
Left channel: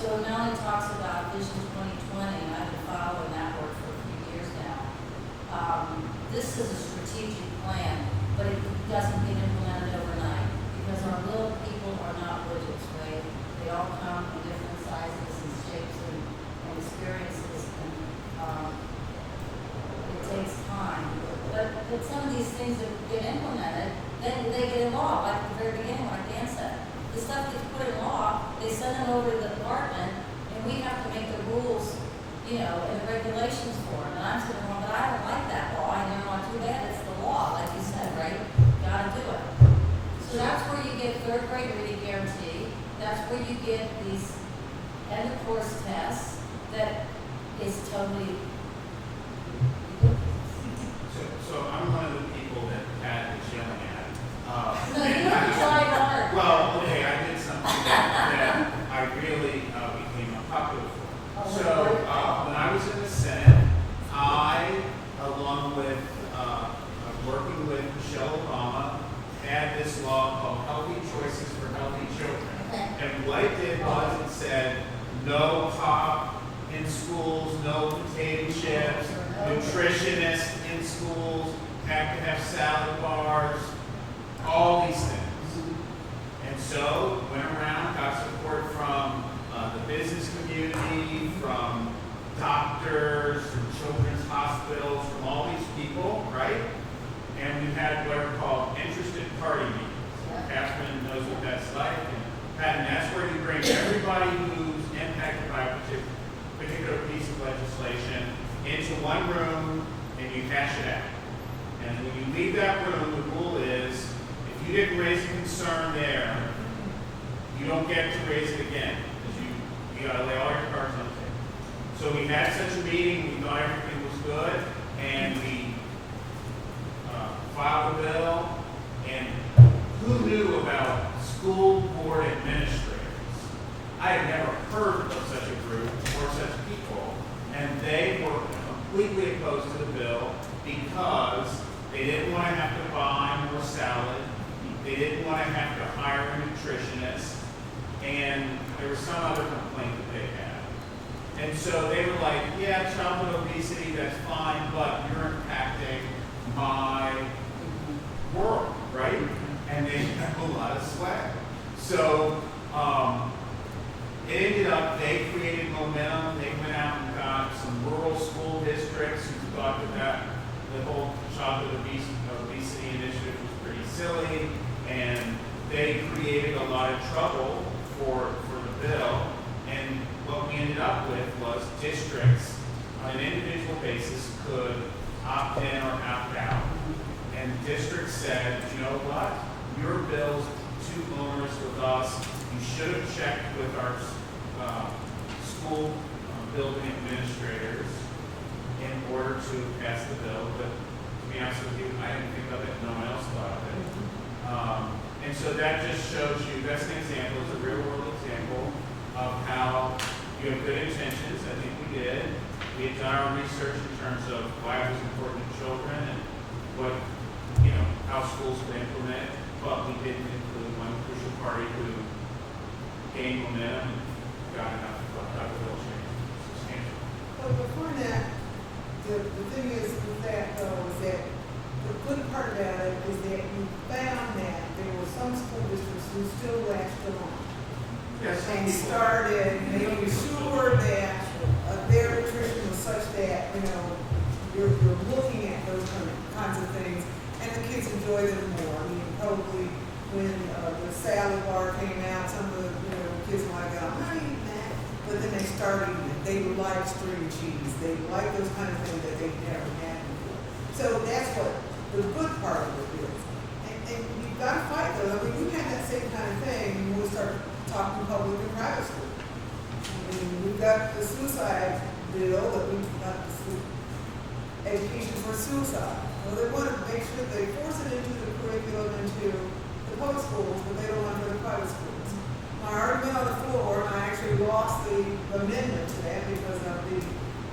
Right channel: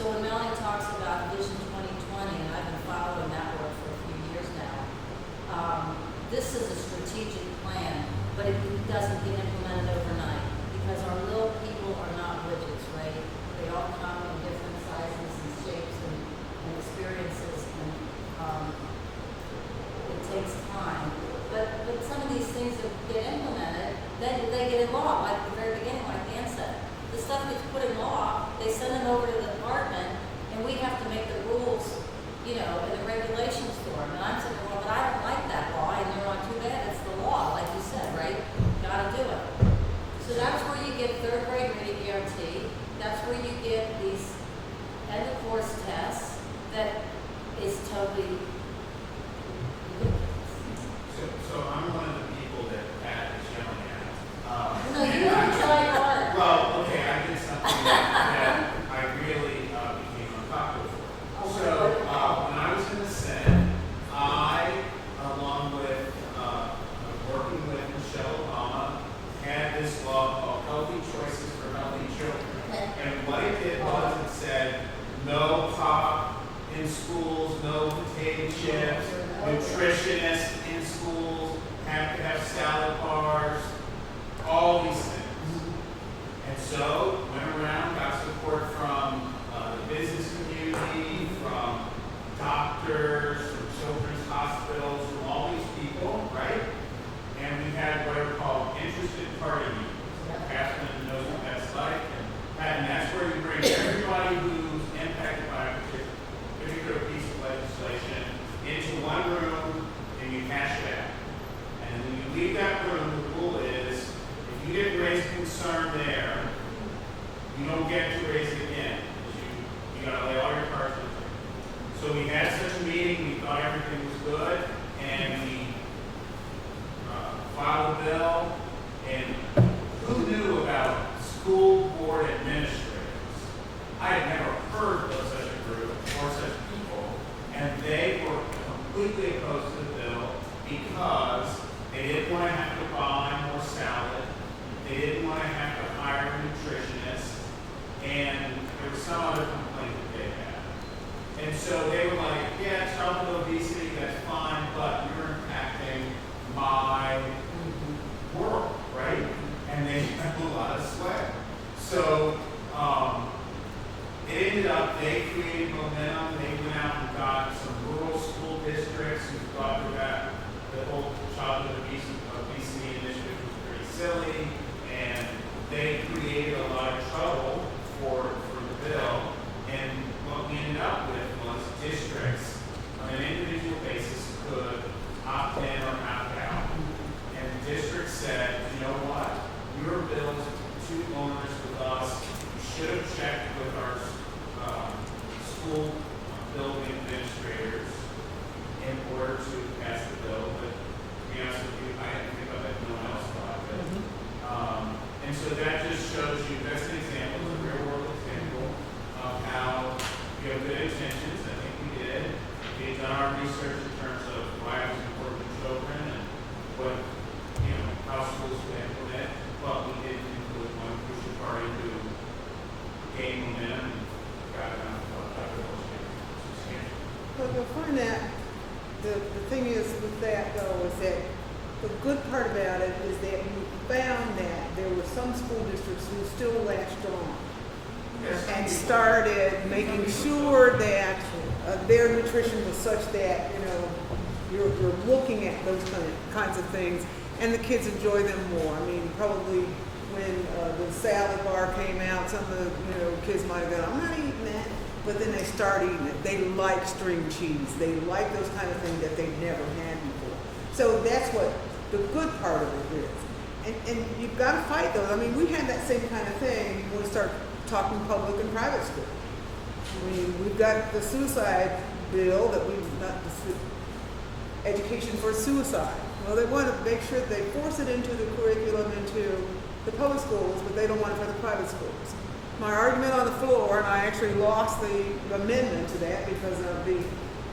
So when Melanie talks about Vision 2020, and I've been following that work for a few years now, this is a strategic plan, but it doesn't get implemented overnight because our little people are not widgets, right? They all come in different sizes and shapes and experiences, and it takes time. But some of these things that get implemented, then they get in law, like at the very beginning, like Dan said. The stuff that's put in law, they send it over to the department, and we have to make the rules, and the regulations for them. And I'm saying, well, but I don't like that law, and they're like, too bad, it's the law, like you said, right? Gotta do it. So that's where you get third grade reading guarantee. That's where you get these end of course tests that is totally. So I'm one of the people that had the yelling at. So you don't try hard. Well, okay, I did something that I really became unpopular for. Oh, So when I was in the Senate, I, along with working with Michelle Obama, had this law called Healthy Choices for Healthy Children. And what it did was it said no pop in schools, no potato chips, nutritionists in schools have to have salad bars, all these things. And so went around, got support from the business community, from doctors, from children's hospitals, from all these people, right? And we had what are called interested party meetings. Catherine knows what that's like. And that's where you bring everybody who's impacted by a particular piece of legislation into one room and you hash it out. And then when you leave that room, the rule is, if you didn't raise concern there, you don't get to raise it again. You gotta lay all your cards on the table. So we had such a meeting, we thought everything was good, and we filed a bill, and who knew about school board administrators? I had never heard of such a group or such people, and they were completely opposed to the bill because they didn't want to have to buy more salad, they didn't want to have to hire a nutritionist, and there was some other complaint that they had. And so they were like, yeah, childhood obesity, that's fine, but you're impacting my world, right? And they have a lot of swag. So it ended up, they created momentum. They went out and got some rural school districts who thought that the whole childhood obesity initiative was pretty silly, and they created a lot of trouble for the bill. And what we ended up with was districts on an individual basis could opt in or opt out. And the district said, you know what? Your bill's too onerous with us. You should have checked with our school building we've done our research in terms of why it was important to children and what, how schools could implement, but we did include one crucial party who gained momentum, got enough of what type of substantial. So before that, the thing is that, though, is that the good part about it is that you found that there were some school districts who still latched on. Yes. And started making sure that their nutrition was such that, you're looking at those kinds of things, and the kids enjoy them more. I mean, probably when the salad bar came out, some of the kids might have gone, I'm not eating that, but then they started eating it. They like string cheese. They like those kind of things that they never had before. So that's what the good part of it is. And you've got to fight though. I mean, we had that same kind of thing when we start talking public and private school. We've got the suicide bill that we've got education for suicide. Well, they want to make sure they force it into the curriculum, into the public schools, but they don't want it for the private schools. My argument on the floor, and I actually lost the amendment to that because of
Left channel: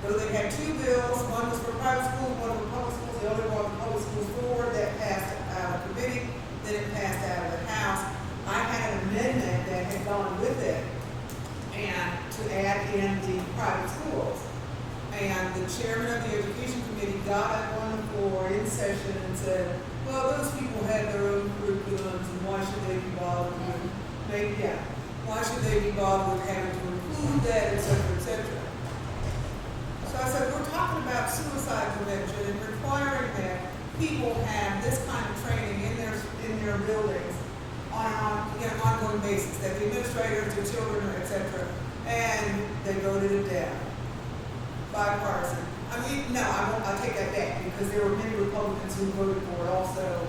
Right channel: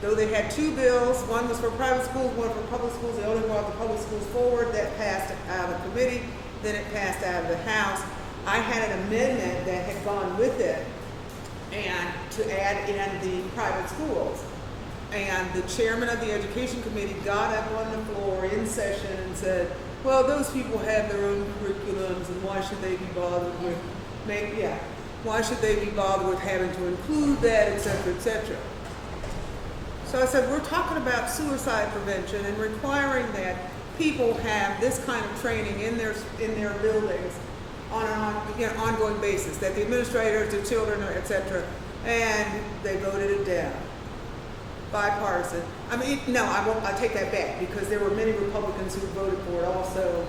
though they had two bills, one was for private schools, one for public schools, they only brought the public schools forward, that passed out of committee, then it passed out of the House. I had an amendment that had gone with it, and to add in the private schools. And the chairman of the education committee got up on the floor in session and said, well, those people have their own curriculums, and why should they be bothered with, why should they be bothered with having to include that, et cetera, et cetera. So I said, we're talking about suicide prevention and requiring that people have this kind of training in their buildings on an ongoing basis, that the administrators, the children, et cetera, and they voted it down. Bipartisan. I mean, no, I take that back because there were many Republicans who voted for it also,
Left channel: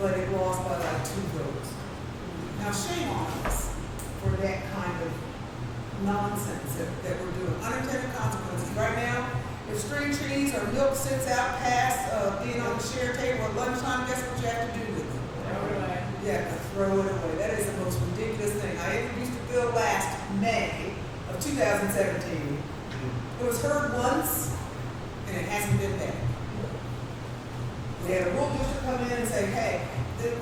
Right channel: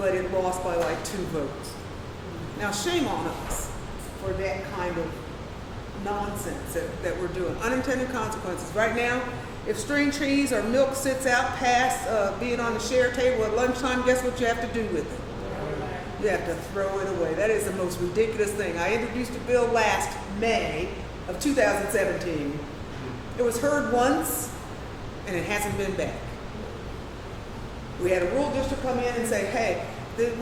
but it lost by like 2 votes. Now, shame on us for that kind of nonsense that we're doing. Unintended consequences. Right now, if string cheese or milk sits out past being on the share table at lunchtime, guess what you have to do with it? You have to throw it away. That is the most ridiculous thing. I introduced a bill last May of 2017. It was heard once, and it hasn't been back. We had a rural district come in and say, hey,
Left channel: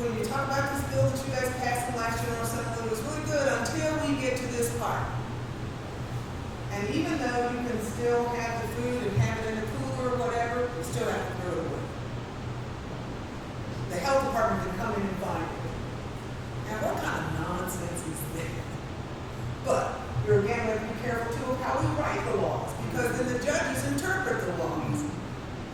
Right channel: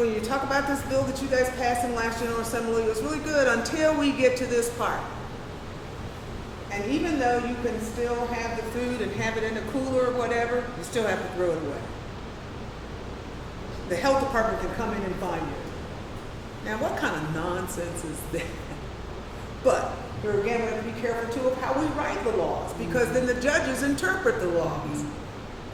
when you talk about this bill that you guys passed in last General Assembly, it was really good until we get to this part. And even though you can still have the food and have it in a cooler or whatever, you still have to throw it away. The health department can come in and find it. Now, what kind of nonsense is that? But we're again going to be careful too of how we write the laws, because then the judges interpret the laws.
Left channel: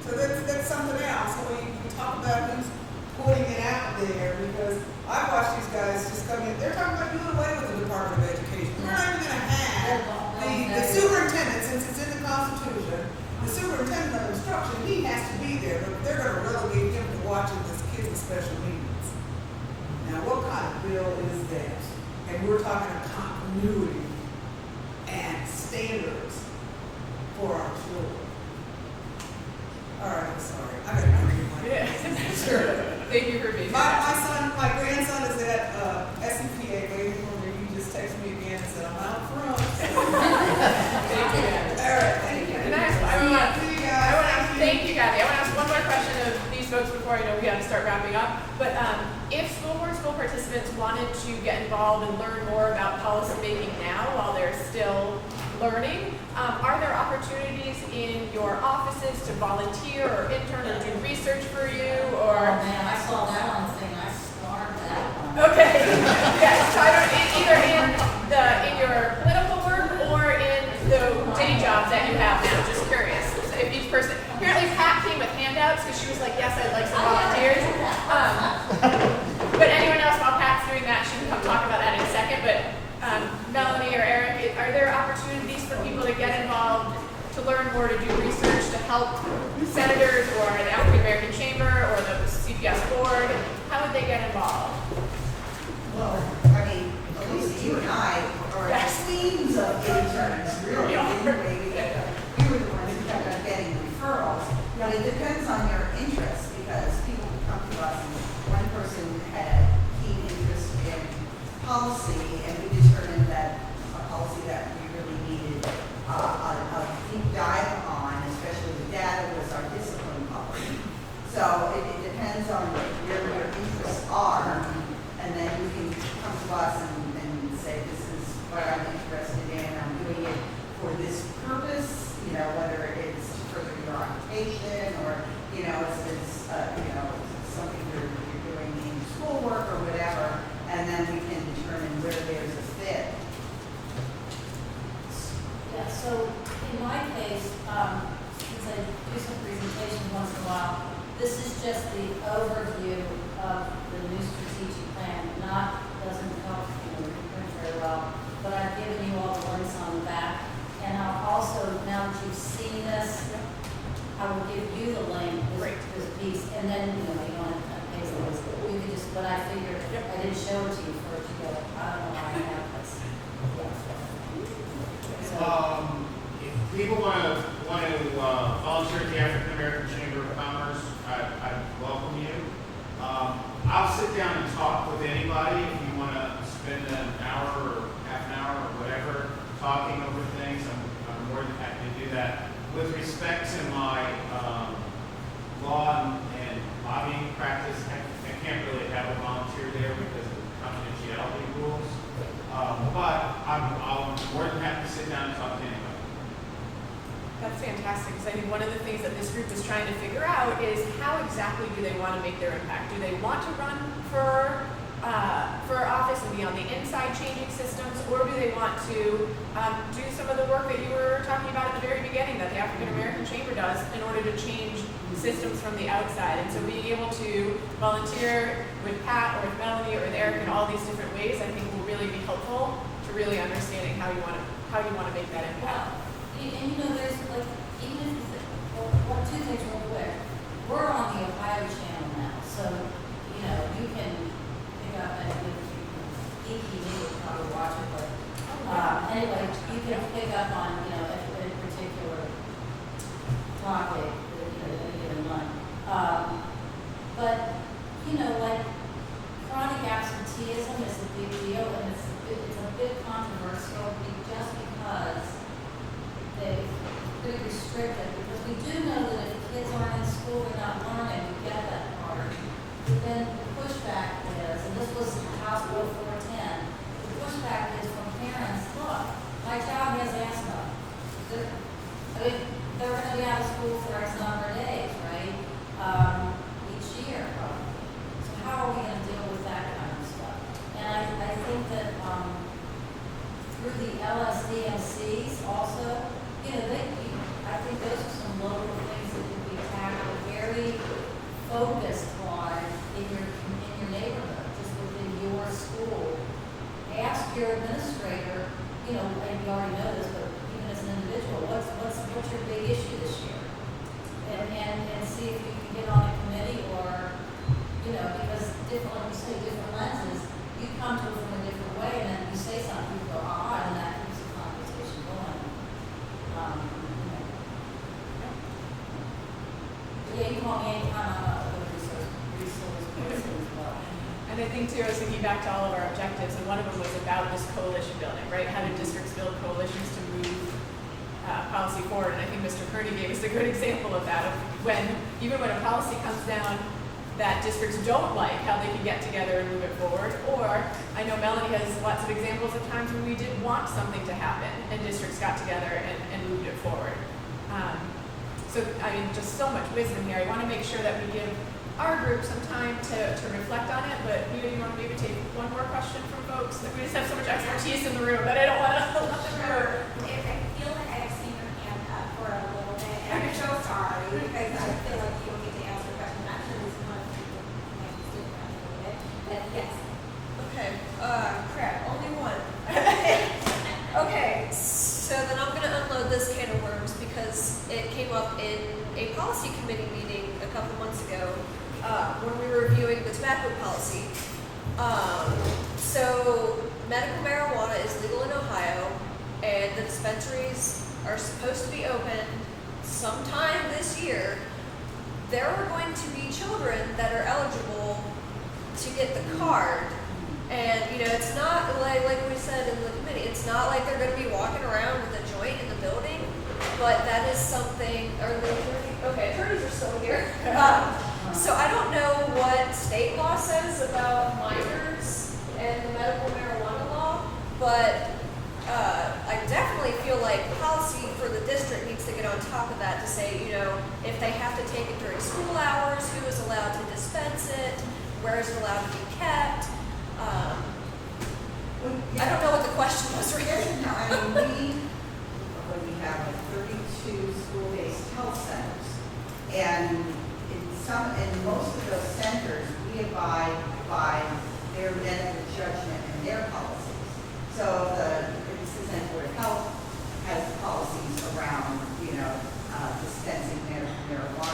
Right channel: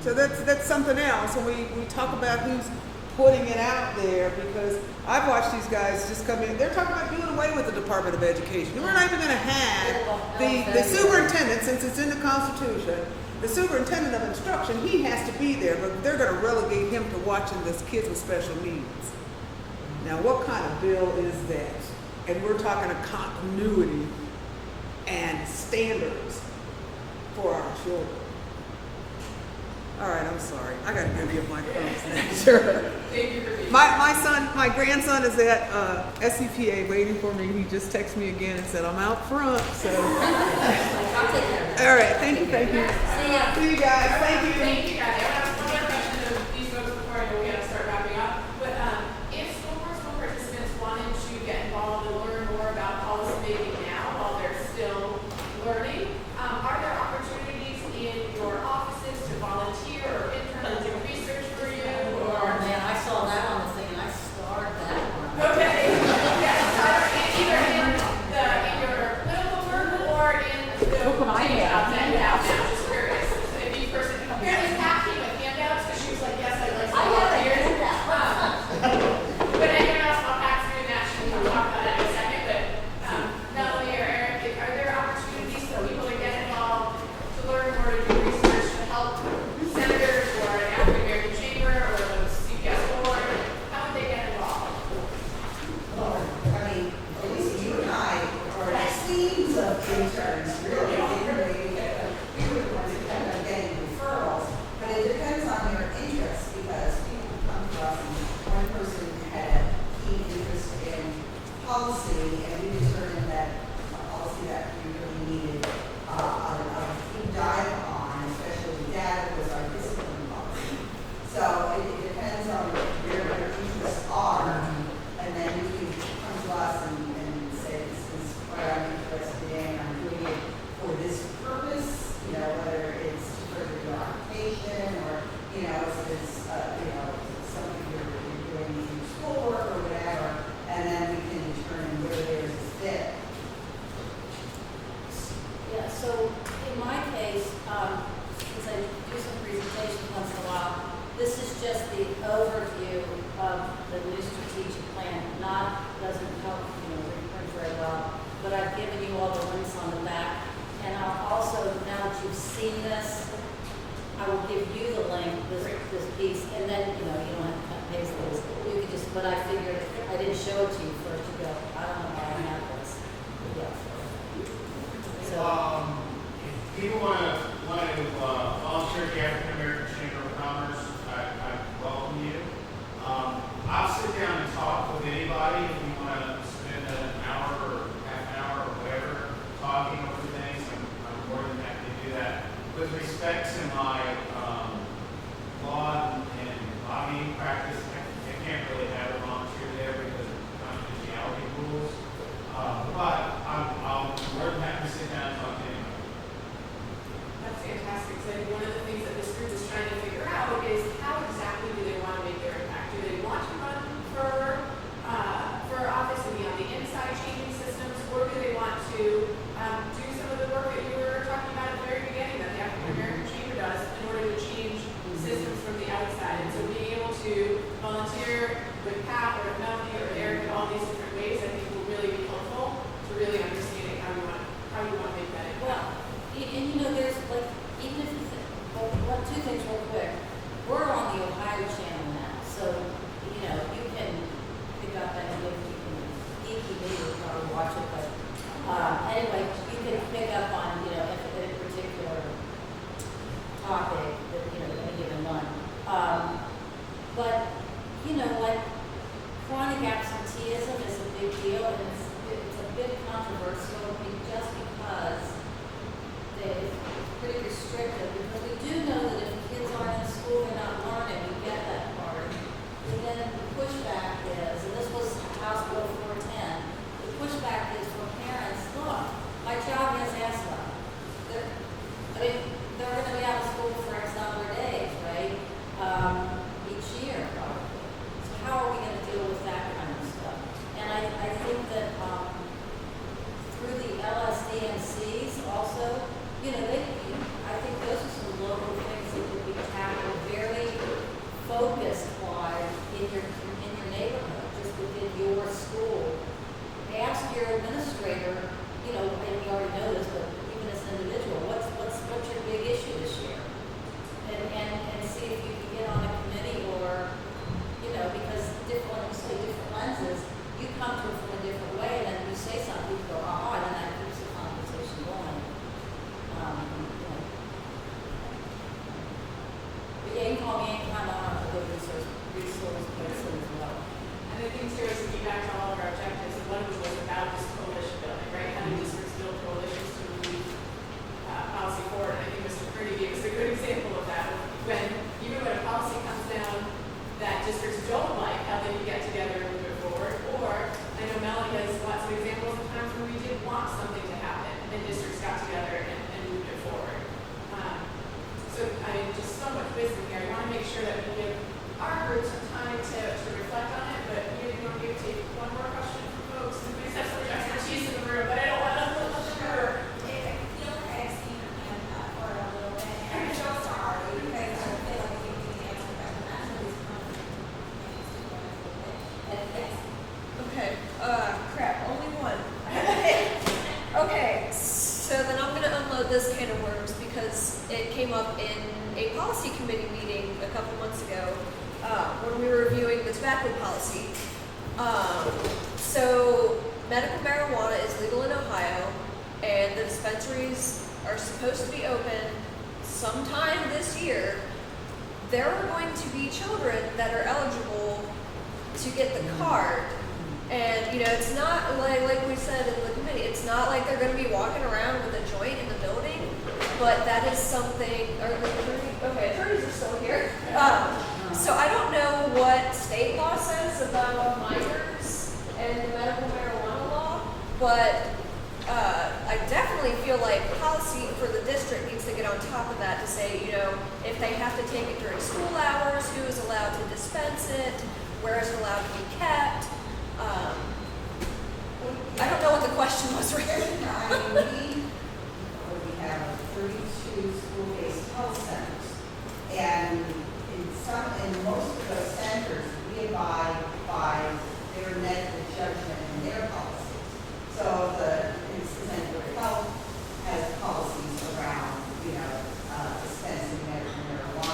So that's something else. And we talk about who's putting it out there, because I've watched these guys just come in. They're talking about doing away with the Department of Education. We're not even going to have the superintendent, since it's in the Constitution, the superintendent of instruction, he has to be there, but they're going to relegate him to watching this kids with special needs. Now, what kind of bill is that? And we're talking of continuity and standards for our children. All right, I'm sorry. I got to read my Sure. Thank you for being my grandson is at SCPA waiting for me. He just texted me again and said, I'm out front. So. All right, thank you. See you guys. Thank you, guys. I want to ask one more question of these folks before I know we got to start wrapping up. But if school participants wanted to get involved and learn more about policy making now while they're still learning, are there opportunities in your offices to volunteer or intern or do research for you? Or I saw that on the thing. I started that one. okay, yes. So either in your political work or give you the link, this piece, and then, you know, you don't have to pay for this. You can just, but I figured, I didn't show it to you first, you go, I don't know why I have this. Yeah. So, If people want to volunteer at the African American Chamber of Commerce, I welcome you. I'll sit down and talk with anybody if you want to spend an hour or half an hour or whatever talking over things. I'm more than happy to do that. With respect to my law and lobbying practice, I can't really have a volunteer there because of confidentiality rules. But I'll more than happy to sit down and talk to anybody. That's fantastic, because I think one of the things that this group is trying to figure out is how exactly do they want to make their impact? Do they want to run for office and be on the inside changing systems, or do they want to do some of the work that you were talking about at the very beginning that the African American Chamber does in order to change systems from the outside? And so being able to volunteer with Pat or with Melanie or with Eric in all these different ways, I think will really be helpful to really understanding how you want to make that impact. and you know, there's like, even, two things real quick. We're on the Ohio channel now, so, you know, you can pick up and if you probably watch it, but, anyway, you can pick up on, you know, a particular topic, you know, any given month. But, you know, like, chronic absenteeism is a big deal, and it's a bit controversial just because it's pretty restrictive, because we do know that if kids aren't in school, they're not learning, we get that part. But then the pushback is, and this was House Bill 410, the pushback is from parents, look, my child has asthma. They're going to be out of school for X number of days, right? Each year. So how are we going to deal with that kind of stuff? And I think that through the LSDMCs also, you know, I think those are some local things that could be tackled very focused wise in your neighborhood, just within your school. Ask your administrator, you know, and you already know this, but even as an individual, what's your big issue this year? And see if you can get on a committee or, you know, because different, like you say, different lenses, you come to it from a different way, and then you say something, you go, and that keeps the conversation going. Yeah, you can call me anytime I want to go to resource person as well. And I think too, I was thinking back to all of our objectives, and one of them was about this coalition building, right? How do districts build coalitions to move policy forward? And I think Mr. Kearney gave us a good example of that. Even when a policy comes down that districts don't like, how they can get together and move it forward. Or I know Melanie has lots of examples of times when we did want something to happen and districts got together and moved it forward. So I mean, just so much wisdom here. I want to make sure that we give our group some time to reflect on it, but you want to take one more question from folks. We just have so much expertise in the room that I don't want to Sure. I feel like I've seen your hand up for a little bit. I'm so sorry because I feel like you need to answer the question. I'm sure this is one of the yes. Okay, crap, only one. Okay, so then I'm gonna unload this can of worms because it came up in a policy committee meeting a couple months ago when we were reviewing the tobacco policy. So medical marijuana is legal in Ohio, and the dispensaries are supposed to be open sometime this year. There are going to be children that are eligible to get the card. And, you know, it's not like we said in the committee, it's not like they're going to be walking around with a joint in the building, but that is something, attorneys are still here. So I don't know what state law says about minors and the medical marijuana law, but I definitely feel like policy for the district needs to get on top of that to say, you know, if they have to take it during school hours, who is allowed to dispense it, where is it allowed to be kept. I don't know what the question was really. I mean, we have 32 school-based health centers, and in most of those centers, we abide by their medical judgment and their policies. So the Center of Health has policies around, you know, dispensing medical marijuana.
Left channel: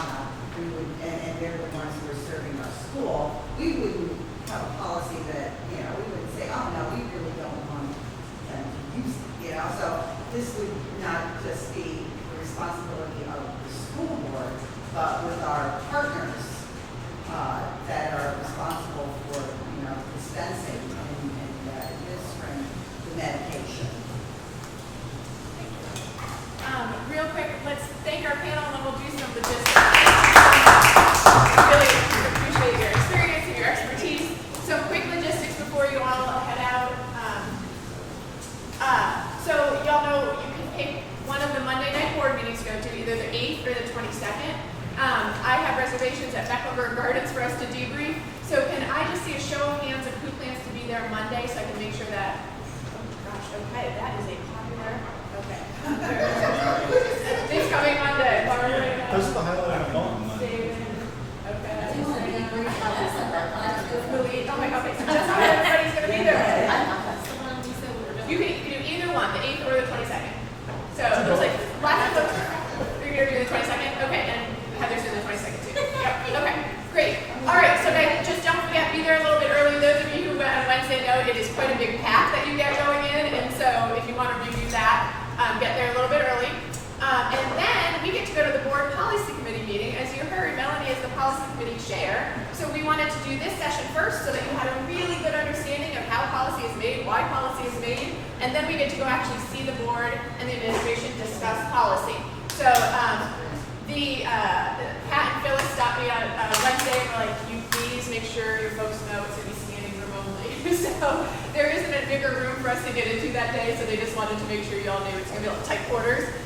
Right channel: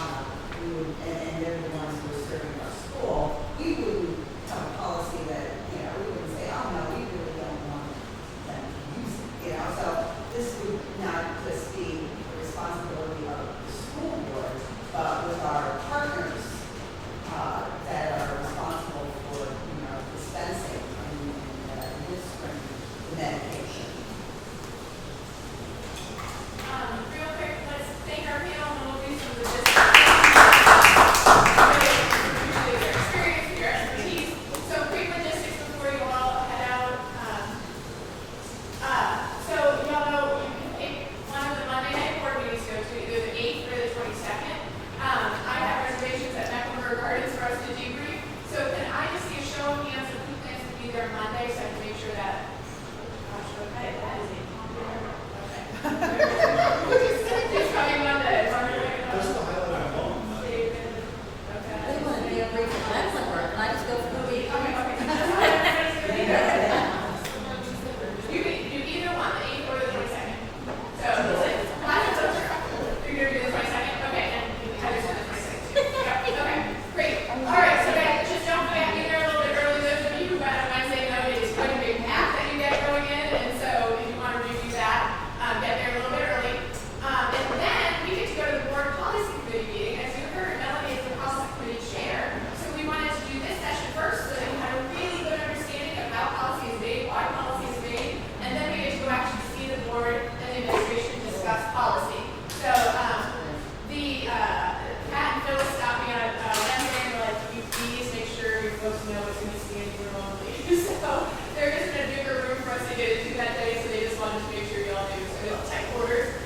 headquarters.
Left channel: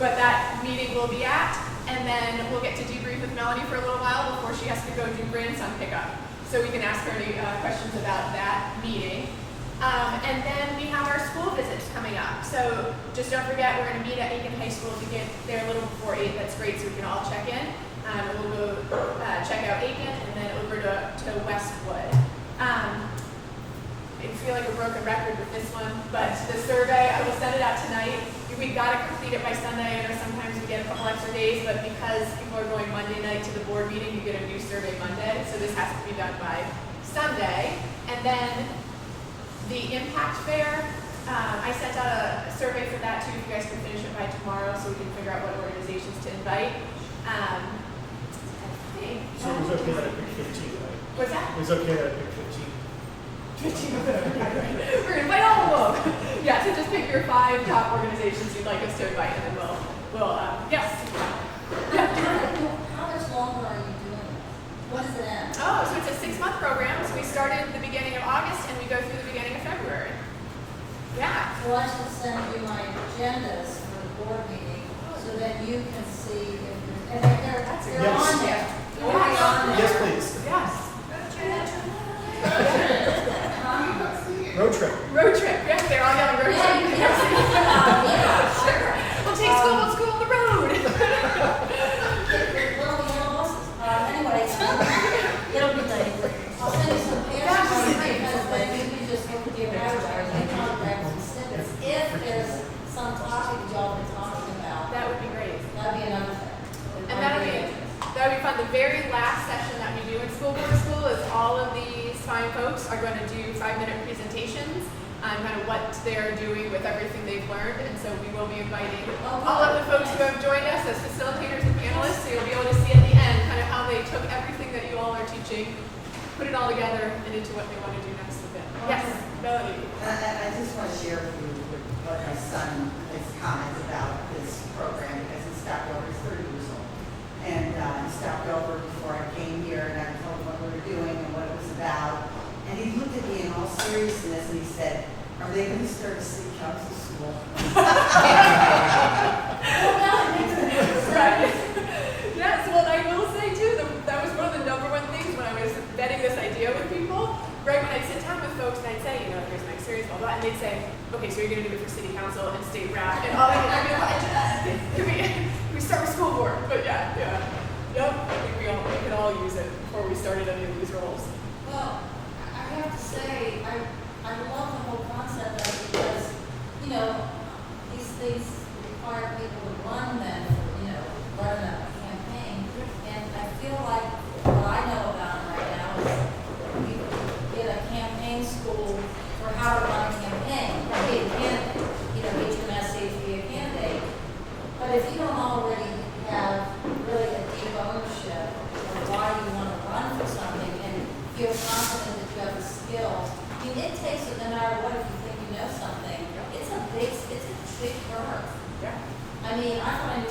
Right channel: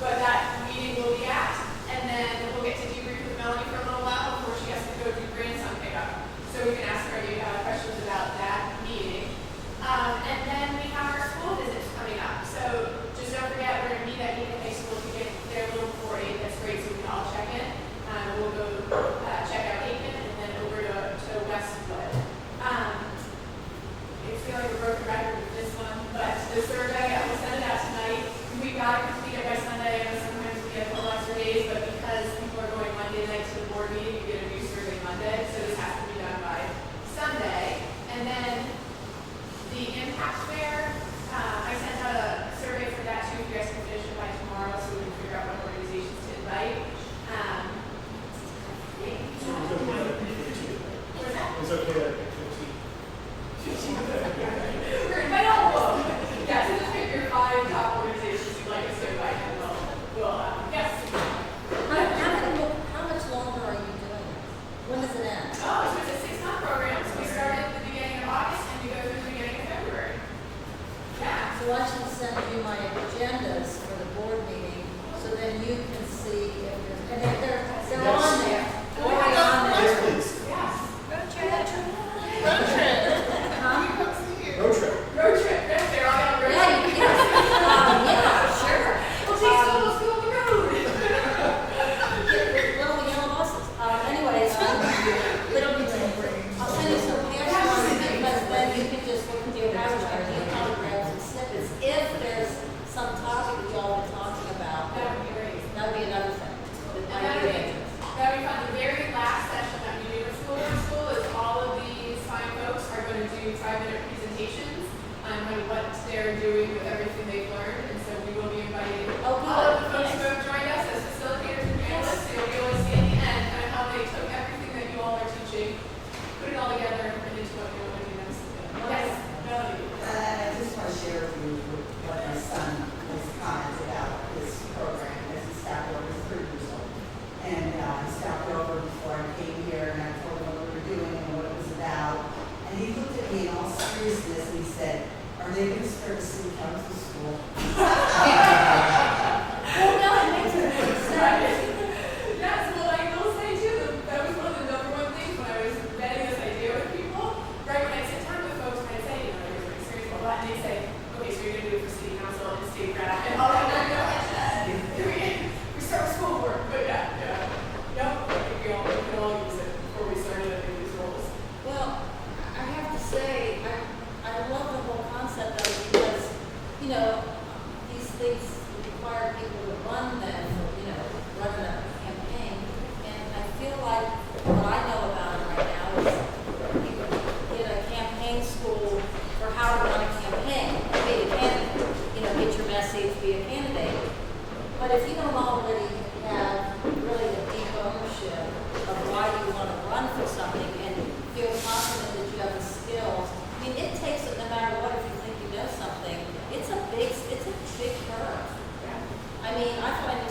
But that meeting will be at, and then we'll get to debrief with Melanie for a little while before she has to go do grandson pickup. So we can ask her any questions about that meeting. And then we have our school visits coming up. So just don't forget, we're going to meet at Eaton High School to get there a little before 8. That's great, so we can all check in. We'll go check out Aiken and then over to Westwood. I feel like a broken record with this one, but the survey, I will send it out tonight. We've got to complete it by Sunday. I know sometimes we get a couple extra days, but because people are going Monday night to the board meeting, you get a new survey Monday, so this has to be done by Sunday. And then the impact fair, I sent out a survey for that too. You guys can finish it by tomorrow, so we can figure out what organizations to invite. So it was okay that I picked 15, right? What's that? It was okay that I picked 15. We're gonna invite all of them. Yeah, so just pick your 5 top organizations you'd like us to invite, and we'll yes. How much longer are you doing it? When does it end? Oh, so it's a 6-month program. So we started at the beginning of August and we go through the beginning of February. Yeah. So I should send you my agendas for the board meeting, so that you can see, and they're Yes. on there. Oh, yeah. Yes, please. Yes. Road trip. Road trip. Yes, they're all on road trip. Yeah, yeah. Sure. We'll take school on the road. Well, you know, anyways, it'll be done. I'll send you some answers, because then you can just look at the evaluators and contracts and snippets. If there's some topic that y'all been talking about, That would be great. that'd be another thing. And that would be fun. The very last session that we do in school board school is all of these fine folks are going to do 5-minute presentations on kind of what they're doing with everything they've learned. And so we will be inviting all of the folks who have joined us as facilitators and panelists. You'll be able to see at the end kind of how they took everything that you all are teaching, put it all together and into what they want to do next with it. Yes. I just want to share with you what my son, his comments about this program, because he stopped over, he's 30 years old. And he stopped over before I came here, and I told him what we were doing and what it was about. And he looked at me in all seriousness and he said, "Are they going to start a city council school?" Right. That's what I will say too. That was one of the #1 things when I was vetting this idea with people. Right when I sit down with folks and I'd say, you know, like, it's very serious, well, they'd say, okay, so you're going to do it for city council and state rep and all that. We start with school board, but yeah. No, we can all use it before we start any of these roles. Well, I have to say, I love the whole concept of it, because, you know, these things require people to run them, you know, run a campaign. And I feel like what I know about it right now is you get a campaign school for how to run a campaign, be a candidate, you know, get your message, be a candidate. But if you don't already have really a deep ownership of why you want to run for something and feel confident that you have the skills, I mean, it takes, no matter what, if you think you know something, it's a big curve. I mean, I find it